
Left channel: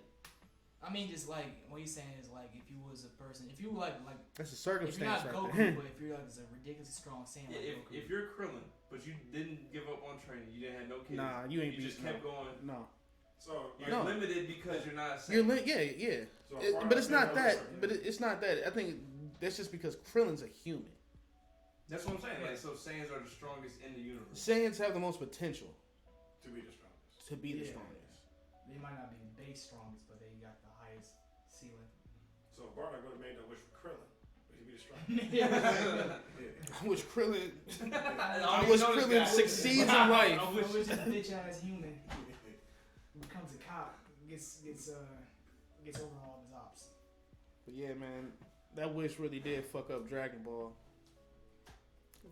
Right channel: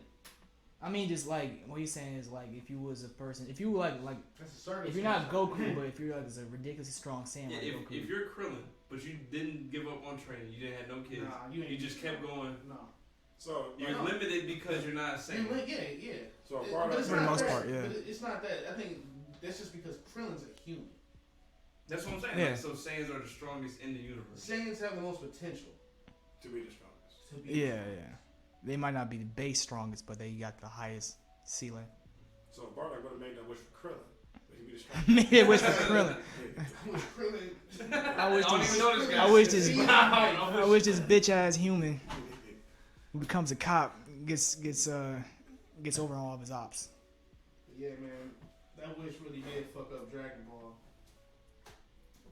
I mean, just like what he's saying is like if you was a person, if you were like That's a circumstance. if you're not right Goku, there. but if you're like a ridiculously strong Saiyan Yeah, like if, Goku. if you're Krillin, but you didn't give up on training, you didn't have no kids, Nah, you ain't. you just kept going. No. So, You're No. limited because you're not You're Saiyan. yeah. so But it's For the not most that. part, yeah. But it's not that. I think that's just because Krillin's a human. That's what I'm saying. Yeah. Like, so Saiyans are the strongest in the universe. Saiyans have the most potential to be the strongest. to be. yeah, yeah. They might not be the base strongest, but they got the highest ceiling. So Bardock would have made that wish for Krillin, but he'd be the strongest. Maybe it was for Krillin. I wish Krillin. I wish I don't this, even know this guy. I wish this, See, I wish this bitch ass human who becomes a cop gets over on all of his ops. But yeah, man, that wish really did fuck up Dragon Ball.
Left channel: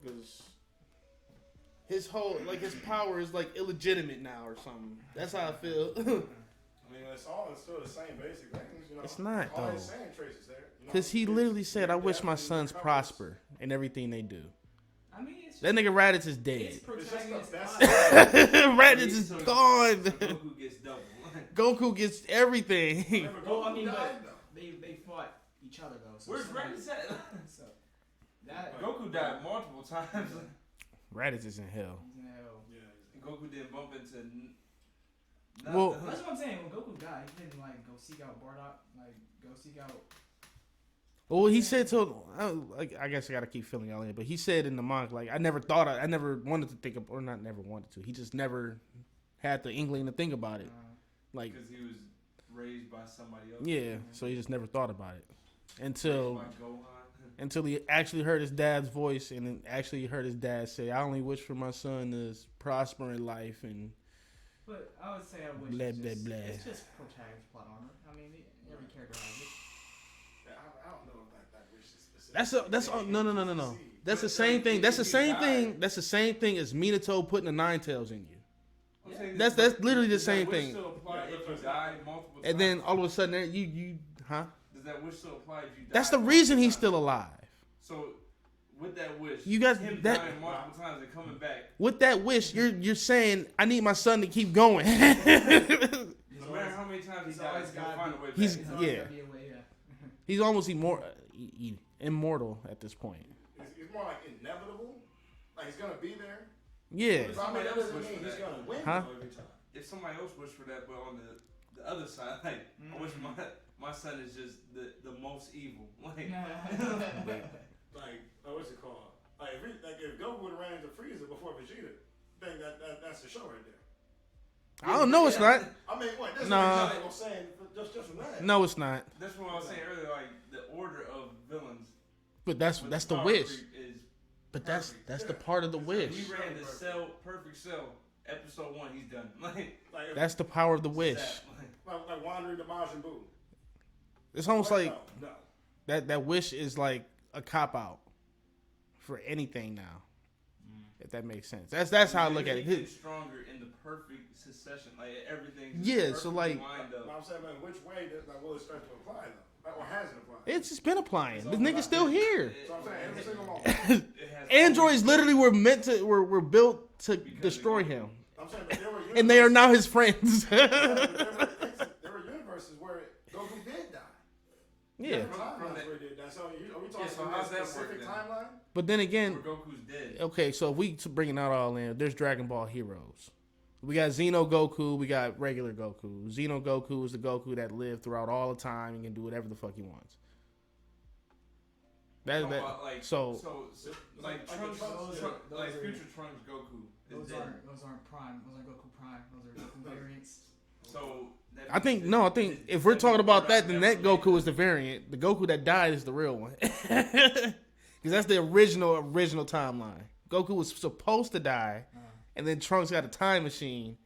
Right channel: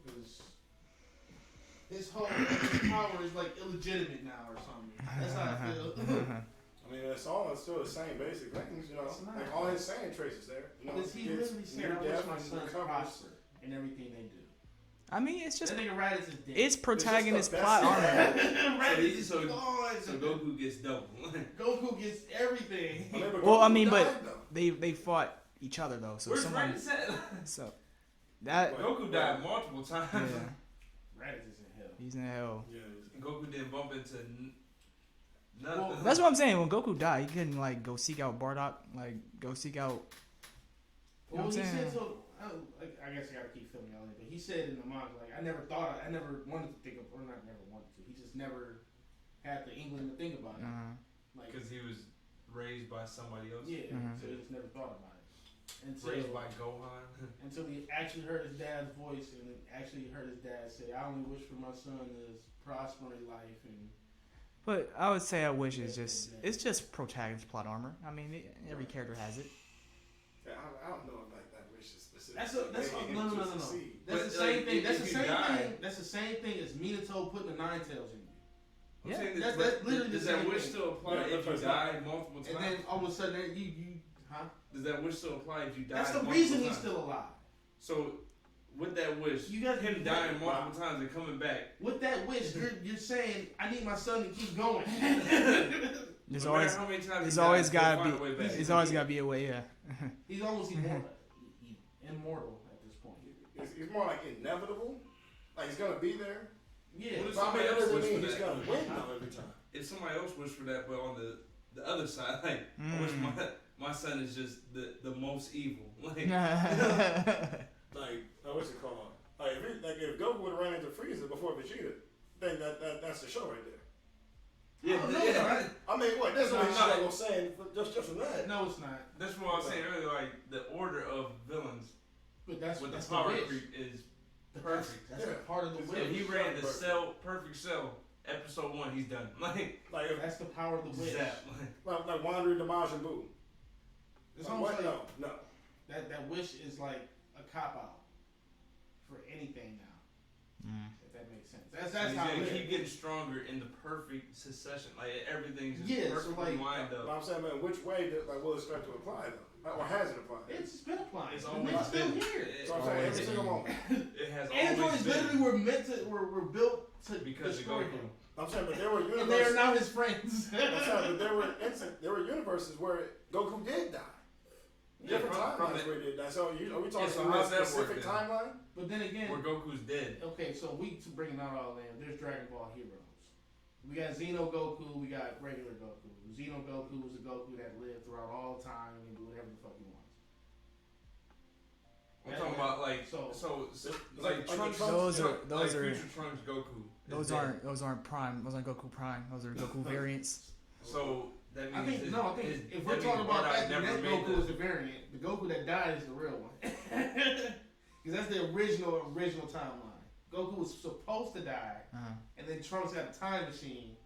Because his whole his power is like illegitimate now or something. That's how I feel. I mean, it's all still the same basic things, you know. It's not, All though. his same traces there. You know, Because he it's literally said, "I near wish death my and sons recovers. prosper in everything they do." I mean, it's That just nigga Raditz is dead. it's protagonist the plot. best. Raditz is So gone. Goku gets double. Goku gets everything. But Well, I Goku mean, but died, though. they fought each other though. So Where's someone, Raditz at? so that Goku died multiple times. yeah, Raditz is in hell. he's in hell. Yeah, Goku didn't bump into Well, nothing. That's what I'm saying. When Goku died, he couldn't like go seek out Bardock, like go seek out. Well, he I'm said saying- to, I guess I gotta keep filling y'all in, but he said in the manga, like, I never wanted to think of, or not never wanted to. He just never had the inkling to think about it. Like, Because he was raised by somebody else. yeah, so he just never thought about it Raised until by Gohan. until he actually heard his dad's voice and then actually heard his dad say, "I only wish for my son to prosper in life." And But I would say I wish Blah, it's blah, just blah. it's just protagonist plot armor. I mean, every character has it. yeah, I don't know if that wish is specific. no. That's But, the same like, thing. That's the if you same die- thing. That's the same thing as Minato putting the Nine Tails in you. I'm Yeah. saying That's this, literally the does that same wish thing. Still apply Yeah, if but you it's die not- multiple times? And then all of a sudden, huh? Does that wish still apply if you die? That's the multiple reason he's times? still alive. So, with that wish, You guys- him that- dying multiple times and coming back. With that wish, you're saying, I need my son to keep going. There's No always matter how many times there's he always dies, he'll gotta find be- a way he's- back. there's always Yeah. gotta be a way. Yeah. He's almost immortal at this point. It's more like inevitable. Like he's gonna be there, Yeah. If So, I mean, somebody that else doesn't wished mean for he's that, gonna win Huh? though every time. if somebody else wished for that, but on the other side, like I wish my son is just the most evil. Like Like, what's it called? Like, if Goku would have ran into Frieza before Vegeta, then that's the show right there. I don't know. It's not. I mean, what? This is No. what I'm saying just from that. No, it's not. that's what I was saying earlier. Like the order of villains. But that's with the power wish. creep is But perfect. that's the Yeah. part of the wish. He ran the perfect cell. Episode 1, he's done. Like Like, That's the power of the wish. zap, like wandering the Majin Buu. It's almost What? like No. that wish is like a cop out for anything now. If that makes sense. That's how I look at He it. getting stronger in the perfect succession. Like everything's just Yeah, so, perfectly like- lined But up. I'm saying, man, which way will it start to apply though? Or has it applied? It's just been applying. It's This all nigga's about still business. here. So I'm saying every single one. It has Androids always literally been were meant to were built to because destroy of Goku. him, I'm saying, but there were and they are universes- now his friends. I'm saying, but there were universes where Goku did die. Yeah, Different From timelines the- where he did die. So are we talking so about how's a that specific work then? timeline? but then again, Where Goku's dead. okay, so if we bringing out all in, there's Dragon Ball heroes. We got Xeno Goku, we got regular Goku. Xeno Goku is the Goku that lived throughout all the time and can do whatever the fuck he wants. I'm talking about like so- like like Trunks. those are- like those are- future Trunks Goku. is Those dead. aren't Prime. Those aren't Goku Prime. Those are Goku variants. So that I think means no, I his- think his- if we're that talking means about Murdoch that, then never that made Goku is the variant. The Goku that died is the real one, because that's the original timeline. Goku was supposed to die, and then Trunks got a time machine.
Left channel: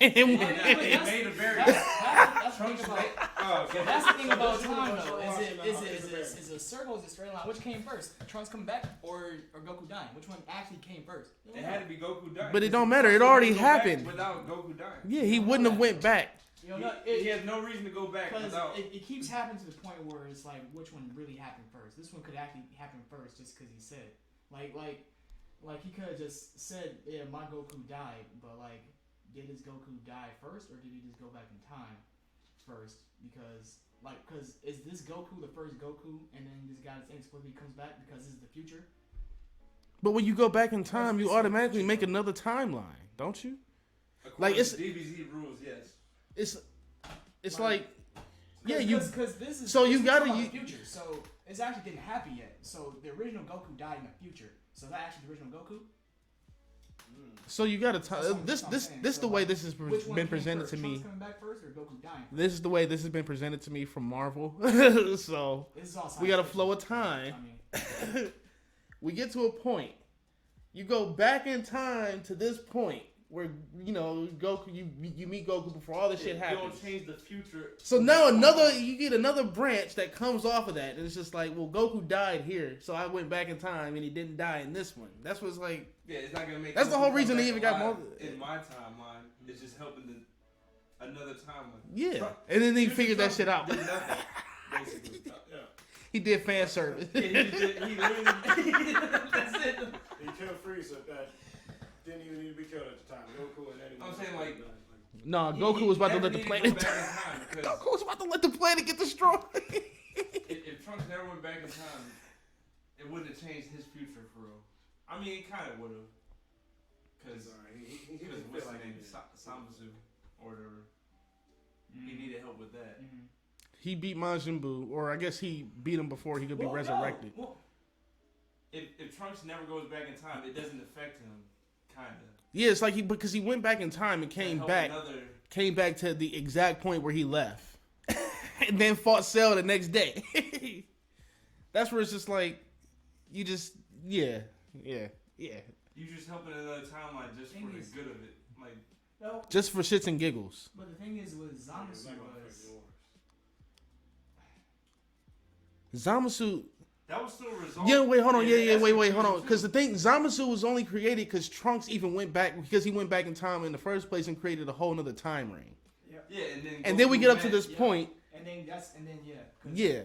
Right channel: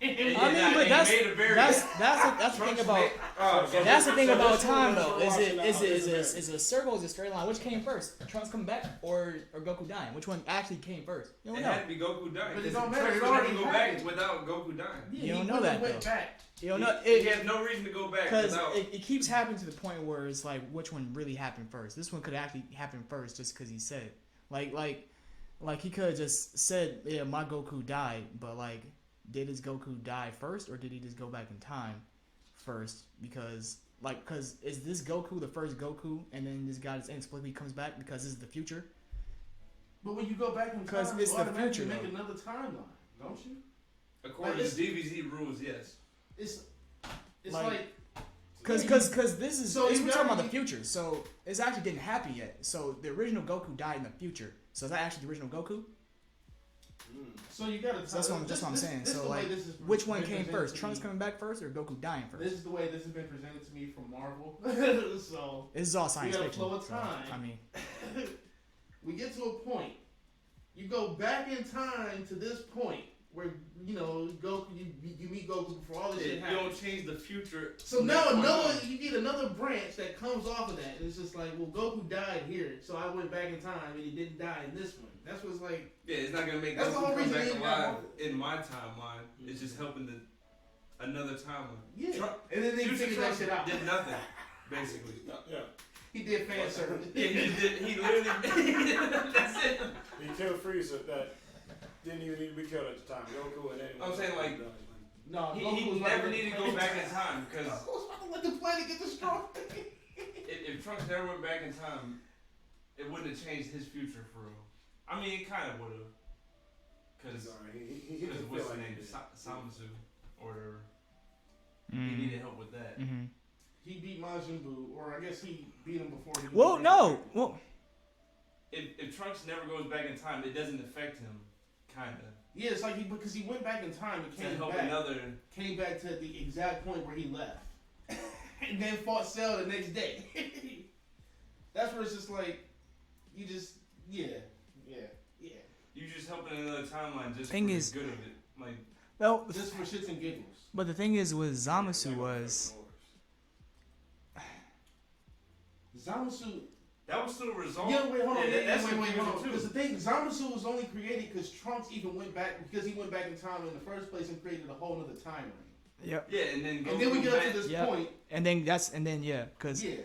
And I mean, but They that's made a variant. that's the thing about. Oh, That's the thing So about this time, universe though. you're Is watching now it is is it a circle? Is it a straight line? Which came first? Trunks coming back or Goku dying? Which one actually came first? You don't It know. had to be Goku dying. But it 'cause don't matter. It Trunks already couldn't go back happened. without Goku dying. Yeah, You he don't know wouldn't have that, went though. back. You don't know. He has no reason to go back Because without. it keeps happening to the point where it's like, which one really happened first? This one could actually happen first just because he said it. Like he could have just said, yeah, my Goku died, but like, did his Goku die first or did he just go back in time first? Because is this Goku the first Goku and then this guy just inexplicably comes back because this is the future? But when you go back in Because time, it's you the automatically future, make though. another timeline, don't you? According it's- to DBZ rules, yes. It's Like- like Because this is So this you we're talking gotta- about the future. So this actually didn't happen yet. So the original Goku died in the future. So is that actually the original Goku? so you got to So that's tell what this I'm this saying. this So, the way like, this is Which one been came presented first? to Trunks me. coming back first or Goku dying first? This is the way this has been presented to me from Marvel. So This is all science we got a fiction, flow of so, time. I mean, we get to a point. You go back in time to this point where Goku. You meet Goku before all this shit You happens. don't change the future. So from now that point on. you get another branch that comes off of that, and it's just like, well, Goku died here, so I went back in time, and he didn't die in this one. That's what's like. Yeah, it's not gonna make. That's the Goku whole come reason back they even got alive more- in my timeline. It's just helping another timeline. Yeah, Trump- and then they Future figured that Trump shit out. Did nothing, basically. Yeah. He did fan service. Yeah, he literally. That's it. He killed Frieza that didn't even need to be killed at the time. Goku and anyone. I'm saying, like, No, He- Goku he was about to never let the needed planet. go back in time because Goku was about to let the planet get destroyed. if Trunks never went back in time, it wouldn't have changed his future for real. I mean, it kind of would have. Because he didn't what's feel his like name? he did. Samasu. Or he needed help with that. mm-hmm. He beat Majin Buu, or I guess he beat him before he could Well, be no. resurrected. Well, If Trunks never goes back in time, it doesn't affect him, kind of. Yeah, it's like because he went back in time and came back to the exact point where he left, and then fought Cell the next day. That's where it's just like, you just yeah. You just helping another timeline just Thing for is- the good of it. Like, well, Just for shits and giggles. but the thing is with Zamasu was Zamasu. that was still a result. Yeah, wait, hold on. that's Wait, hold confusing on. too. Because the thing, Zamasu was only created because Trunks even went back because he went back in time in the first place and created a whole nother time ring. yep. Yeah, And then we get up to met- this Yeah. point. And then because Yeah.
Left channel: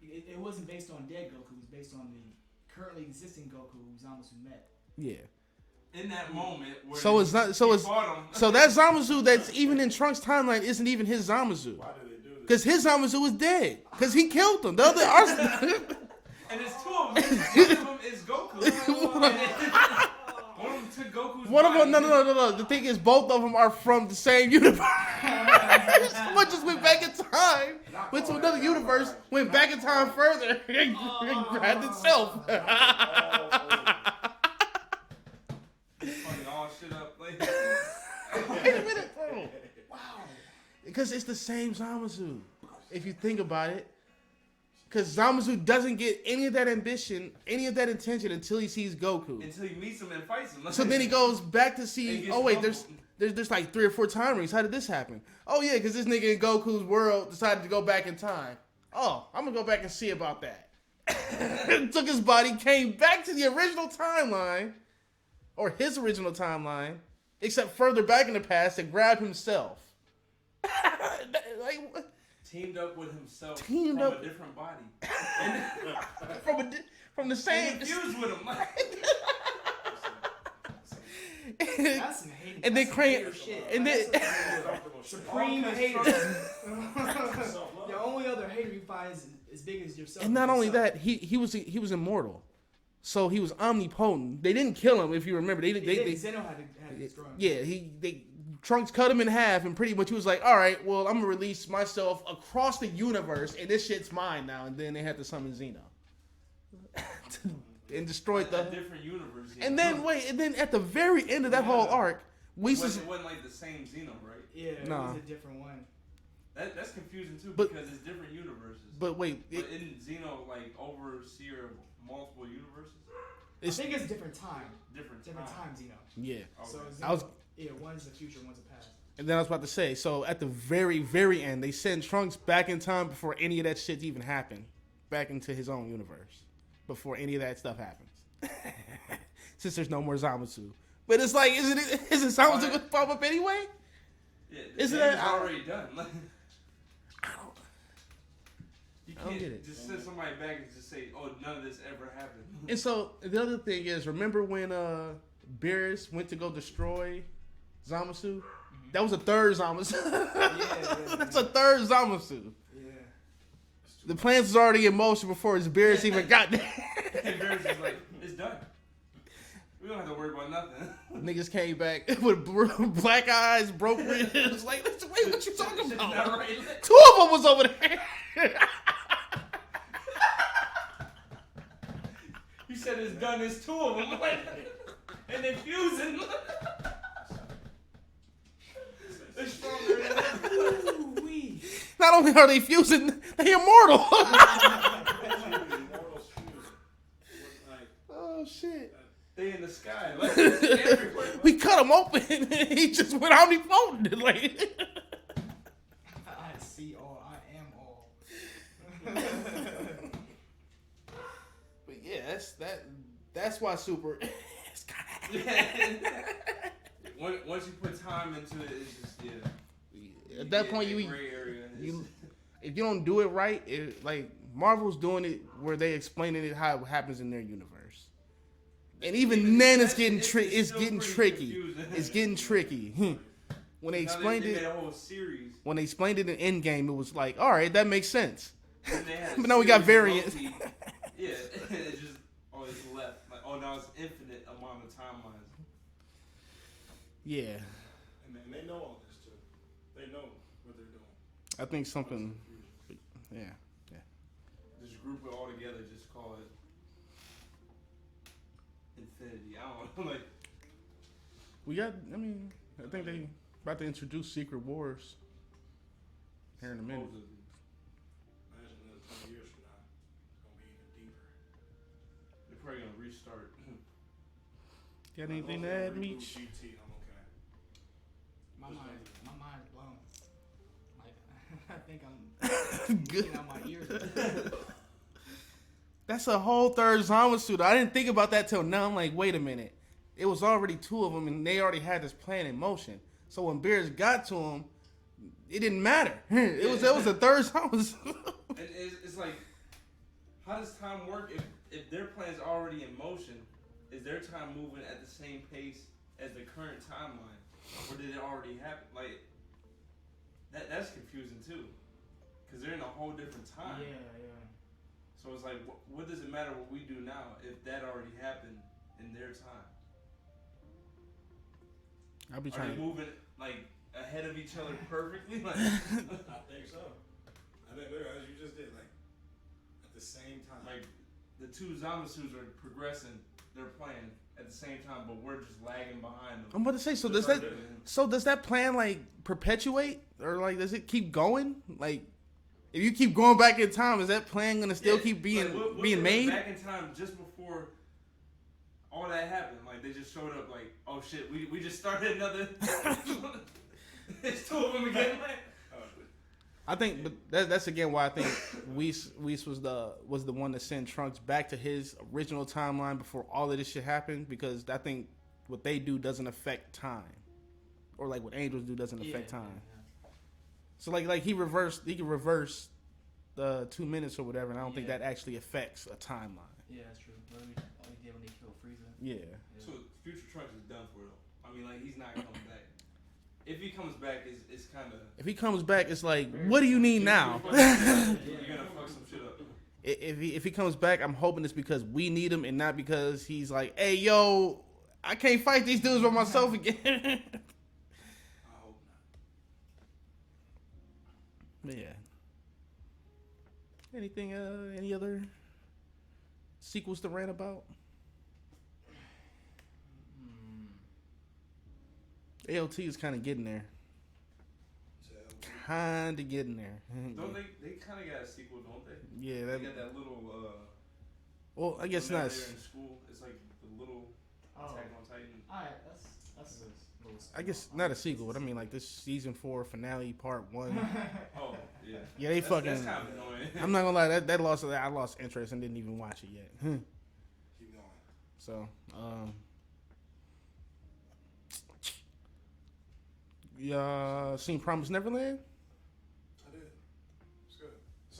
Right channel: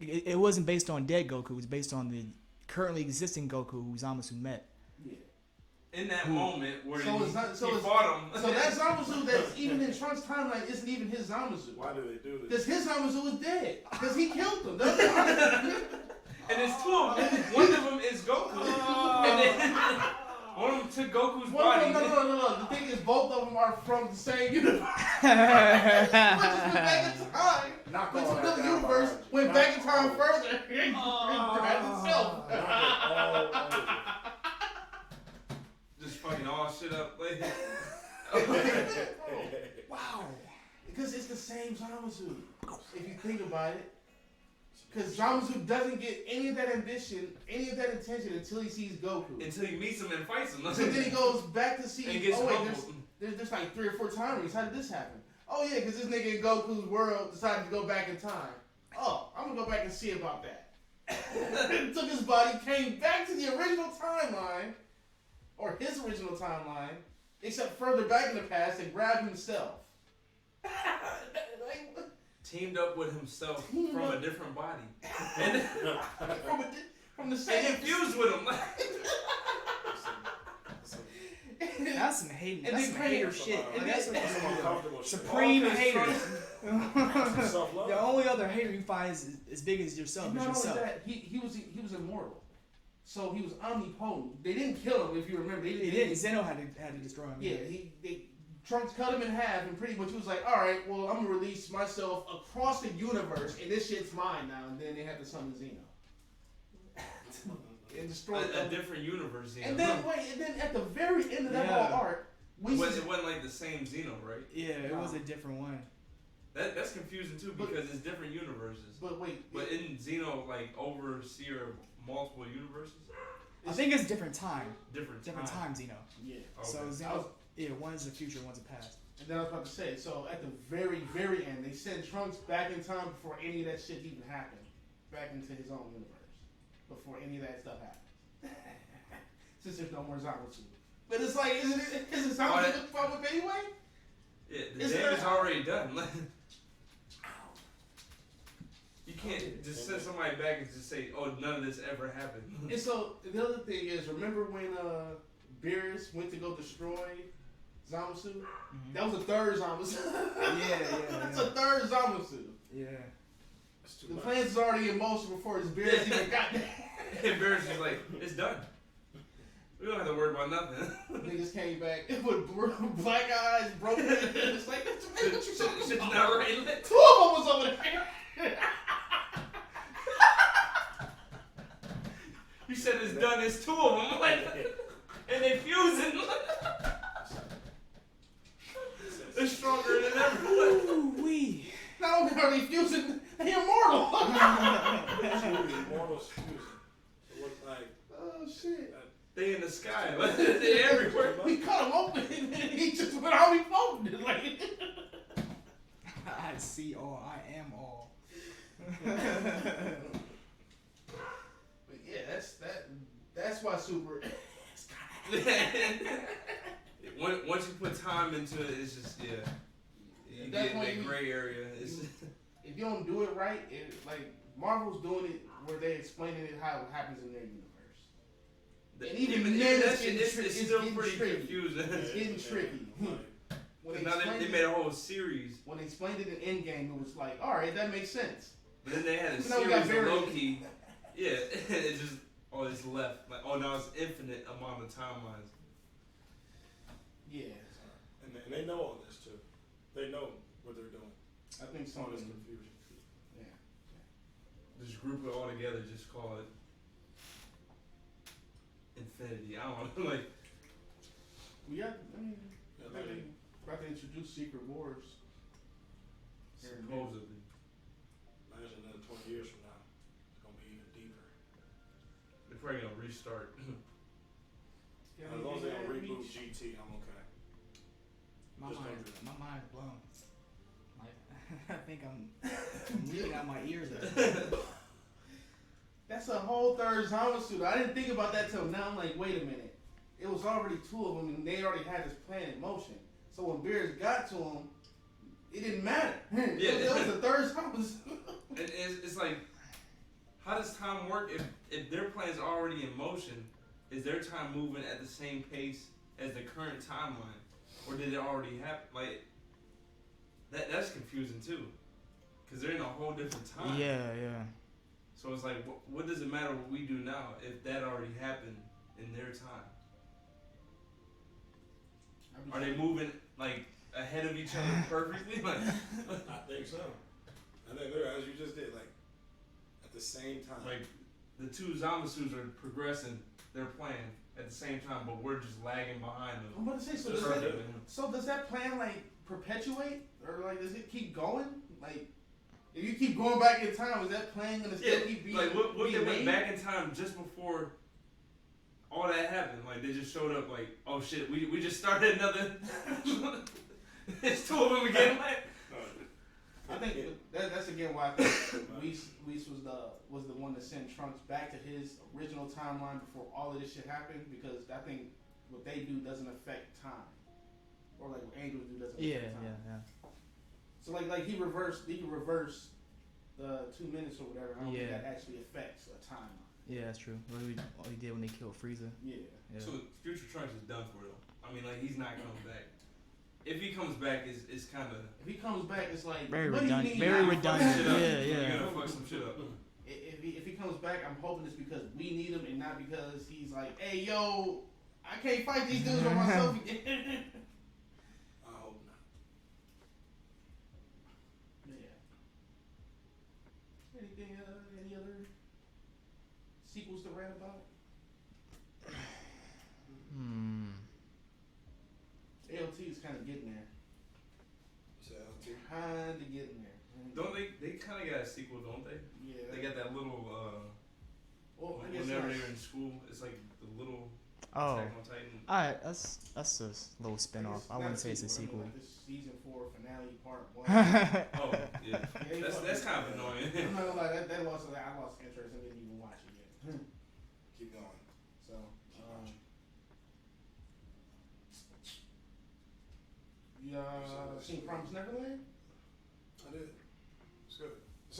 it wasn't based on dead Goku. It was based on the currently existing Goku who Zamasu met. Yeah. in that moment where So it's not. So he it's. fought him. So that Zamasu that's even in Trunks' timeline isn't even his Zamasu. Why do they do this? Because his Zamasu was dead. Because he killed him. The other. And there's two of them. One of them is Goku. And then, one of them took Goku's One of body. them, no. The thing is, both of them are from the same universe. One just went back in time, went to another universe, went back in time further, and grabbed itself. Just fucking all shit up. Like, Wait a minute, bro. Wow. Because it's the same Zamasu, if you think about it. Because Zamasu doesn't get any of that ambition, any of that attention until he sees Goku. until he meets him and fights him. So then he goes back to And see, gets oh wait, humbled. there's like 3 or 4 time rings. How did this happen? Oh yeah, because this nigga in Goku's world decided to go back in time. Oh, I'm gonna go back and see about that. Took his body, came back to the original timeline, or his original timeline, except further back in the past, and grabbed himself. Like, what? Teamed up with himself Teamed from up. a different body. And from the same. confused with him. That's some hating. And that's then some hater Craig- shit. and Like, then- that's some supreme All hater. Self-love. The only other hater you find is as big as yourself. And not only that, he was immortal, so he was omnipotent. They didn't kill him, if you remember. Zeno had to destroy him. Trunks cut him in half, and pretty much he was like, "All right, well, I'm gonna release myself across the universe, and this shit's mine now." And then they had to summon Zeno and destroyed a them. different universe. And then at the very end of that whole arc, it wasn't like the same Xeno, right? Yeah, No. it was a different one. That's confusing too But- because it's different universes. But wait, But isn't Xeno like overseer of multiple universes? I think it's different time. Different Time, Zeno. yeah. Okay. So I Zeno, was- yeah, one's the future, one's the past. And then I was about to say, so at the very, very end, they send Trunks back in time before any of that shit even happened, back into his own universe, before any of that stuff happens. Since there's no more Zamasu. But it's like, isn't Zamasu gonna pop up anyway? Yeah, the Isn't damage that- already done. Like, you I don't get can't it. just send somebody back and just say, "Oh, none of this ever happened." And so the other thing is, remember when Beerus went to go destroy Zamasu? That was a third Zamasu. Yeah. That's a third Zamasu. Yeah. The plans was already in motion before his Beerus even got there. And Barry's just like, "It's done. We don't have to worry about nothing." Niggas came back with black eyes, broken. It was like, wait, what you talking Shit's about? not right. 2 of them was over there. You said it's done. It's 2 of them, like, and they fusing. They're stronger than ever. Ooh-wee. Not only are they fusing, they immortal. Oh shit. They in the sky, like, they everywhere. We cut him open. He just went omnipotent. Like, I see all. I am all. but yeah, that's why Super. Once you put time into it, it's just At that point, that gray area. if you don't do it right, like Marvel's doing it where they explaining it how it happens in their universe. And even then, it's getting tricky. It's getting tricky. It's getting tricky. When they explained they made it, a whole series. when they explained it in Endgame, it was like, all right, that makes sense. Then they had a But now we got series of variants. Loki. Yeah, it's just always left. Like, oh, now it's infinite amount of timelines. Yeah, And they know all this too. They know what they're doing. I think All something. this confusion. Yeah, Just group it all together. Just call it infinity. I don't know. Like, we got. I mean, I think they about to introduce Secret Wars here in a minute. supposedly. Imagine another 20 years from now, it's gonna be even deeper. They're probably gonna restart. Got As long anything as to they add, don't Meech? reboot GT, I'm okay. My mind's blown. I think I'm leaking out my ears. That's a whole third Zamasu. I didn't think about that till now. I'm like, wait a minute. It was already 2 of them, and they already had this plan in motion. So when Beerus got to him, it didn't matter. It was a third Zamasu. And it's like, how does time work if their plan's already in motion? Is their time moving at the same pace as the current timeline, or did it already happen? Like, that's confusing too, because they're in a whole different time. Yeah. So it's like, what does it matter what we do now if that already happened in their time? I'll be Are they trying. moving like ahead of each other perfectly? Like, I think so. I think they're, as you just did, like at the same time. like the two Zamasus are progressing. They're playing at the same time, but we're just lagging behind them. I'm about to say, so Just does that further than him. so does that plan like perpetuate or like does it keep going? Like if you keep going back in time, is that plan gonna still keep being like, what being they went made? back in time just before all that happened. Like they just showed up. Like, oh shit, we just started another. It's two of them again. Like, I think that's again why I think Weiss was the one that sent Trunks back to his original timeline before all of this shit happened, because I think what they do doesn't affect time, or like what Angels do doesn't affect time. Yeah. So like he can reverse the 2 minutes or whatever, and I don't think Yeah. that actually affects a timeline. Yeah, that's true. What he did when they killed Frieza. Yeah. so future Trunks is done for though. I mean, like he's not coming back. If he comes back, it's kind of. If he comes back, it's like, Very what do you need now? redundant. You Yeah. gotta fuck some shit up. If he comes back, I'm hoping it's because we need him and not because he's like, hey yo, I can't fight these dudes by myself again. I hope not. Yeah. Anything? Any other sequels to rant about? ALT is kind of getting there. So, Kind of getting there. Don't they kind of got a sequel, don't they? Yeah. They got that little. Well, I guess when not. they were in school. It's like the little Oh. Attack on Titan. Alright, that's a little I spin guess off. not a sequel. But I mean, like this season 4 finale part 1. Oh, yeah. Yeah, they fucking. That's kind of annoying. I'm not gonna lie. I lost interest and didn't even watch it yet. keep going. So, seen Promised Neverland? I did. It's good. The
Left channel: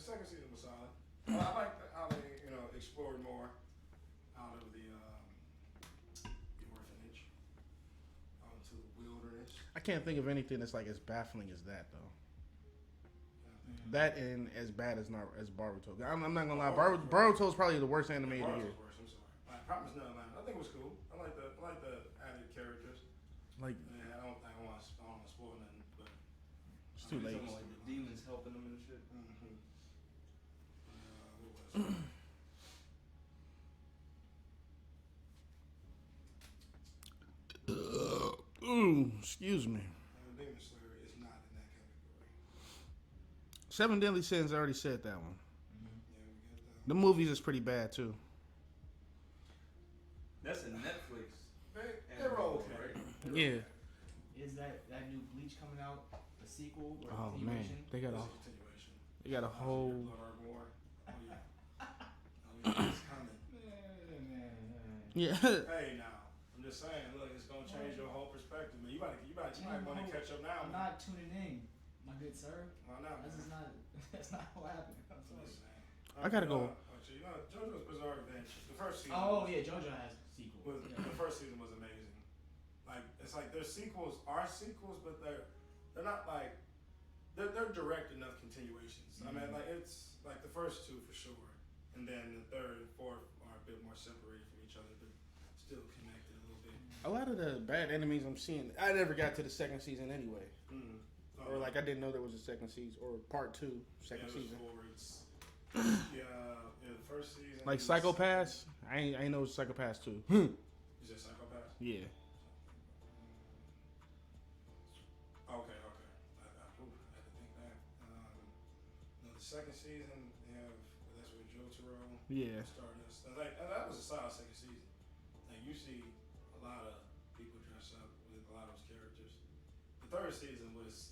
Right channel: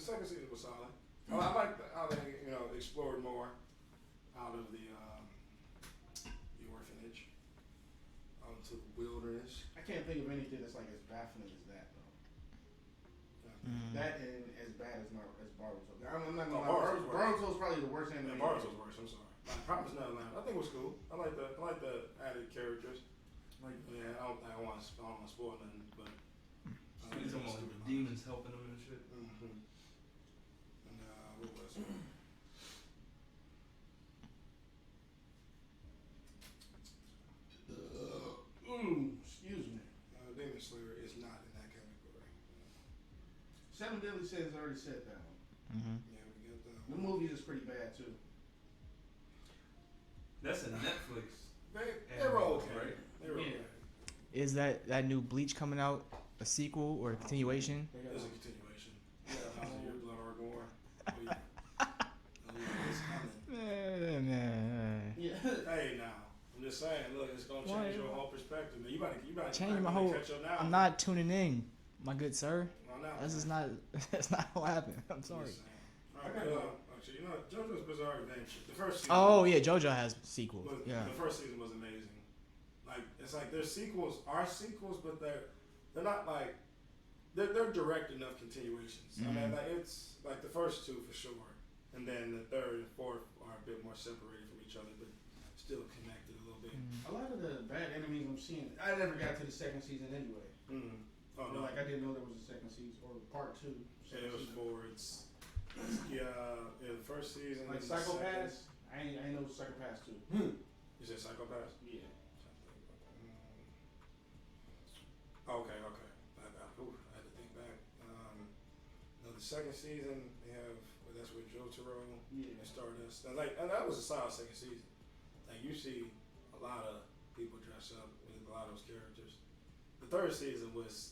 second season was solid. I like how they explored more out of the orphanage out into the wilderness. I can't think of anything that's like as baffling as that though. Mm. That and as bad as Boruto. I'm not gonna Oh, lie. Boruto's Boruto's probably the worst anime. Yeah, Boruto's worse. I'm sorry. Promise Neverland. I think it was cool. I like the added characters. Like, Yeah, I don't want to spoil nothing, but. It's almost like the demons helping them and shit. Mm-hmm. What was it? excuse me. Demon Slayer is not in that category. Seven Deadly Sins. I already said that one. Mm-hmm. Yeah, we got The movies is pretty bad too. That's a Netflix. They're okay. Right? They're Yeah. okay. Is that new Bleach coming out a sequel or a Oh, continuation? man. They got It's a, a continuation. they got a whole. Blood or gore. Oh, yeah. Oh, yeah, it's coming. Yeah. Hey, now. I'm just saying, look, it's going to change your whole perspective. Man. You better Change my whole. catch up now. I'm not tuning in, my good sir. No, no. That's just not. That's not what happened. I'm I'm sorry. just saying. I gotta go. Actually, JoJo's Bizarre Adventure. The first season. Oh yeah, JoJo has sequels. Yeah. The first season was amazing. Like it's like their sequels are sequels, but they're not like they're direct enough continuations. I mean, like it's like the first two for sure, and then the third and fourth are a bit more separated from each other, but still connected a little bit. A lot of the bad enemies I'm seeing, I never got to the second season anyway. Mm-hmm. Or like I didn't know there was a second season or part 2 second it was season. four. It's the first season. Like is Psychopaths, I ain't know it was Psychopaths 2. You said Psychopaths? Yeah. Okay. I had to think back. The second season, they have that's with Jotaro. Yeah. Stardust. And that was a solid second season. Like you see a lot of people dress up with a lot of those characters. The third season was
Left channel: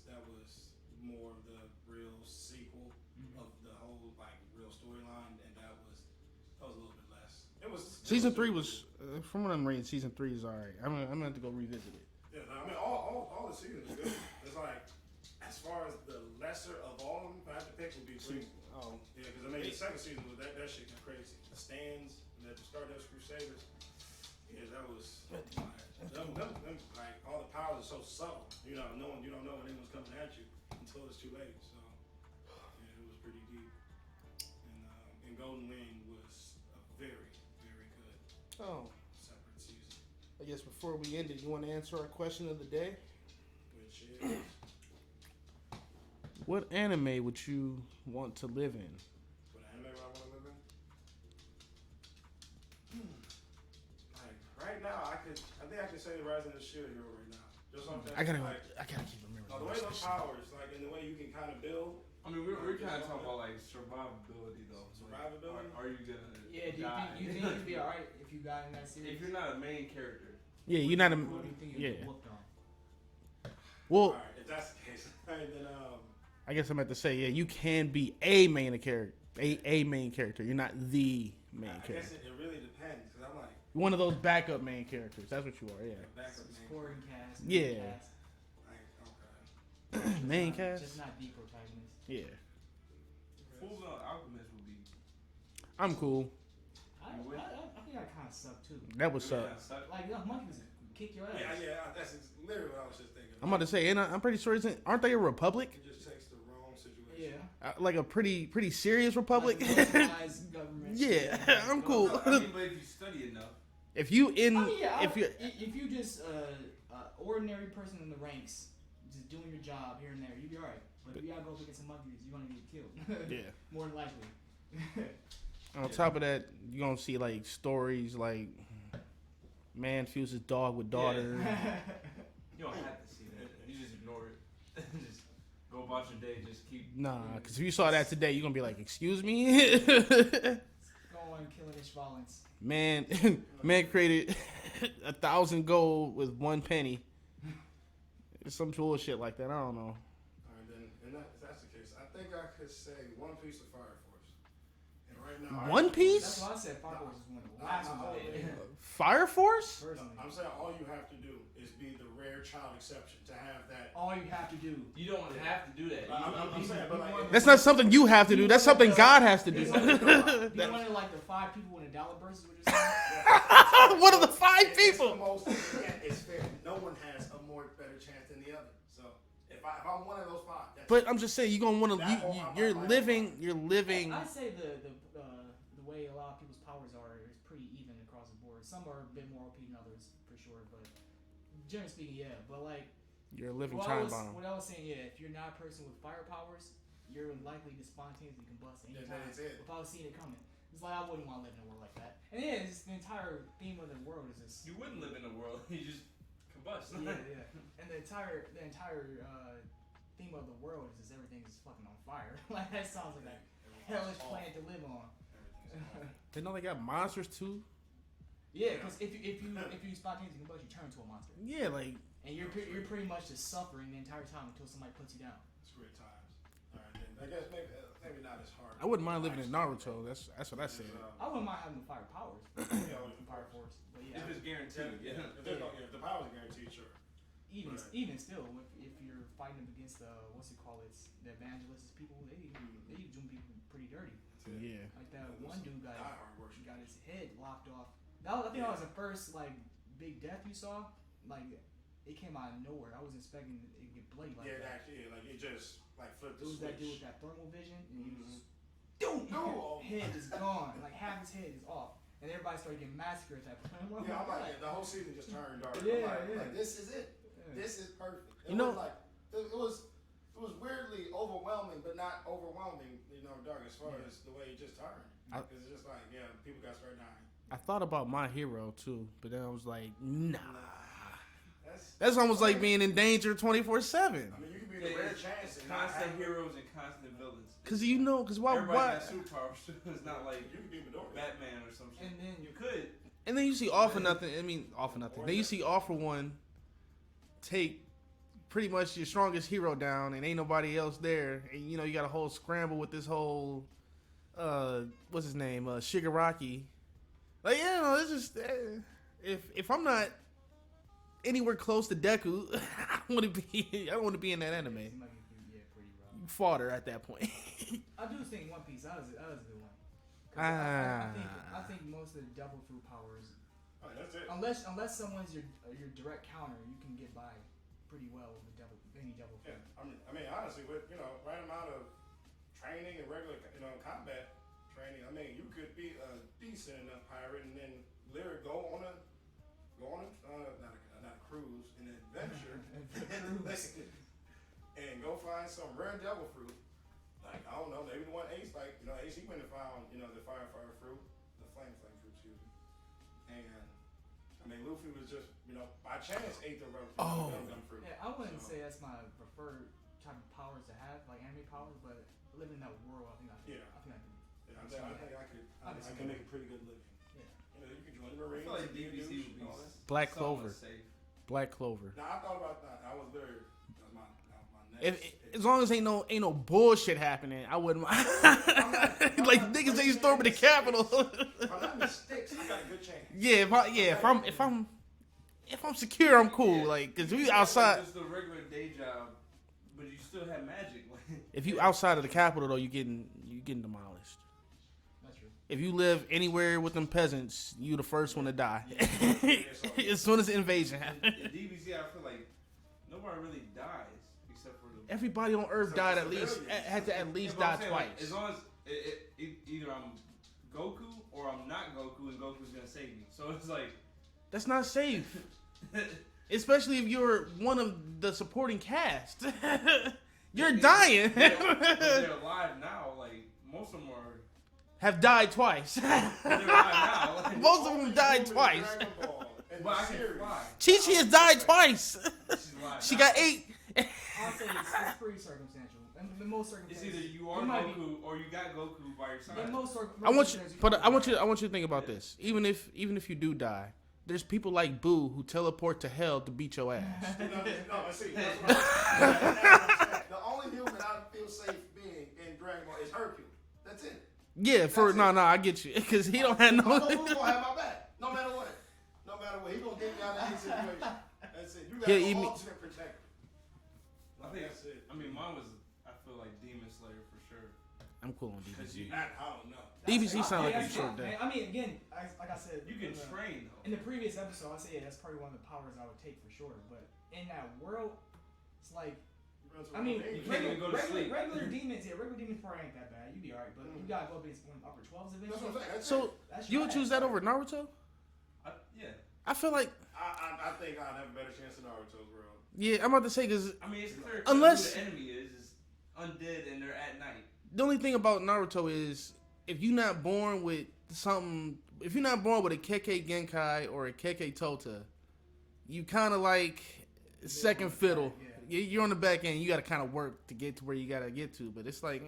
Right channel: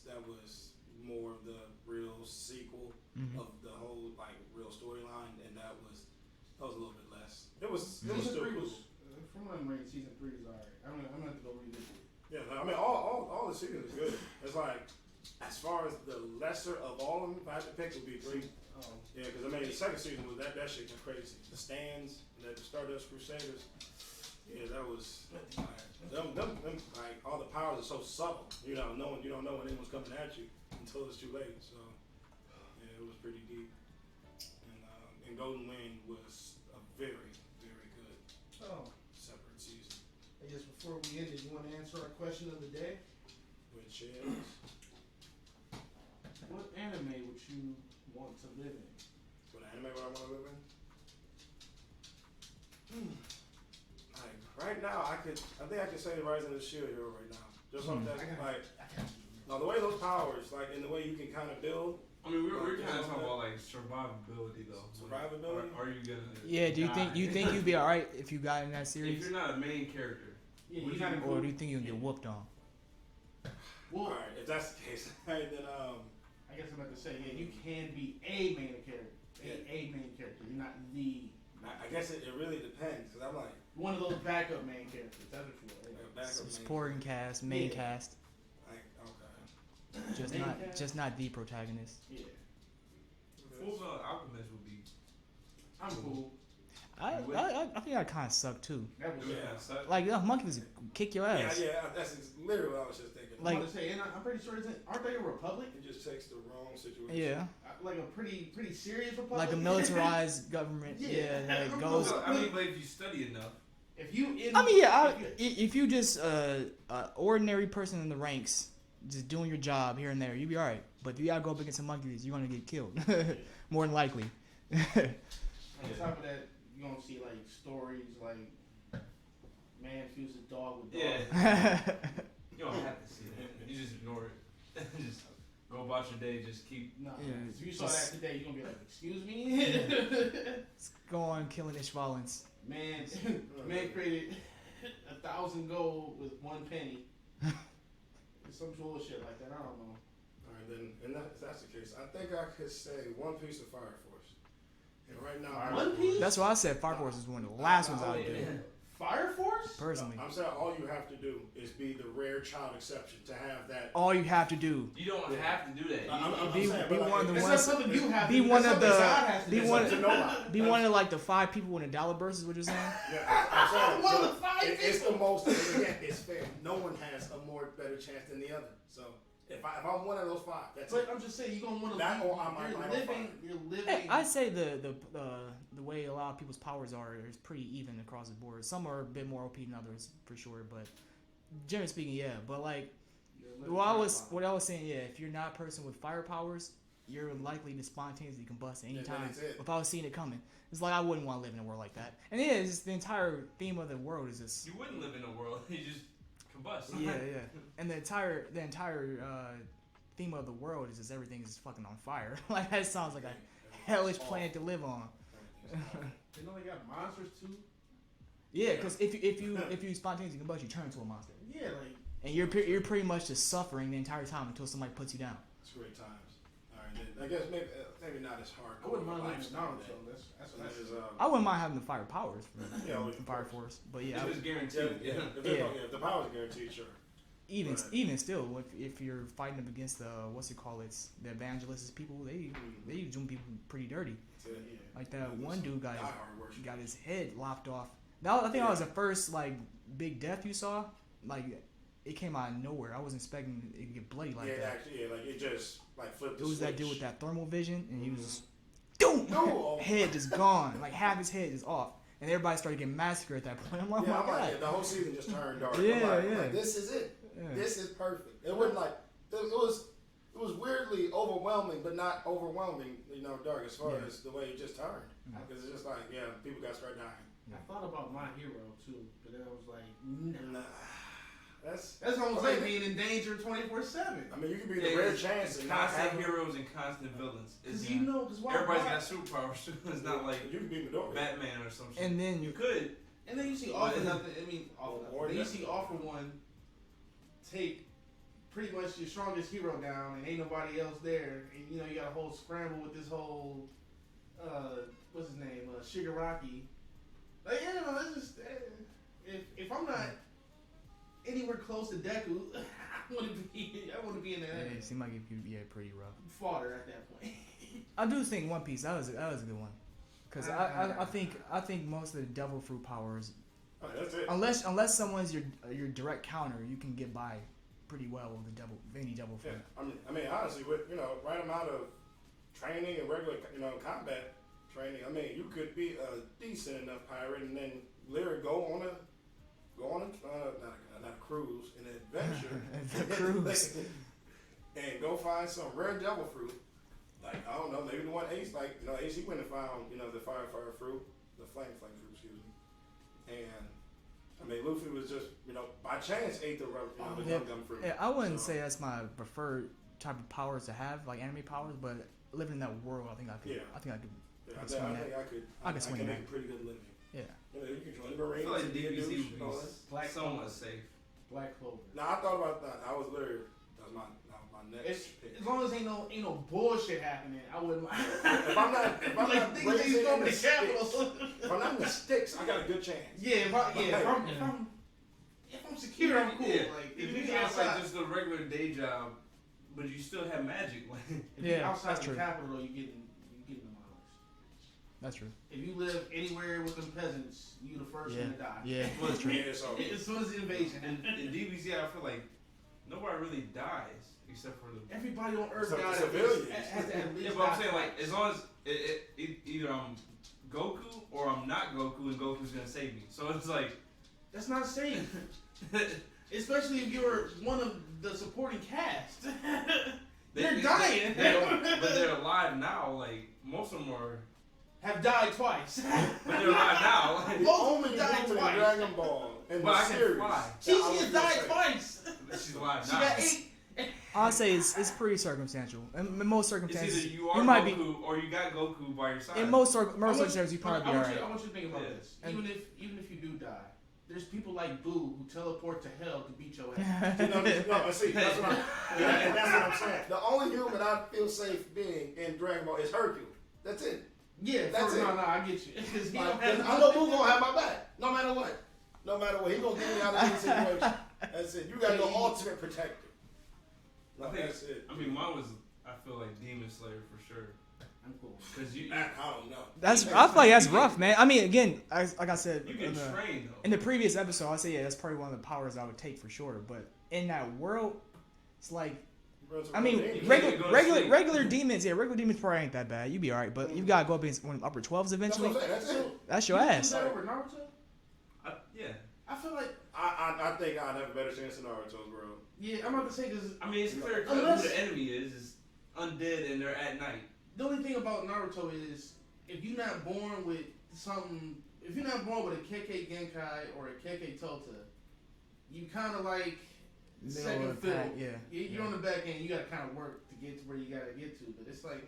more of the real sequel of the whole like real storyline, and that was a little bit less. Season 3 was, from what I'm reading, season 3 is alright. I'm gonna have to go revisit it. Yeah, I mean all the seasons are good. It's like as far as the lesser of all of them, if I had to pick, it would be 3. Oh. Yeah, because I mean the second season was that shit was crazy. The Stands, the Stardust Crusaders. Yeah, that was them, like all the powers are so subtle. You don't know when anyone's coming at you until it's too late. So yeah, it was pretty deep. And Golden Wind was a very, very good Oh. separate season. guess before we end it, you want to answer our question of the day? Which is What anime would you want to live in? what anime would I want to live in? Like right now, I think I could say Rising of the Shield Hero right now. Just off that, I gotta like, remember. no, the way those powers, like, and the way you can kind of build. I mean, we're kind of talking about like survivability though. Survivability? Are you gonna? Yeah, do you die? think you'd be alright if you got in that If series? you're not a main character, Yeah, you're not a. Or do you think you'd get Yeah. whooped on? Well, All right, if that's the case, then I guess I'm about to say, yeah, you can be a main character, a main character. You're not the main I character. guess it really depends because I'm like One of those backup main characters. That's what you are. Yeah. backup main Supporting cast, main Yeah. cast, Like, okay. just Main not, cast? just not the protagonist. Yeah. Full Metal Alchemist would be. I'm cool. I think I kind of suck too. That was Yeah, so- Like monkeys kick your ass. Yeah, that's literally what I was just thinking. I'm about to say, and I'm pretty sure aren't they a republic? It just takes the wrong situation. Yeah, Like a pretty serious republic. like a militarized government. Yeah, that I'm goes- cool. I mean, but if you study enough, If you in, I mean, yeah. if you If you just ordinary person in the ranks, just doing your job here and there, you'd be all right. But if you gotta go up against some monkeys, you're gonna get killed. yeah. More than likely. On top of that, you're gonna see like stories like man fuses dog with daughter. you don't have to see that. You just ignore it. Just go about your day. Just keep. Nah, Yeah, because if you saw that just- today, you're gonna be like, "Excuse me." Go on killing Ishvalans. man created 1,000 gold with 1 penny. Some bullshit like that. I don't know. All right, then, and if that's the case, I think I could say One Piece of Fire Force. And right now, One Piece? That's why I said Fire Force is one of the last ones I would do. Fire Force? Personally. I'm saying all you have to do is be the rare child exception to have that. All you have to do. You don't have to do that. I'm Be- saying, be but one of like, the That's ones- not something you have to be do. That's one of something the- God has to be do. one of the- Be one of like the 5 people in a dollar burst is what you're saying? One of the 5 It's the people. most. Again, it's fair. No one has a more better chance than the other. So if I'm one of those 5, that's But I'm just saying, you're gonna want to. That or You're I'm living. fine. You're living. I'd say the way a lot of people's powers are is pretty even across the board. Some are a bit more OP than others for sure, but generally speaking, yeah. But like You're a living. what time I bomb. was saying, yeah, if you're not a person with fire powers, you're likely to spontaneously combust at any Yeah, time that's it. without seeing it coming. It's like I wouldn't want to live in a world like that. And yeah, it's just the entire theme of the world is just You wouldn't live in a world. You just combust. yeah. And the entire theme of the world is just everything's fucking on fire. Like that sounds like a hellish planet to live on. They know they got monsters too. Yeah, because if you spontaneously combust, you turn into a monster, Yeah, like and you're pretty much just suffering the entire time until somebody puts you down. It's great times. All right, then, I guess maybe not as hard. I wouldn't mind living in Naruto. That's what I This said. is, I wouldn't mind having the fire powers from, Yeah, from Fire Force, but yeah, It was guaranteed. Yeah. If the power's guaranteed, sure. even Right. even still, if you're fighting them against the the evangelists people, they doing people pretty dirty. Yeah. Like that one dude got hard worship. got his head lopped off. I think that was the first like big death you saw. Like it came out of nowhere. I wasn't expecting it to get bloody like Yeah, that. actually, like it just like flipped. It The was that switch. dude with that thermal vision, and he was just doom, No. head just gone, like half his head is off, and everybody started getting massacred at that point. I'm like, Yeah, oh I'm my like, god. the whole season just turned dark. Yeah, I'm yeah. like, this is it. Yeah. This is perfect. It You wasn't know- like it was weirdly overwhelming, but not overwhelming. Dark as far Yeah. as the way it just turned. Because it's just like, yeah, people got started dying. I thought about My Hero too, but then I was like, nah. Nah, That's almost like being in danger 24/7. I mean, you could be the rare chance and not constant have heroes and constant villains. Cause It's- why? everybody's why? got superpowers too. It's not like You could be Midori. Batman or some shit. And then You could. And then you see All for But- Nothing. I mean, All for Nothing. Or Then you that- see All for One take pretty much your strongest hero down, and ain't nobody else there. And you got a whole scramble with this whole what's his name, Shigaraki. Like, it's just if I'm not anywhere close to Deku, I want to be in that anime. he might give you pretty rough. Fodder at that point. I do think One Piece that was a good one. Cause I think most of the devil fruit powers, Oh, that's it. unless someone's your direct counter, you can get by pretty well with any devil fruit. Yeah, I mean, honestly, with right amount of training and regular combat training, I mean, you could be a decent enough pirate and then literally go on a go on not a cruise, an adventure. Cruise. And go find some rare devil fruit. Like, I don't know, maybe the one Ace, like, Ace, he went and found, the fire fruit, the flame fruit, excuse me. And, I mean, Luffy was just, by chance ate the gum fruit. Yeah, I wouldn't say that's my preferred type of powers to have, like anime powers, but living in that world, I think I could. Yeah. I think I could. Yeah, I could swing make that. a pretty good living. Yeah. You can join the I Marines. feel like and you can DBZ do would all be this. Black Clover. somewhat safe. Black Clover. Now, I thought about that. I was literally, that's my next pick. As long as ain't no bullshit happening, I wouldn't mind. If I'm Like not niggas ain't breaking storming the any Capitol. If I'm not in the sticks, I got a good chance. Yeah, if I'm secure, I'm cool. Yeah. Like, cause You we just have, outside. like, just a regular day job, but you still have magic. Like, If you Yeah, outside of that's the true. Capitol though, you getting demolished. That's true. If you live anywhere with them peasants, you the first one to die. Yeah. As soon as the invasion in happens. DBZ, I feel like nobody really dies except for the. Everybody on Earth Except died the at least. civilians. Has to at Yeah, least but I'm die saying, twice. like, as long as either I'm Goku or I'm not Goku, and Goku's gonna save me. So it's like, That's not safe. Especially if you're one of the supporting cast. You're dying. but they're alive now. Like, most of them are. Have died twice. But they're alive now. Like, Most of Only them died in the twice. Dragon Ball and but the I can series. fly. Chi-Chi has died twice. She's alive She now. got 8. I'll say it's pretty circumstantial. In most It's circumstances, either you are might Goku or you got Goku by your side. in most I want circumstances, you, you but probably I be want you to think about Yeah. this. Even if you do die, there's people like Boo who teleport to hell to beat your ass. See, that's what I'm saying. The only human I feel safe being in Dragon Ball is Hercule. That's it. Yeah, That's it. I get you, because he don't have I know no. who's gonna have my back, no matter what. No matter what, he gonna get me out of any situation. That's it. You got Yeah, the he- ultimate protector. I think That's it. I mean, mine was. I feel like Demon Slayer for sure. I'm cool. Because you I don't know. I feel like that's rough, man. I mean, again, like I said, can train though. in the previous episode, I say that's probably one of the powers I would take for sure. But in that world, it's like, I mean, You regular can't go to sleep. regular demons, regular demons probably ain't that bad. You'd be alright, but you gotta go up against one of the upper 12s That's eventually. what I'm saying. That's So it. That's you your would choose ass. that over Naruto? Yeah. I feel like I think I'd have a better chance in Naruto's world. yeah. I'm about to say because I mean, it's clear Unless- who the enemy is undead and they're at night. the only thing about Naruto is if you're not born with something, if you're not born with a Kekkei Genkai or a Kekkei Tota, you kind of like second of the fiddle. pack, yeah. You're on the back end. You got to kind of work to get to where you got to get to. But it's like,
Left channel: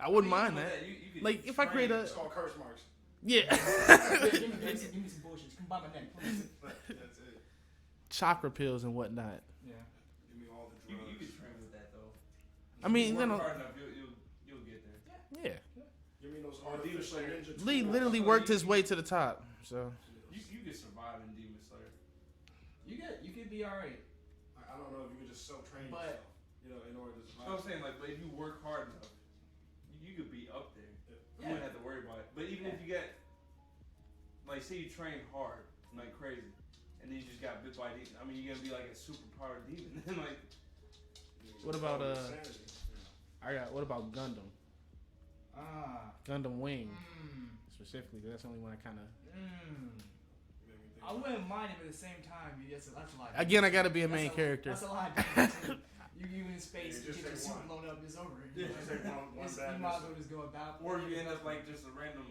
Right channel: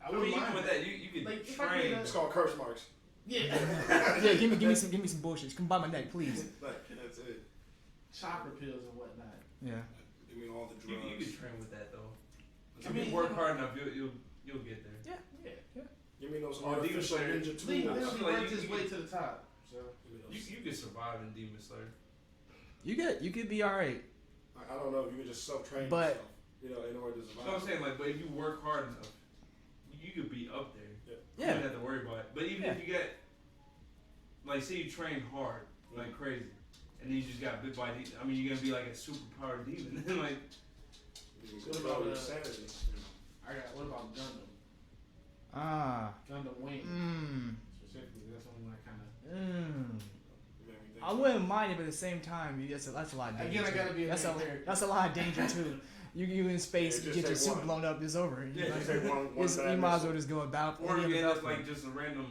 I I wouldn't mean, mind even with that. that. You could Like, if I train. create a- It's called curse marks. Yeah, Yeah, give me some bullshit. Come by my neck, please. That's it. chakra pills and whatnot. Yeah. Give me all the You drugs. could train with that though. I mean, If you work no. hard enough, you'll get there. Yeah. Give me those Or Demon artificial Slayer. ninja tools. Lee literally Like, worked you- his way to the top. So You could survive in Demon Slayer. You could be alright. I don't know if you can just self-train But- yourself. In order to So survive. I'm saying, like, but if you work hard enough, you could be up there. You Yeah. don't have to worry about it. But even if you get, like, say you train hard, like crazy, and then you just got bit by I mean, you're gonna be like a superpowered demon. Like, What about, insanity? what about Gundam? Ah. Gundam Wing Mmm. specifically. That's the only one I kind of. I wouldn't mind it, but at the same time, that's a lot. Of Again, I danger, got to be a too. main character. That's a lot of danger too. You in space, Yeah, you just get your take suit one. blown up, it's over. Yeah, Like, just take one you bad might as missile. well just go about. or you live end up up like just a random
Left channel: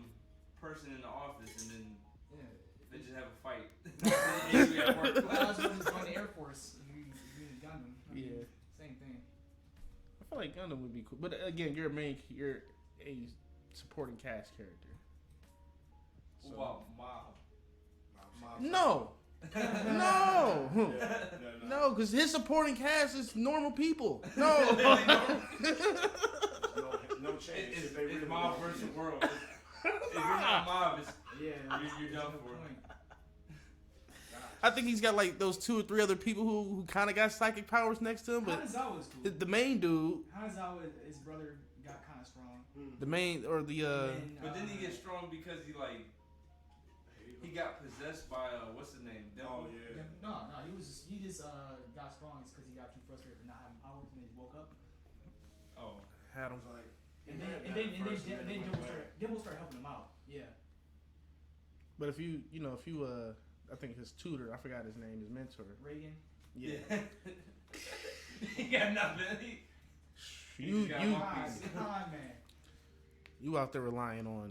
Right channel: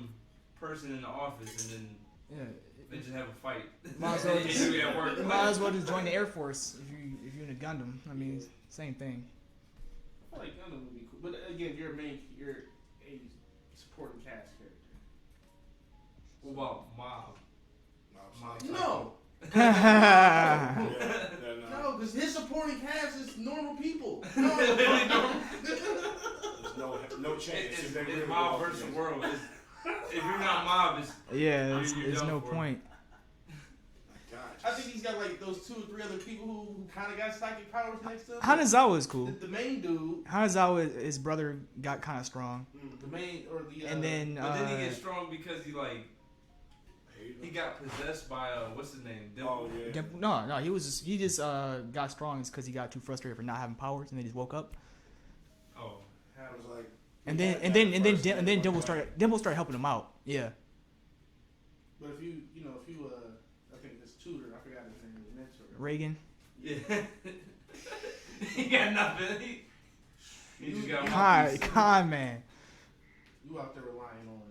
person in the office, and then yeah. they just have a fight. Might as well And you at work. Might as well just join the Air Force if you're in a Gundam. I mean, Yeah. same thing. I feel like Gundam would be cool, but again, you're a supporting cast character. Well, Mob. No, Yeah, no, because his supporting cast is normal people. No, There's no chance. It's They really Mob won't versus be. World. If you're not Mob, it's Yeah, You're there's done no for. point. I think he's got like those 2 or 3 other people who kind of got psychic powers next to him. but Hanazawa is cool. the main dude, Hanazawa, his brother got kind of strong, the main or the and then but then he gets strong because he got possessed by what's his name? Oh yeah. no, he just got strong because he got too frustrated for not having powers, and then he just woke up. Oh, I was like, And he then had and that then and then first Dim- and then thing, Dimple started helping him out. Yeah. But if you I think his tutor. I forgot his name. His mentor. Reagan. Yeah. He got nothing. He just got one piece. Con man. You out there relying on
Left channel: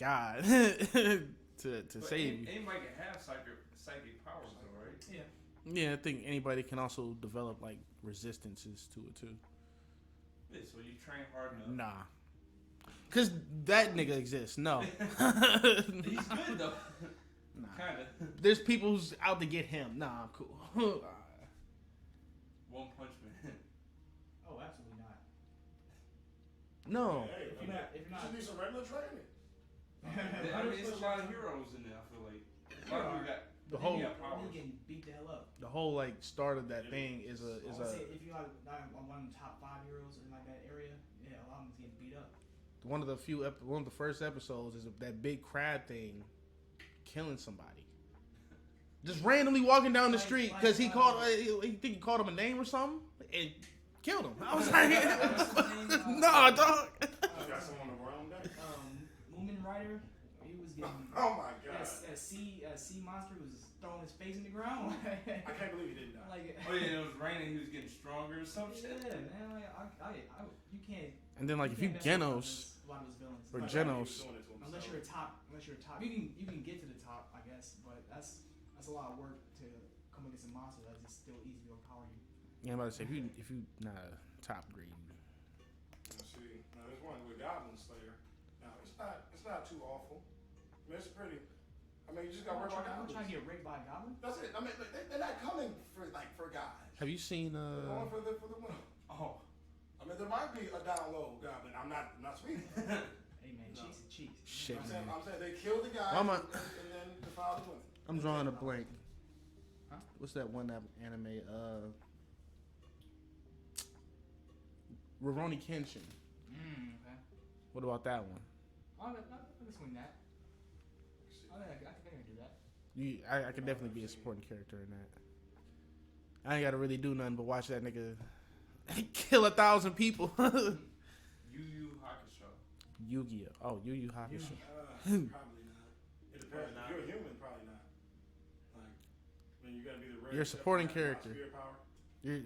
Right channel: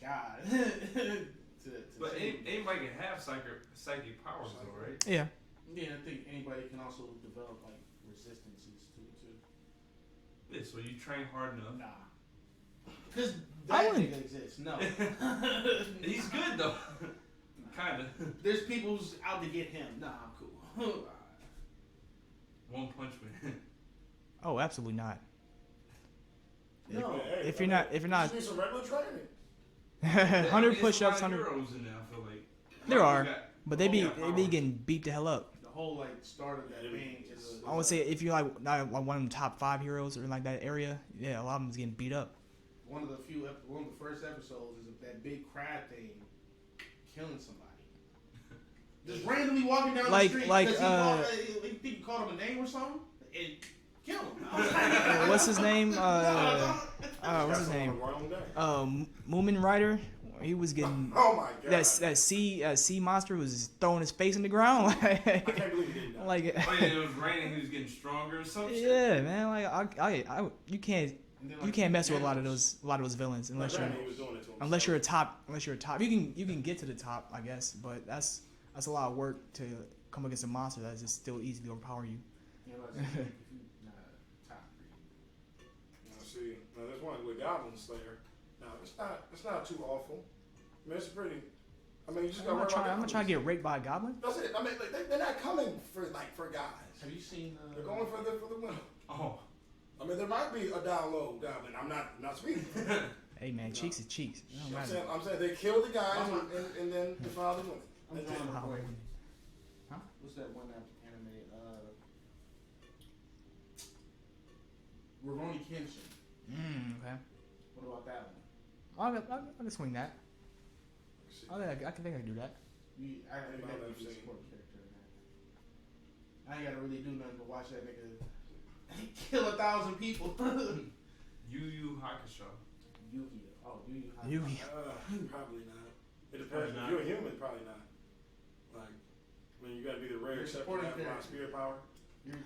God to But save you. anybody can have psychic powers, though, right? Yeah. Yeah, I think anybody can also develop like resistances to it too. Yeah, so you train hard enough. Nah, cause that nigga exists. No, He's good though. Kinda. there's people who's out to get him. Nah, I'm cool. One Punch Man. Oh, absolutely not. No, Hey, If you're not, you need some regular training. 100 push-ups, 100. heroes in there. I feel like There Like, are, you got but the they be whole getting beat the hell up. the whole like start of that thing is a. I would say if you're like not like one of the top 5 heroes or in like that area, yeah, a lot of them is getting beat up. one of the first episodes is that big crab thing killing somebody. Just randomly walking down the Like- street like, because he think he called him a name or something and killed him. I was like, What's his name? no, dog. What's his name? Wrong day. Moomin Rider. He was getting Oh my god. that sea monster was throwing his face in the ground. I can't believe he didn't know. Like, Oh yeah, it was raining. He was getting stronger or some shit. yeah, man. Like you can't And then like you can't mess with a lot of Genos. those villains unless Right. you're He was doing it to himself. unless you're a top. You can get to the top, I guess, but that's a lot of work to come against a monster that's just still easily overpower you. Yeah, I'm about to say if you not top breed. See, now there's one with Goblin Slayer. Now it's not too awful. I mean, it's pretty. I mean, you just gotta I'm worry about gonna try to get raped by a goblin. That's it. I mean, like, they're not coming for guys. Have you seen? They're going for the women. Oh. I mean, there might be a down low goblin. I'm not speaking. Hey man, cheeks is cheeks. It don't Shit. matter. I'm saying they kill the guys I'm a- and then defile the women. I'm That's drawing it. a blank. Huh? What's that one anime? Rurouni Kenshin. Okay. What about that one? I can swing that. I can think I can do that. I could definitely be a supporting character in that. I ain't gotta really do nothing but watch that nigga kill 1,000 people. Yu Yu Hakusho. Yu-Gi-Oh. Oh, Yu Yu Hakusho. Yu-Gi-Oh. Probably not. It depends. Probably not. If you're a human, probably not. Like, I mean, you gotta be the rare. You're a except supporting for that character. Spirit power.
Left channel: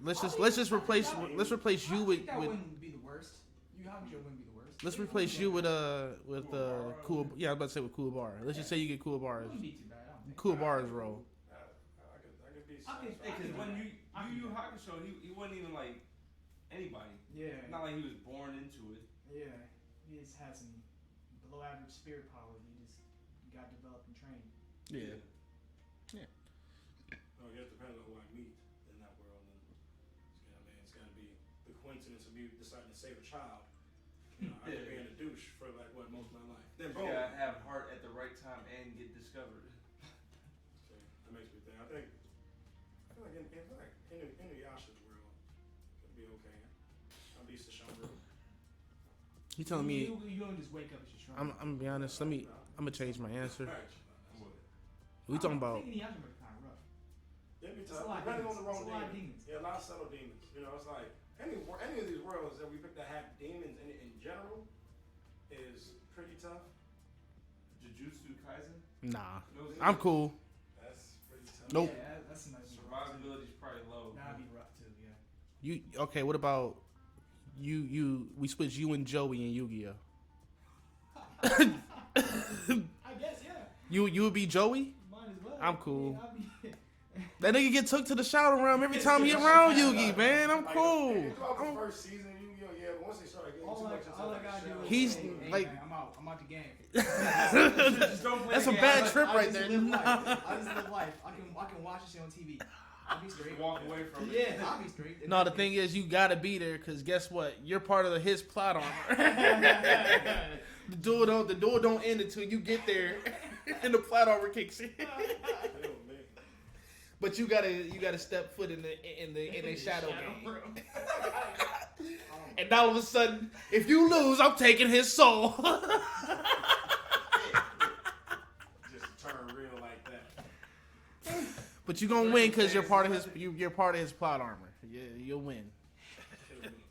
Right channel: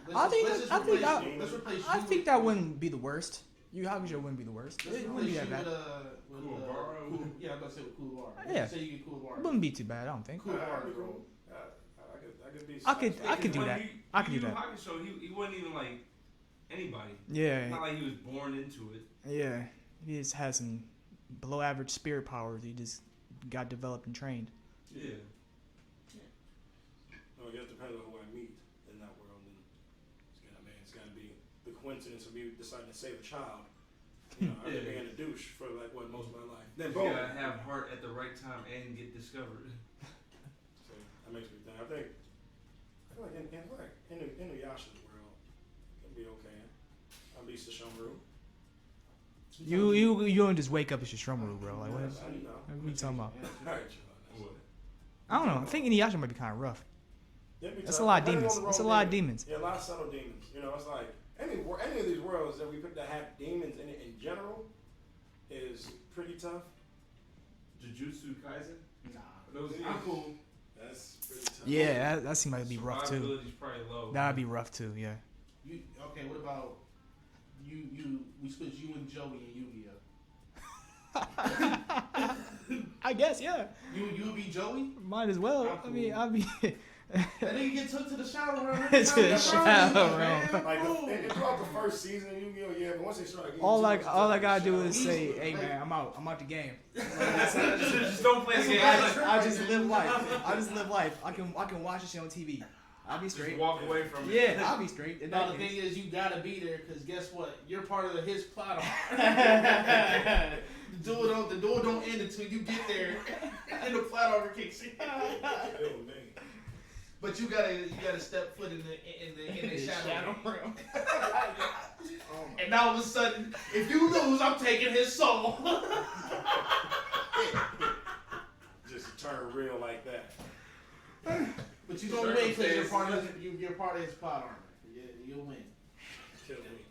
Let's just replace I you think with. that wouldn't be the worst. Yu Hakusho wouldn't be the worst. Let's It replace wouldn't you be with that Kuwabara. cool. Yeah, I was about to say with Kuwabara. Let's Yeah. just say you get bad. Kuwabara. It wouldn't be too bad, I don't think. Kuwabara's role. I could be. I could do When that. Yu I could do Yu that. Hakusho, he wasn't even like anybody. Yeah, Not like he was born into it. yeah. He just has some below average spirit powers. He just got developed and trained. Yeah. I guess depending on who I meet in that world, and it's gotta be the coincidence of me deciding to save a child. You know, I've been being a douche for like most of my life. Then You boom. gotta have heart at the right time and get discovered. So that makes me think. I feel like in Yasha's world, it'll be okay. At least the Shamru. You don't just wake up as your I'm Shrumble, gonna bro. be Like, honest. I'm What gonna you change talking my about? answer. I don't know. I about- think Inuyasha might be kind of rough. It'd be That's tough. a lot of Depending on demons. the It's a wrong lot of demon. demons. Yeah, a lot of subtle demons. You know, it's like any of these worlds that we put that have demons in it in general is pretty tough. Jujutsu Kaisen? Nah, Those I'm cool. That's pretty tough. Yeah, that seems like it'd be rough too. Survivability's probably low. That'd be rough too. Yeah. You okay? What about you? We switch you and Joey in Yu-Gi-Oh. I guess yeah. You would be Joey. Might as well. I'm I mean, cool. I'll be. That nigga get took to the shower room every To time he the around shower Yu-Gi, man. I'm Like cool. throughout the first season of Yu-Gi-Oh, yeah, but once they start getting all too I much all I stuff, gotta do is He's say, "Hey like- man, I'm out the game." Just don't play That's the a game. bad Like, trip I right just there. live life. I just live life. I can watch this shit on TV. I'll be just straight. walk away from it. Yeah, I'll be straight. No, the thing is, you gotta be there because guess what? You're part of his plot armor. The duel don't end until you get there, and the plot armor kicks in. Hell, man. But you gotta step foot in the shadow room. And all of a sudden, if you lose, I'm taking his soul. Just to turn real like that. But you gonna win because you're part of his plot armor. Yeah, you'll win. Kill me.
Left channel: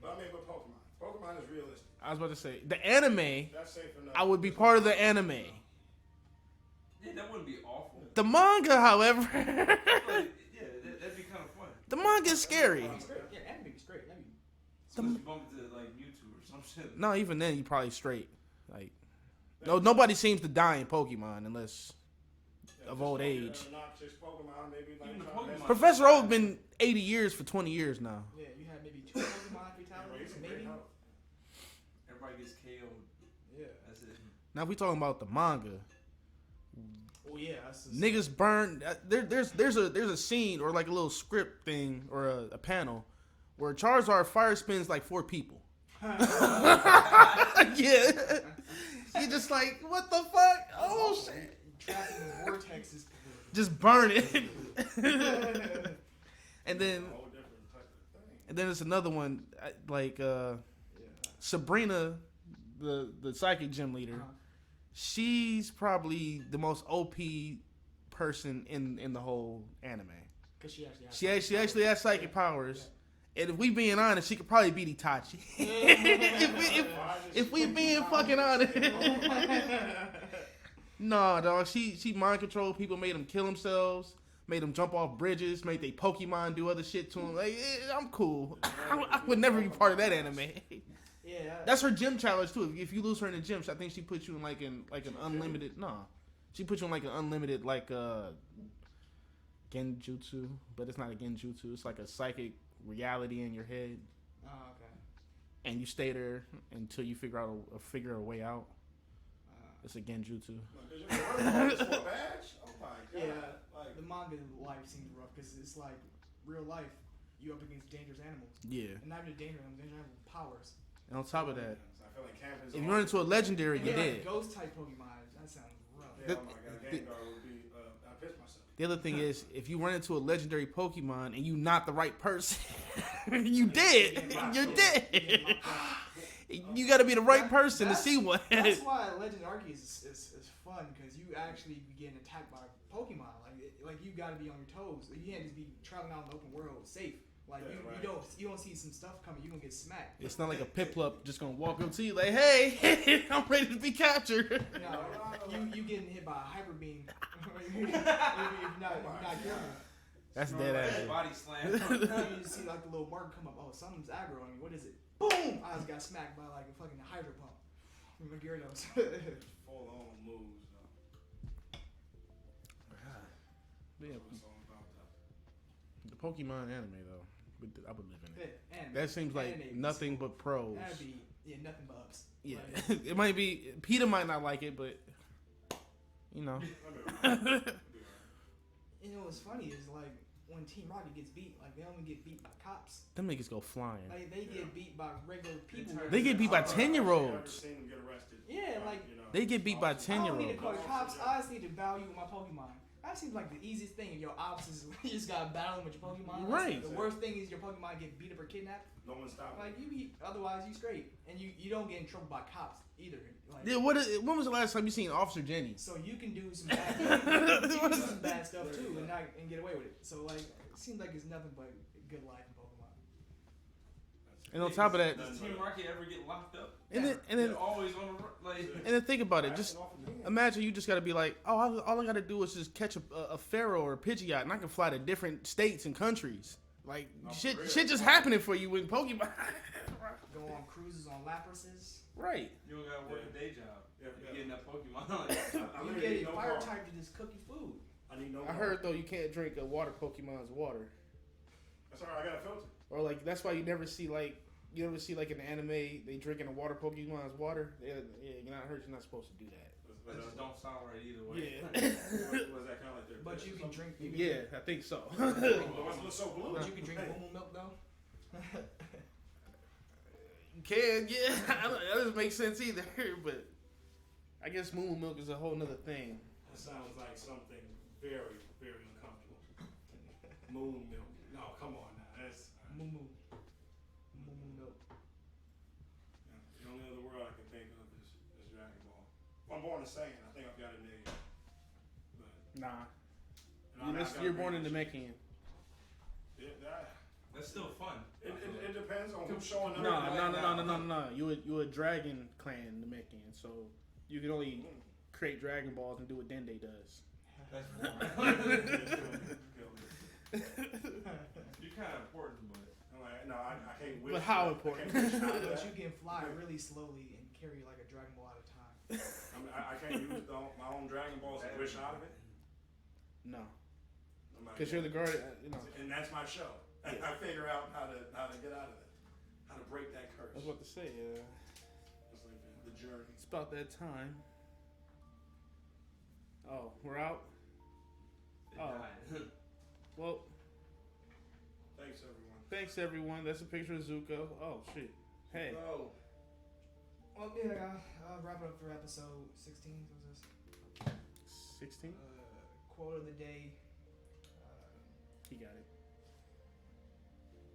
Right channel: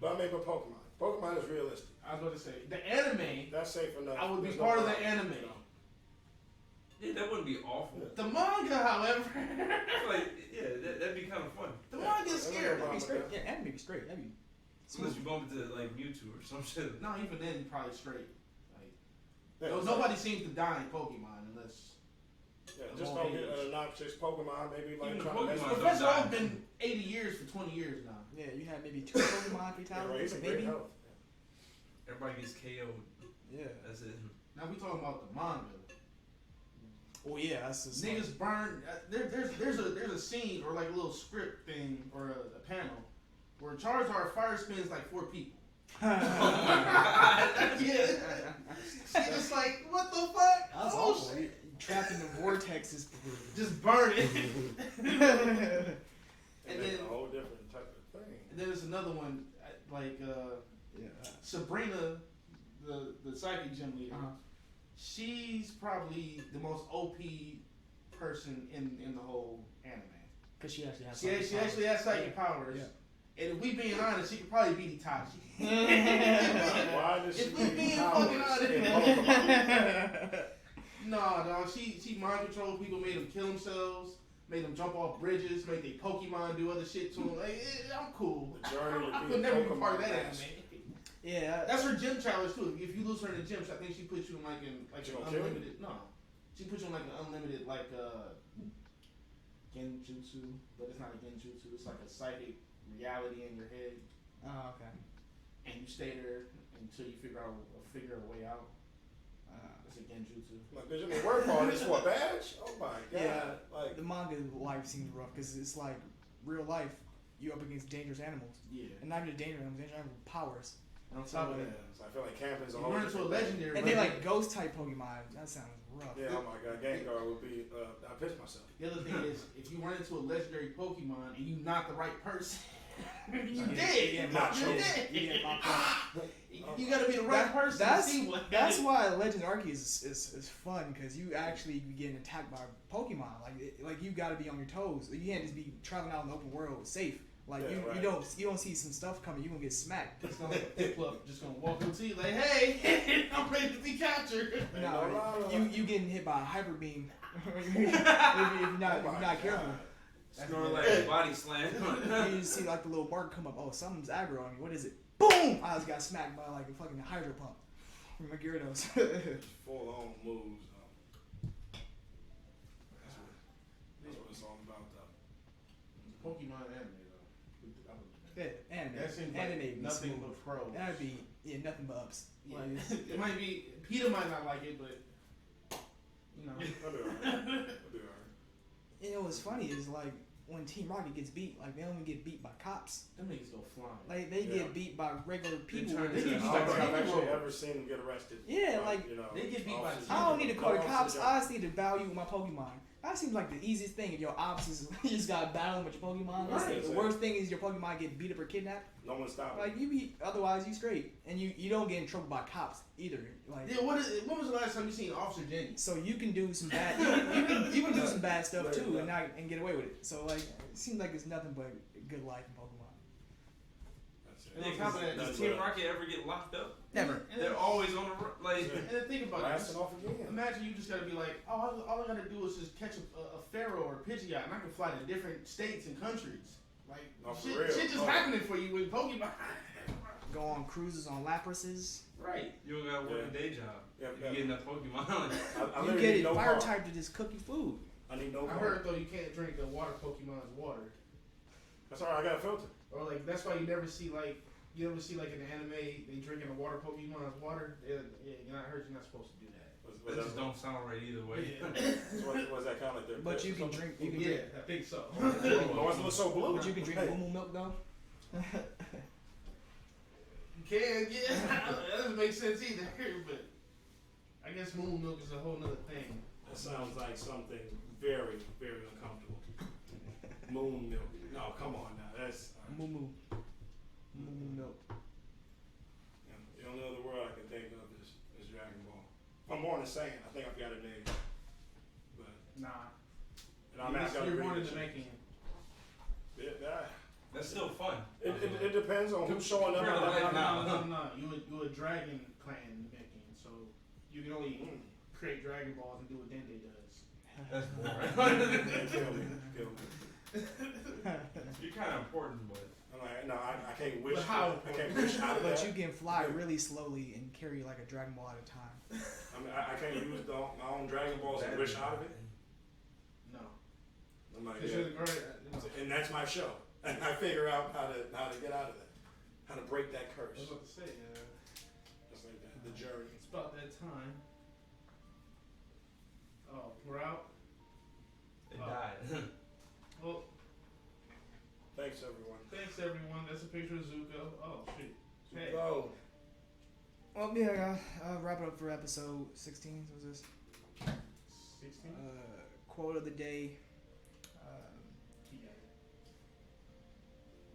But I mean, but Pokemon is realistic. I was about to say the anime. That's safe enough. I would be There's no part of the problem. anime. Yeah, that wouldn't be awful. The manga, however, Like, yeah, that'd be kind of fun. the manga's scary. That'd be straight. Yeah, anime be straight. That'd be. Unless you bump into like Mewtwo or some shit. No, even then you probably straight. Like, no, nobody seems to die in Pokemon unless of just old go age. get an obnoxious Pokemon, maybe like Even the trying to Pokemon- mess- Professor Oak's been 80 years for 20 years now. Yeah, you had maybe 2 Pokemon Yeah, right, fatalities, he's in great maybe. health. Everybody gets KO'd. Yeah. That's it. Now if we talking about the manga. Oh yeah, that's just Niggas burn. There's a scene or like a little script thing or a panel where Charizard fire spins like 4 people. Yeah, she just like what the fuck? That's Oh awful. shit! Trapped in the vortexes. Just burn it. And then It's a whole different type of thing. there's another one like Yeah. Sabrina, the psychic gym leader. Uh-huh. She's probably the most OP person in the whole anime. Because she actually has. She actually has psychic powers. Yeah. And if we being honest, she could probably beat Itachi. Why does if she we give being powers fucking honest. in Pokemon? Nah, dog. She mind controlled people, made them kill themselves, made them jump off bridges, made they Pokemon do other shit to them. Like, I'm cool. I would never be part of that anime. Yeah. That's her gym challenge too. If you lose her in the gym, I think she puts you in like an She gonna unlimited. No, she puts you in like an unlimited genjutsu, but it's not a genjutsu. It's like a psychic reality in your head, Oh, okay. and you stay there until you figure a way out. It's a genjutsu. Like, cause you been working on this for a badge? Oh my god! Yeah. Like, The manga life seems rough because it's like real life. You up against dangerous animals, Yeah, and not even dangerous animals with powers. and on top of that, so I feel like camping is if a you whole run into a different legendary, And they then like ghost type Pokemon. That sounds rough. thing. Yeah, oh my god, Gengar would be. I pissed myself. the other thing is, if you run into a legendary Pokemon and you not the right person, you dead. You're dead. You got to be the right person to see one. That's why Legend Arceus is fun because you actually be getting attacked by Pokemon. Like you got to be on your toes. You can't just be traveling out in the open world safe. Like Yeah, you don't see some stuff coming. You gonna get smacked. It's not like a Piplup just gonna walk up to you like, "Hey, I'm ready to be captured." You getting hit by a hyper beam if you're not careful. That's Snorting dead like ass. a body slam. You just see like the little mark come up. Oh, something's aggro on me. What is it? Boom! I just got smacked by like a fucking hydro pump from a Gyarados. Full on moves. Yeah. That's what it's all about, though. The Pokemon anime though, I would live in. Yeah, anime. That seems like Anime nothing smooth. but pros. That'd be nothing but ups. Yeah, Like, it might be. Peter might not like it, but you know. That'll be alright. That'll be alright. you know what's funny is like when Team Rocket gets beat, like they only get beat by cops. Them niggas go flying. Like they Yeah. get beat by regular people. trying They get beat by I've actually 10-year-olds. Ever seen them get arrested? Yeah, like, you know, They get beat by officers- 10. I don't need to call the No, cops. yeah. I just need to value my Pokemon. That seems like the easiest thing. If your ops is you just gotta battle them with your Pokemon. That's Right. The worst thing is your Pokemon get beat up or kidnapped. No one stopped. Like you be otherwise you straight, and you don't get in trouble by cops either. Like Yeah, when was the last time you seen Officer Jenny? so you can do some bad. You can do some bad stuff too, and get away with it. So like it seems like it's nothing but good life in Pokemon. That's it. And on top of that, does Team Rocket ever get locked up? and then, They're always on the like. and then think about it. Blasting Just off again. imagine you just got to be like, oh, all I got to do is just catch a Pharaoh or a Pidgeot, and I can fly to different states and countries. Like No, for shit real. just happening for you with Pokemon. Go on cruises on Laprases. Right. You don't gotta work a day job. Yeah, You get enough Pokemon. I You literally get need no fire car. type to just cook your food. I need no I car. heard though you can't drink a water Pokemon's water, That's alright. I got a filter. or like that's why you never see like in the anime they drinking a water Pokemon's water. Yeah, I heard you're not supposed to do that. That just don't sound right either way. Was that kind of like their But piss you or can something? drink. You can Yeah, I think so. But what's it look so blue? But you can drink Moo milk though. Can yeah, that doesn't make sense either. But I guess Moo Milk is a whole nother thing. That sounds like something very, very uncomfortable. Moon milk. No, come on now. That's Moo milk. the only other word I can think of is Dragon Ball. If I'm born insane, I think I've got a name. But Nah, and I'm asking you're born in the Dominican. That's still fun. It depends on who's showing up. No. You a dragon clan Dominican, so you can only create Dragon Balls and do what Dende does. That's boring. Kill me. You're kind of important, but I'm like, no, I can't wish. But how I important? can't wish out of But that. you can fly really slowly and carry like a Dragon Ball at a time. I mean, I can't use my own Dragon Balls and wish out of it. No. I'm like, Because yeah. you're the guard. And that's my show. And I figure out how to get out of it, how to break that curse. I was about to say, Just like that, the journey. it's about that time. Oh, we're out? it Oh. died. Well, Thanks everyone. thanks everyone. That's a picture of Zuko. Oh, shit. Hey. Go. Well, yeah, wrap it up for episode 16. What was this? 16? Quote of the day. He got it.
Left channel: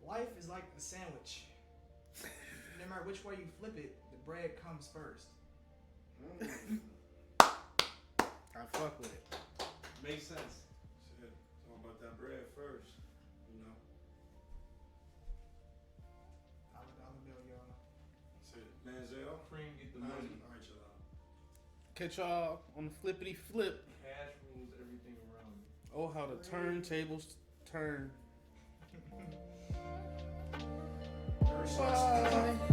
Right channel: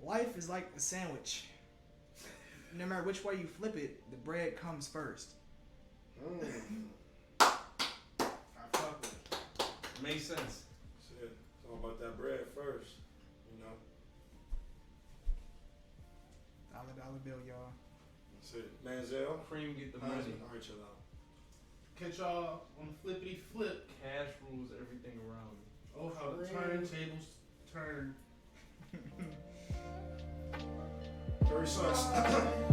Life is like a sandwich. No matter which way you flip it, the bread comes first. I fuck with it. Makes sense. Shit, it's all about that bread first, you know. $1 bill, y'all. That's it. Manziel. Cream get the money. Alright, chill out. Catch y'all on the flippity flip. Cash rules everything around me. Oh, how the turntables turn. Very